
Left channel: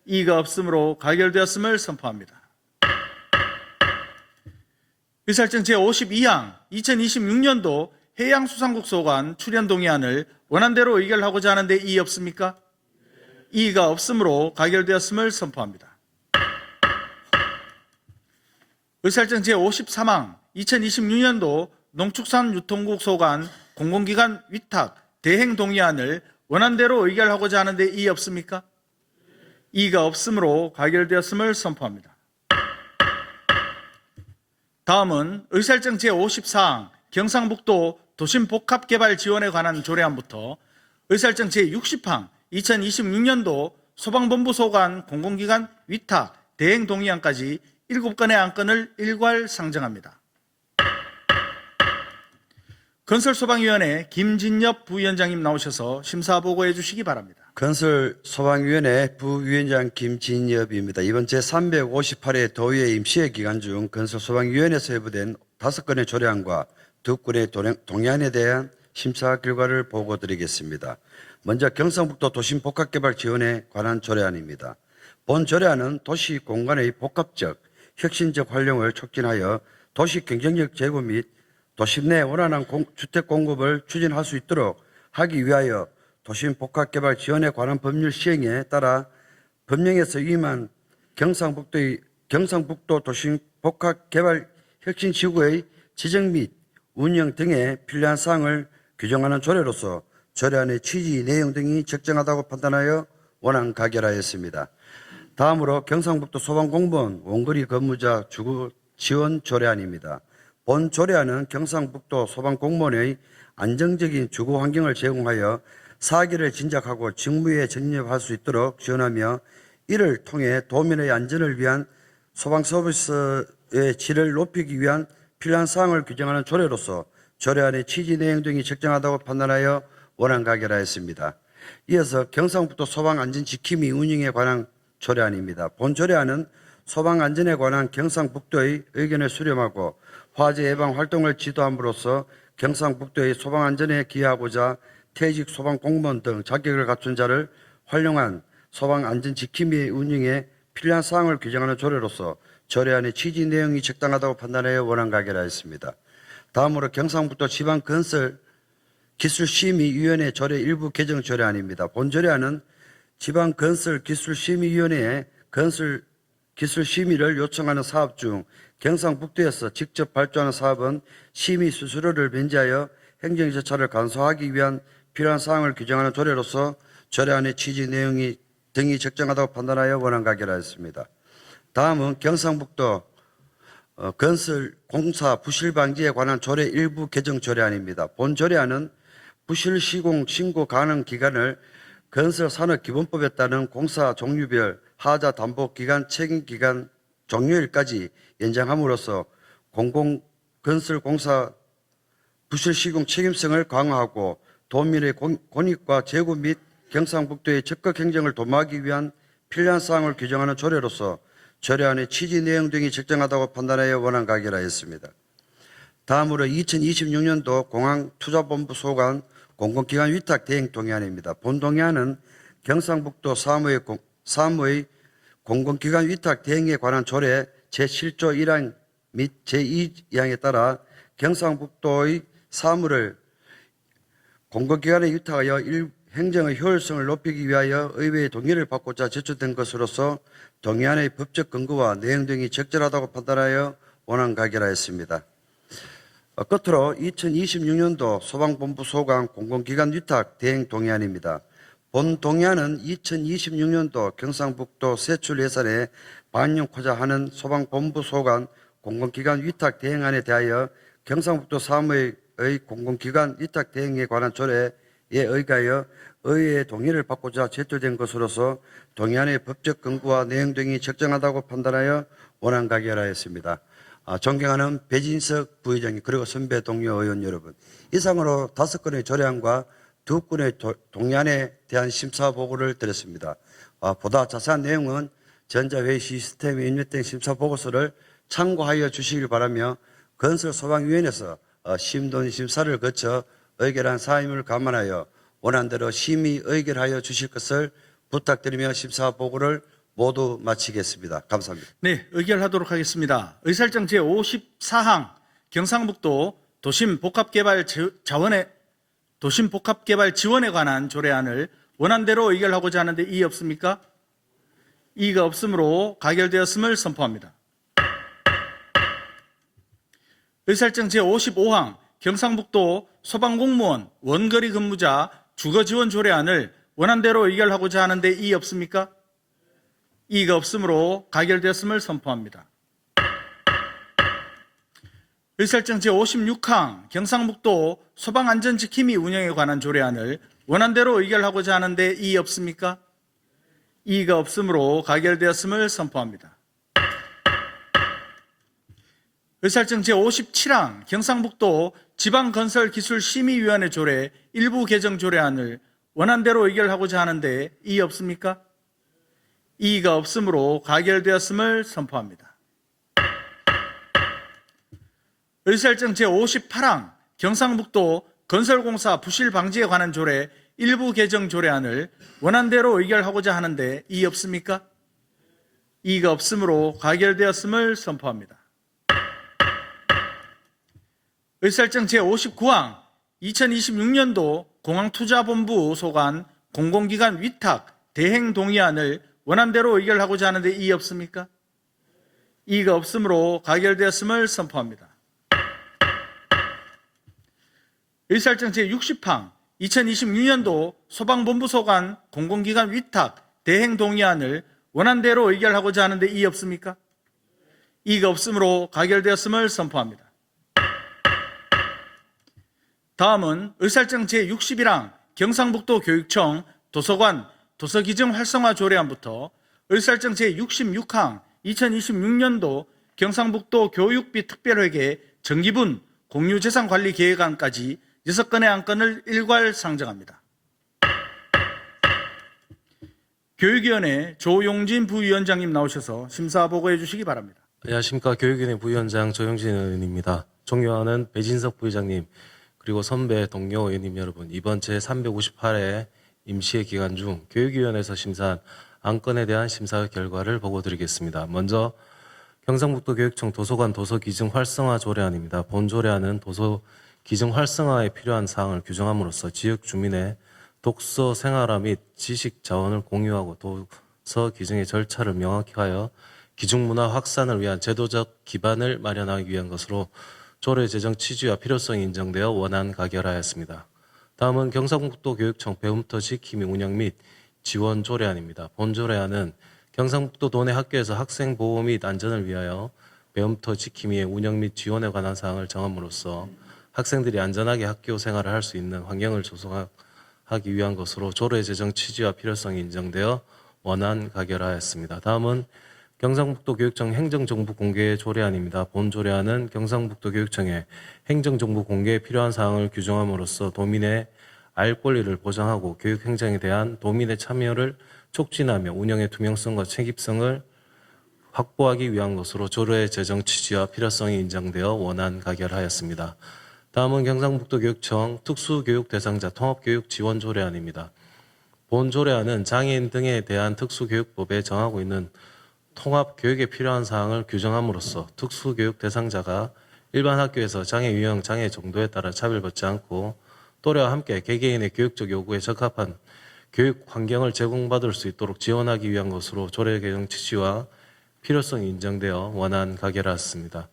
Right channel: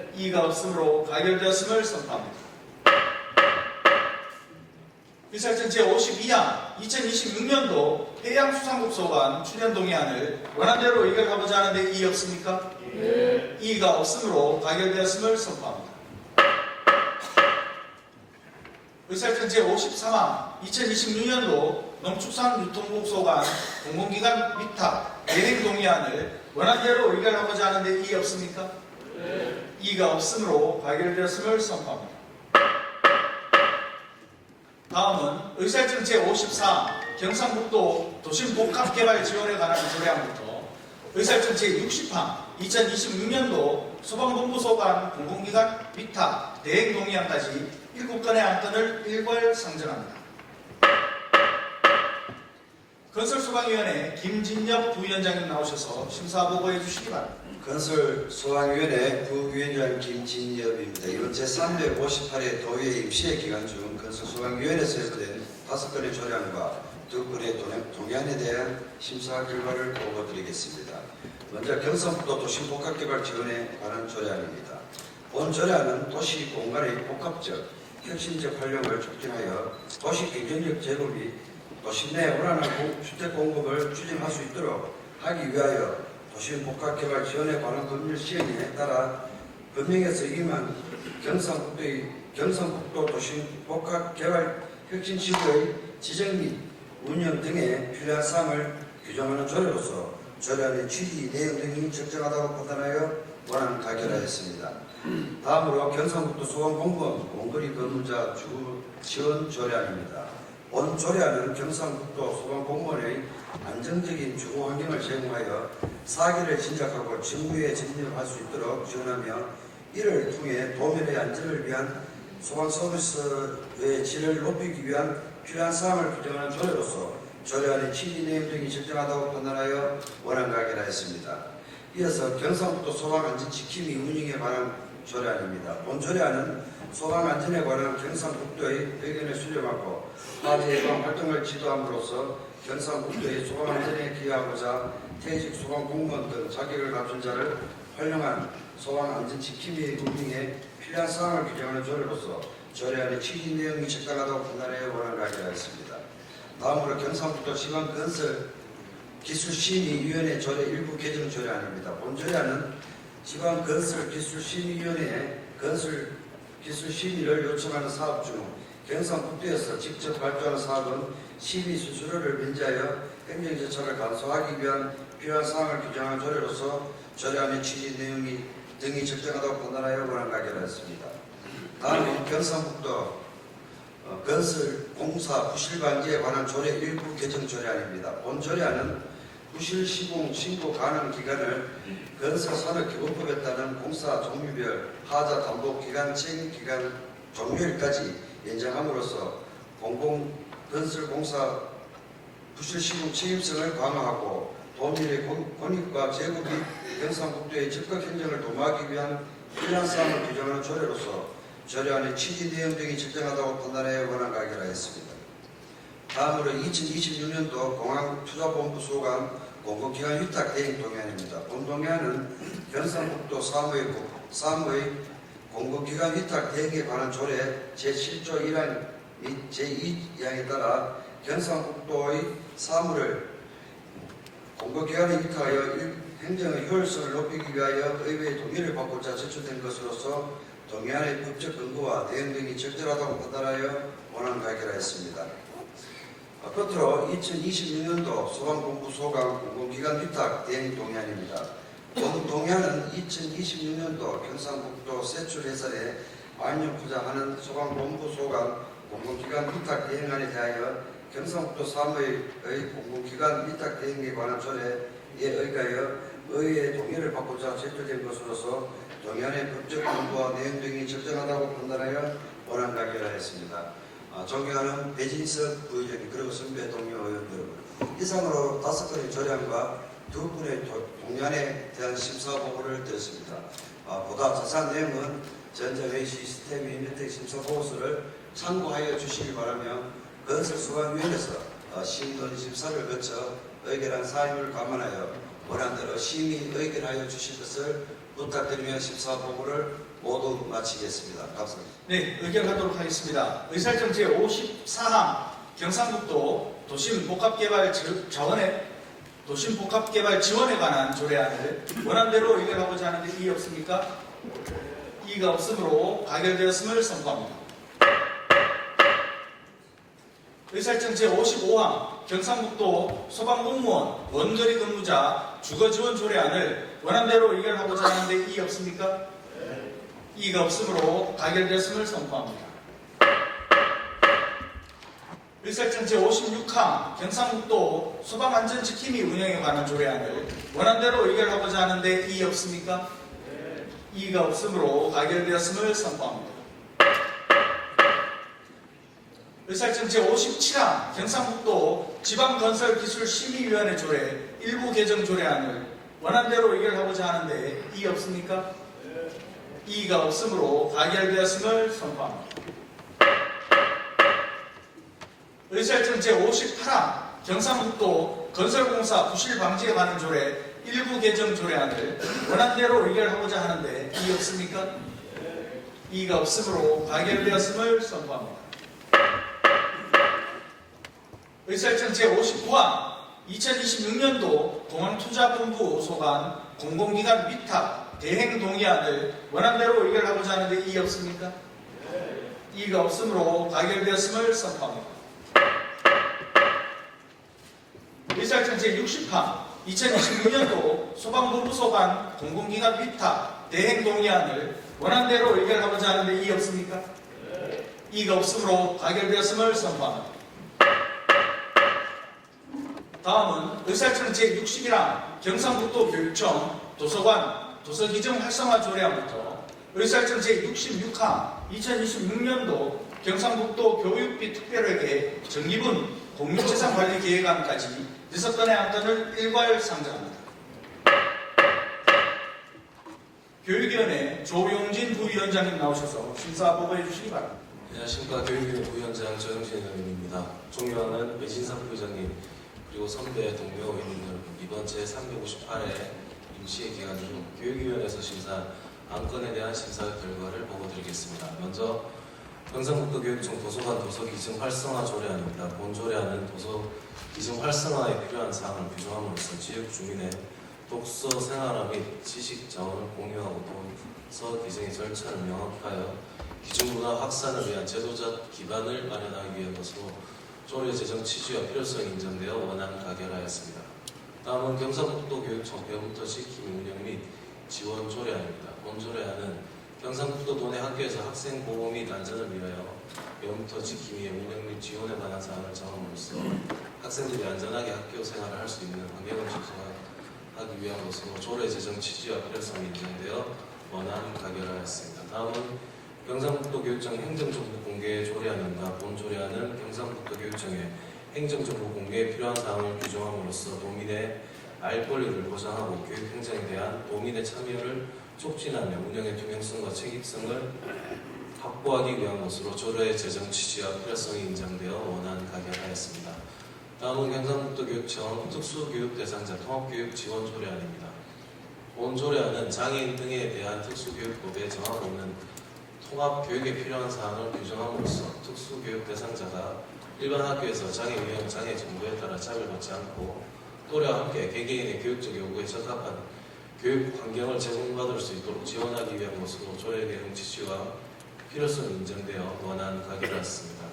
이의가 없으므로 가결되었음을 선포합니다. 의사일정 제52항 2026년도 해양수산국 소관 출연 동의안을 원안대로 의결하고자 하는데 이의 없습니까? 이의가 없으므로 가결되었음을 선포합니다. 의사일정 제53항 2026년도 농축산유통국 소관 공공기관 위탁 대행 동의안을 원안대로 의결하고자 하는데 이의 없습니까? 이의가 없으므로 가결되었음을 선포합니다. 다음은 의사일정 제54항 경상북도 도심복합개발 지원에 관한 조례안부터 의사일정 제60항 2026년도 소방본부 소관 공공기관 위탁 대행 동의안까지 7건의 안건을 일괄 상정합니다. 건설소방위원회 김진엽 부위원장님 나오셔서 심사보고해 주시기 바랍니다. 건설소방위원회 부위원장 김진엽입니다. 이번 제358회 도의회 임시회 기간 중 건설소방위원회에서 예고된 5건의 조례안과 2건의 동의안에 대한 심사 결과를 보고드리겠습니다. 먼저 경상북도 도심복합개발 지원에 관한 조례안입니다. 본 조례안은 도시 공간의 복합적, 혁신적 활용을 촉진하여 도시 경쟁력 제고 및 도시 내 원활한 주택 공급을 추진할 수 있도록 하기 위하여 도심복합개발 지원에 관한 법률 시행에 따라 법령에서 위임한 경상북도 도심복합개발 혁신지구의 지정 및 운영 등에 필요한 사항을 규정하는 조례로서 조례안의 취지 내용 등이 적정하다고 판단하여 원안 가결하였습니다. 다음으로 경상북도 소방공무원 원거리 근무자 주거 지원 조례안입니다. 본 조례안은 경상북도 소방공무원의 안정적인 주거 환경을 제공하여 사기를 진작하고 직무에 접nhập 수 있도록 지원하며 이를 통해 도민의 안전을 위한 소방 서비스의 질을 높이기 위한 필요한 사항을 규정하는 조례로서 조례안의 취지 내용 등이 적정하다고 판단하여 원안 가결하였습니다. 이어서 경상북도 소방안전지킴이 운영에 관한 조례안입니다. 본 조례안은 소방안전에 관한 경상북도의 의견을 수렴하고 화재 예방 활동을 지도함으로써 경상북도의 소방안전에 기여하고자 퇴직 소방공무원 등 자격을 갖춘 자를 활용한 소방안전지킴이 운영에 필요한 사항을 규정하는 조례로서 조례안의 취지 내용이 적당하다고 판단하여 원안 가결하였습니다. 다음으로 경상북도 지방건설기술심의위원회 조례 일부 개정 조례안입니다. 본 조례안은 지방건설기술심의위원회에 건설기술심의를 요청하는 사업 중 경상북도에서 직접 발주하는 사업은 심의 수수료를 면제하여 행정절차를 간소화하기 위한 필요한 사항을 규정하는 조례로서 조례안의 취지 내용이 등이 적정하다고 판단하여 원안 가결하였습니다. 다음은 경상북도 건설공사 부실방지에 관한 조례 일부 개정 조례안입니다. 본 조례안은 부실 시공 신고 가능 기간을 건설산업기본법에 따른 공사 종류별 하자 담보 기간 책임 기간 종료일까지 연장함으로써 공공건설공사 부실 시공 책임성을 강화하고 도민의 권익과 제고 및 경상북도의 적극 행정을 도모하기 위한 필요한 사항을 규정하는 조례로서 조례안의 취지 내용 등이 적정하다고 판단하여 원안 가결하였습니다. 다음으로 2026년도 공항투자본부 소관 공공기관 위탁 대행 동의안입니다. 본 동의안은 경상북도 사무의 공공기관 위탁 대행에 관한 조례 제7조 1항 및 제2항에 따라 경상북도의 사무를 공공기관에 위탁하여 행정의 효율성을 높이기 위하여 의회의 동의를 받고자 제출된 것으로서 동의안의 법적 근거와 내용 등이 적절하다고 판단하여 원안 가결하였습니다. 끝으로 2026년도 소방본부 소관 공공기관 위탁 대행 동의안입니다. 본 동의안은 2026년도 경상북도 세출 예산에 반영하자 하는 소방본부 소관 공공기관 위탁 대행안에 대하여 경상북도 사무의 공공기관 위탁 대행에 관한 조례에 의하여 의회의 동의를 받고자 제출된 것으로서 동의안의 법적 근거와 내용 등이 적정하다고 판단하여 원안 가결하였습니다. 존경하는 배진석 부의장님 그리고 선배 동료 의원 여러분, 이상으로 5건의 조례안과 2건의 동의안에 대한 심사 보고를 드렸습니다. 보다 자세한 내용은 전자회의 시스템 입력된 심사 보고서를 참고하여 주시길 바라며 건설소방위원회에서 심도 심사를 거쳐 의결한 사항을 감안하여 원안대로 심의 의결하여 주실 것을 부탁드리며 심사 보고를 모두 마치겠습니다. 감사합니다. 네, 의결하도록 하겠습니다. 의사일정 제54항 경상북도 도심복합개발 지원에 관한 조례안을 원안대로 의결하고자 하는데 이의 없습니까? 이의가 없으므로 가결되었음을 선포합니다. 의사일정 제55항 경상북도 소방공무원 원거리 근무자 주거지원 조례안을 원안대로 의결하고자 하는데 이의 없습니까? 이의가 없으므로 가결되었음을 선포합니다. 의사일정 제56항 경상북도 소방안전지킴이 운영에 관한 조례안을 원안대로 의결하고자 하는데 이의 없습니까? 이의가 없으므로 가결되었음을 선포합니다. 의사일정 제57항 경상북도 지방건설기술심의위원회 조례 일부 개정 조례안을 원안대로 의결하고자 하는데 이의 없습니까? 이의가 없으므로 가결되었음을 선포합니다. 의사일정 제58항 경상북도 건설공사 부실 방지에 관한 조례 일부 개정 조례안을 원안대로 의결하고자 하는데 이의 없습니까? 이의가 없으므로 가결되었음을 선포합니다. 의사일정 제59항 2026년도 공항투자본부 소관 공공기관 위탁 대행 동의안을 원안대로 의결하고자 하는데 이의 없습니까? 이의가 없으므로 가결되었음을 선포합니다. 의사일정 제60항 2026년도 소방본부 소관 공공기관 위탁 대행 동의안을 원안대로 의결하고자 하는데 이의 없습니까? 이의가 없으므로 가결되었음을 선포합니다. 다음은 의사일정 제61항 경상북도 교육청 도서관 도서기증 활성화 조례안부터 의사일정 제66항 2026년도 경상북도 교육비 특별회계 정기분 공유재산관리 계획안까지 6건의 안건을 일괄 상정합니다. 교육위원회 조용진 부위원장님 나오셔서 심사 보고해 주시기 바랍니다. 안녕하십니까. 교육위원회 부위원장 조용진 의원입니다. 존경하는 배진석 부의장님 그리고 선배 동료 의원님 여러분, 이번 제358회 임시회 기간 중 교육위원회에서 심사한 안건에 대한 심사 결과를 보고드리겠습니다. 먼저 경상북도 교육청 도서관 도서기증 활성화 조례안입니다. 본 조례안은 도서 기증 활성화에 필요한 사항을 규정함으로써 지역 주민의 독서 생활화 및 지식 자원을 공유하고 도서 기증의 절차를 명확히 하여 기중 문화 확산을 위한 제도적 기반을 마련하기 위한 것으로 조례 제정 취지와 필요성이 인정되어 원안 가결하였습니다. 다음은 경상북도 교육청 배움터 지킴이 운영 및 지원 조례안입니다. 본 조례안은 경상북도 도내 학교에서 학생 보호 및 안전을 위하여 배움터 지킴이의 운영 및 지원에 관한 사항을 정함으로써 학생들이 안전하게 학교 생활을 할 수 있는 환경을 조성하기 위한 것으로 조례 제정 취지와 필요성이 인정되어 원안 가결하였습니다. 다음은 경상북도 교육청 행정정보 공개 조례안입니다. 본 조례안은 경상북도 교육청에 행정정보 공개에 필요한 사항을 규정함으로써 도민의 알 권리를 보장하고 교육 행정에 대한 도민의 참여를 촉진하며 운영의 투명성과 책임성을 확보하기 위한 것으로 조례 제정 취지와 필요성이 인정되어 원안 가결하였습니다. 다음은 경상북도 교육청 특수교육 대상자 통합교육 지원 조례안입니다. 본 조례안은 장애인 등에 대한 특수교육법에 정하고 있는 통합교육에 필요한 사항을 규정함으로써 특수교육 대상자가 일반 학교에서 장애 유형, 장애 정도에 따라 차별받지 않고 또래와 함께 개개인의 교육적 요구에 적합한 교육 환경을 제공받을 수 있도록 지원하기 위한 것으로 조례 개정 취지와 필요성이 인정되어 원안 가결하였습니다.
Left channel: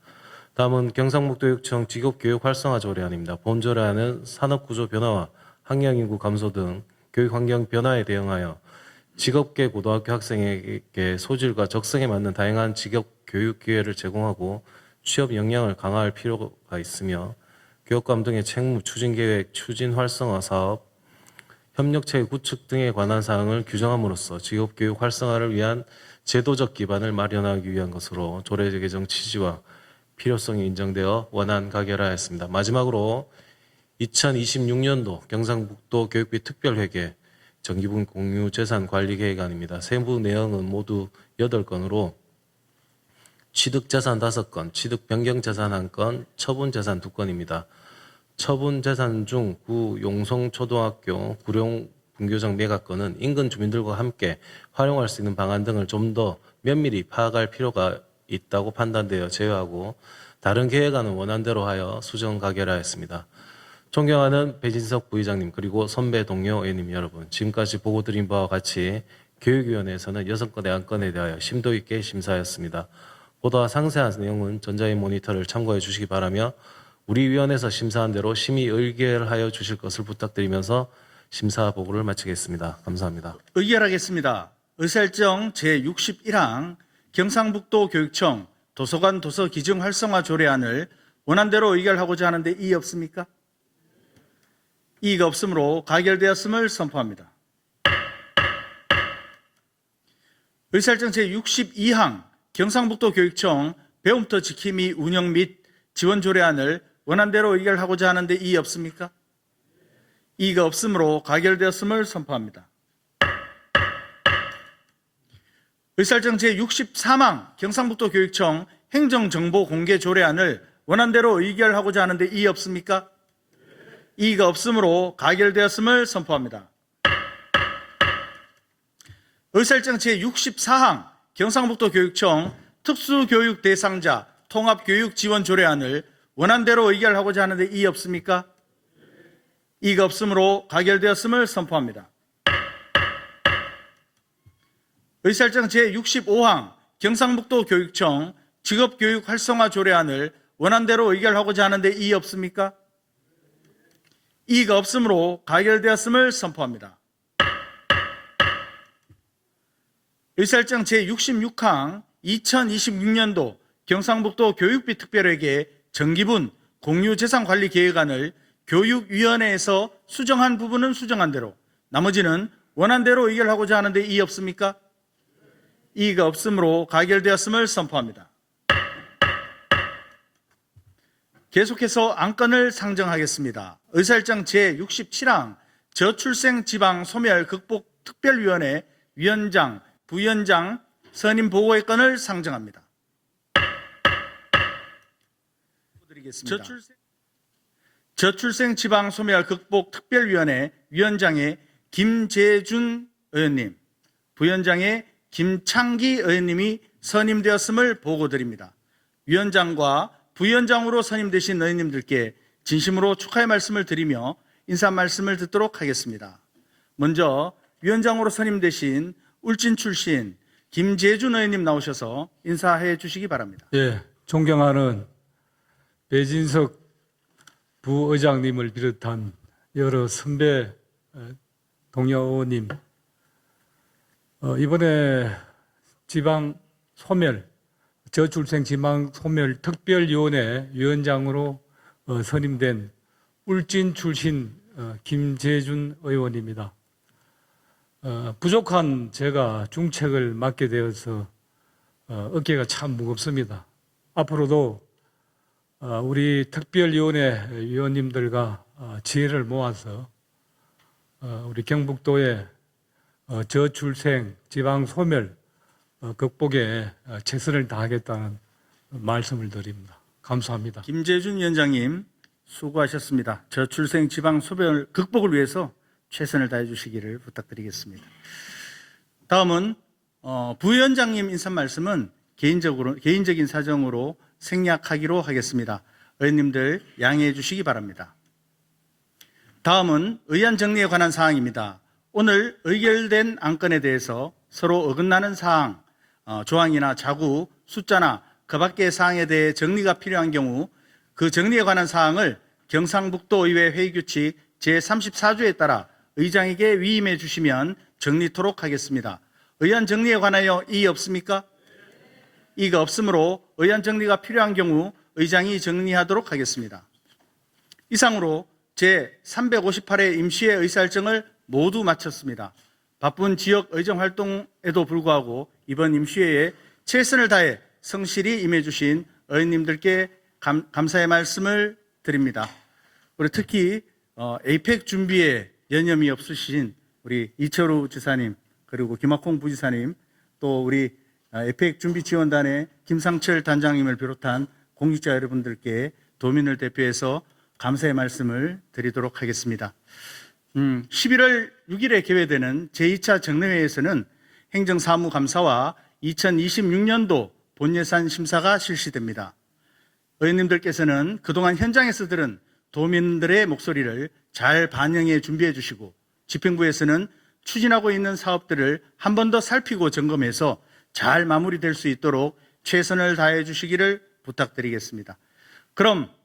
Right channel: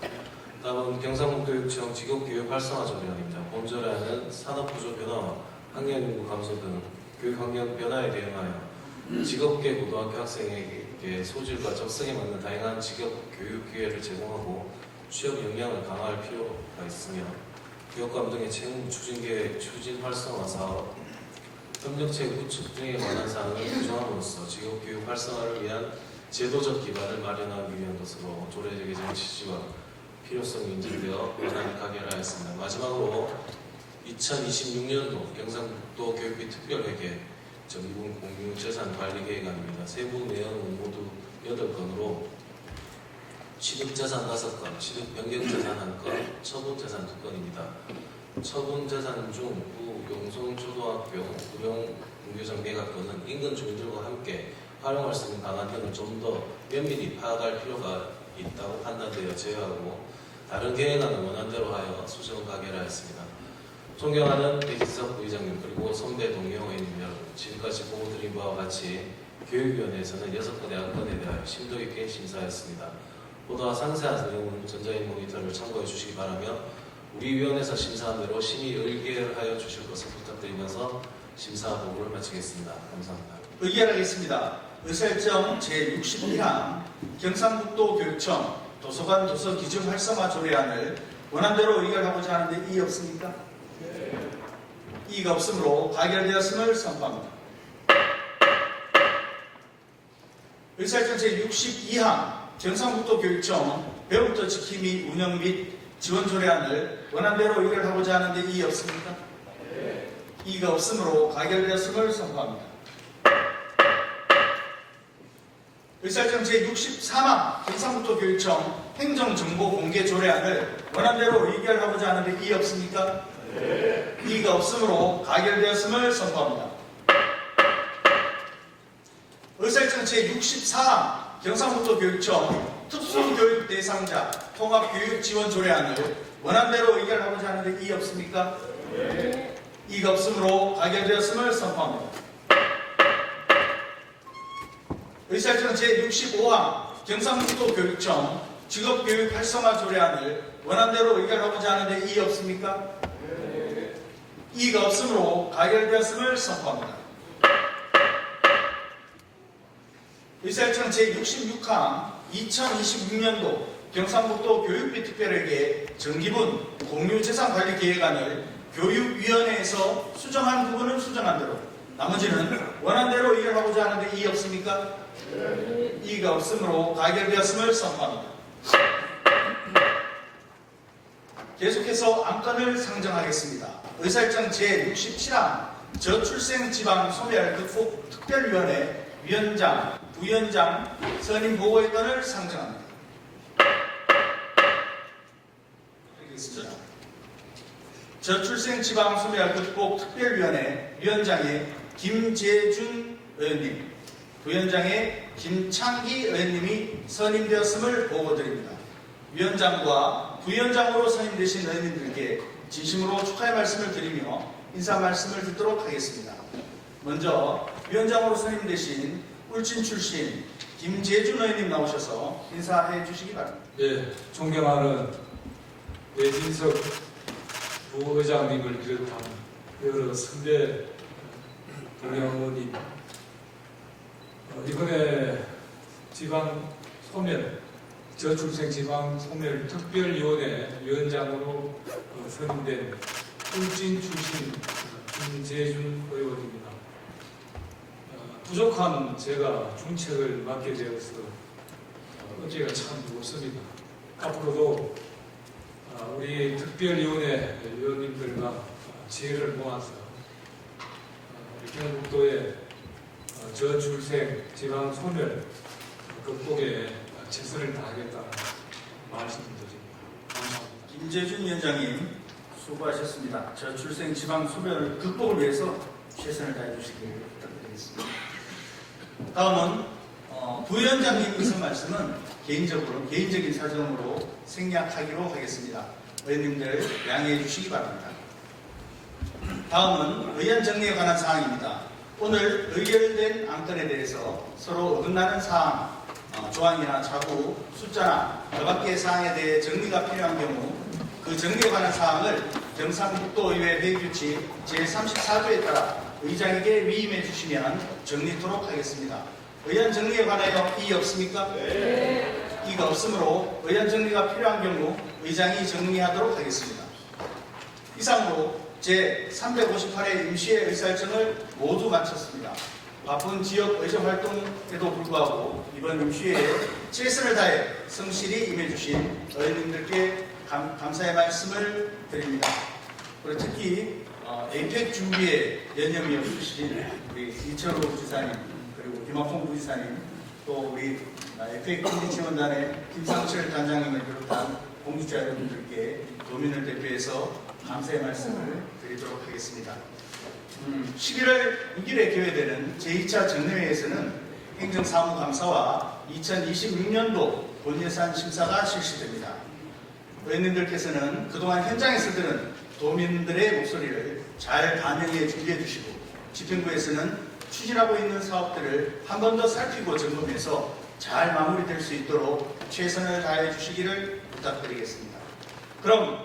다음은 경상북도 교육청 직업교육 활성화 조례안입니다. 본 조례안은 산업구조 변화와 학령인구 감소 등 교육환경 변화에 대응하여 직업계 고등학교 학생에게 소질과 적성에 맞는 다양한 직업 교육 기회를 제공하고 취업 역량을 강화할 필요가 있으며 교육감 등의 책무, 추진계획, 추진 활성화 사업, 협력체계 구축 등에 관한 사항을 규정함으로써 직업교육 활성화를 위한 제도적 기반을 마련하기 위한 것으로 조례 개정 취지와 필요성이 인정되어 원안 가결하였습니다. 마지막으로 2026년도 경상북도 교육비 특별회계 정기분 공유 재산 관리 계획안입니다. 세부 내용은 모두 8건으로 취득재산 5건, 취득 변경 재산 1건, 처분 재산 2건입니다. 처분 재산 중 구 용성초등학교 구룡 분교장 매각건은 인근 주민들과 함께 활용할 수 있는 방안 등을 좀 더 면밀히 파악할 필요가 있다고 판단되어 제외하고 다른 계획안은 원안대로 하여 수정 가결하였습니다. 존경하는 배진석 부의장님 그리고 선배 동료 의원님 여러분, 지금까지 보고드린 바와 같이 교육위원회에서는 6건의 안건에 대하여 심도 있게 심사하였습니다. 보다 상세한 내용은 전자인 모니터를 참고해 주시기 바라며 우리 위원회에서 심사한 대로 심의 의결하여 주실 것을 부탁드리면서 심사 보고를 마치겠습니다. 감사합니다. 의결하겠습니다. 의사일정 제61항 경상북도 교육청 도서관 도서 기증 활성화 조례안을 원안대로 의결하고자 하는데 이의 없습니까? 이의가 없으므로 가결되었음을 선포합니다. 의사일정 제62항 경상북도 교육청 배움터 지킴이 운영 및 지원 조례안을 원안대로 의결하고자 하는데 이의 없습니까? 이의가 없으므로 가결되었음을 선포합니다. 의사일정 제63항 경상북도 교육청 행정정보 공개 조례안을 원안대로 의결하고자 하는데 이의 없습니까? 이의가 없으므로 가결되었음을 선포합니다. 의사일정 제64항 경상북도 교육청 특수교육 대상자 통합교육 지원 조례안을 원안대로 의결하고자 하는데 이의 없습니까? 이의가 없으므로 가결되었음을 선포합니다. 의사일정 제65항 경상북도 교육청 직업교육 활성화 조례안을 원안대로 의결하고자 하는데 이의 없습니까? 이의가 없으므로 가결되었음을 선포합니다. 의사일정 제66항 2026년도 경상북도 교육비 특별회계 정기분 공유재산관리 계획안을 교육위원회에서 수정한 부분은 수정한 대로 나머지는 원안대로 의결하고자 하는데 이의 없습니까? 이의가 없으므로 가결되었음을 선포합니다. 계속해서 안건을 상정하겠습니다. 의사일정 제67항 저출생 지방 소멸 극복 특별위원회 위원장, 부위원장 선임 보고의 건을 상정합니다. 저출생 지방 소멸 극복 특별위원회 위원장의 김재준 의원님, 부위원장의 김창기 의원님이 선임되었음을 보고드립니다. 위원장과 부위원장으로 선임되신 의원님들께 진심으로 축하의 말씀을 드리며 인사 말씀을 듣도록 하겠습니다. 먼저 위원장으로 선임되신 울진 출신 김재준 의원님 나오셔서 인사해 주시기 바랍니다. 예, 존경하는 배진석 부의장님을 비롯한 여러 선배 동료 의원님, 이번에 지방 소멸 저출생 지방 소멸 특별위원회 위원장으로 선임된 울진 출신 김재준 의원입니다. 부족한 제가 중책을 맡게 되어서 어깨가 참 무겁습니다. 앞으로도 우리 특별위원회 위원님들과 지혜를 모아서 우리 경북도의 저출생 지방 소멸 극복에 최선을 다하겠다는 말씀을 드립니다. 감사합니다. 김재준 위원장님 수고하셨습니다. 저출생 지방 소멸 극복을 위해서 최선을 다해 주시기를 부탁드리겠습니다. 다음은 부위원장님 인사 말씀은 개인적인 사정으로 생략하기로 하겠습니다. 의원님들 양해해 주시기 바랍니다. 다음은 의안 정리에 관한 사항입니다. 오늘 의결된 안건에 대해서 서로 어긋나는 사항, 조항이나 자구, 숫자나 그 밖의 사항에 대해 정리가 필요한 경우 그 정리에 관한 사항을 경상북도 의회 회의규칙 제34조에 따라 의장에게 위임해 주시면 정리토록 하겠습니다. 의안 정리에 관하여 이의 없습니까? 이의가 없으므로 의안 정리가 필요한 경우 의장이 정리하도록 하겠습니다. 이상으로 제358회 임시회 의사일정을 모두 마쳤습니다. 바쁜 지역 의정 활동에도 불구하고 이번 임시회에 최선을 다해 성실히 임해주신 의원님들께 감사의 말씀을 드립니다. 그리고 특히 에이펙 준비에 여념이 없으신 우리 이철우 지사님, 그리고 김학홍 부지사님, 또 우리 에이펙 준비지원단의 김상철 단장님을 비롯한 공직자 여러분들께 도민을 대표해서 감사의 말씀을 드리도록 하겠습니다. 11월 6일에 개회되는 제2차 정례회에서는 행정사무감사와 2026년도 본예산 심사가 실시됩니다. 의원님들께서는 그동안 현장에서 들은 도민들의 목소리를 잘 반영해 준비해 주시고 집행부에서는 추진하고 있는 사업들을 한 번 더 살피고 점검해서 잘 마무리될 수 있도록 최선을 다해 주시기를 부탁드리겠습니다. 그럼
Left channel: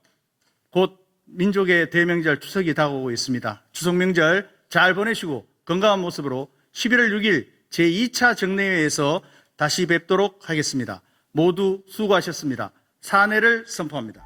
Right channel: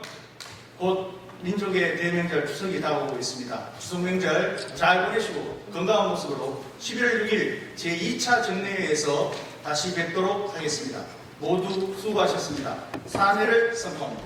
곧 민족의 대명절 추석이 다가오고 있습니다. 추석 명절 잘 보내시고 건강한 모습으로 11월 6일 제2차 정례회에서 다시 뵙도록 하겠습니다. 모두 수고하셨습니다. 사내를 선포합니다.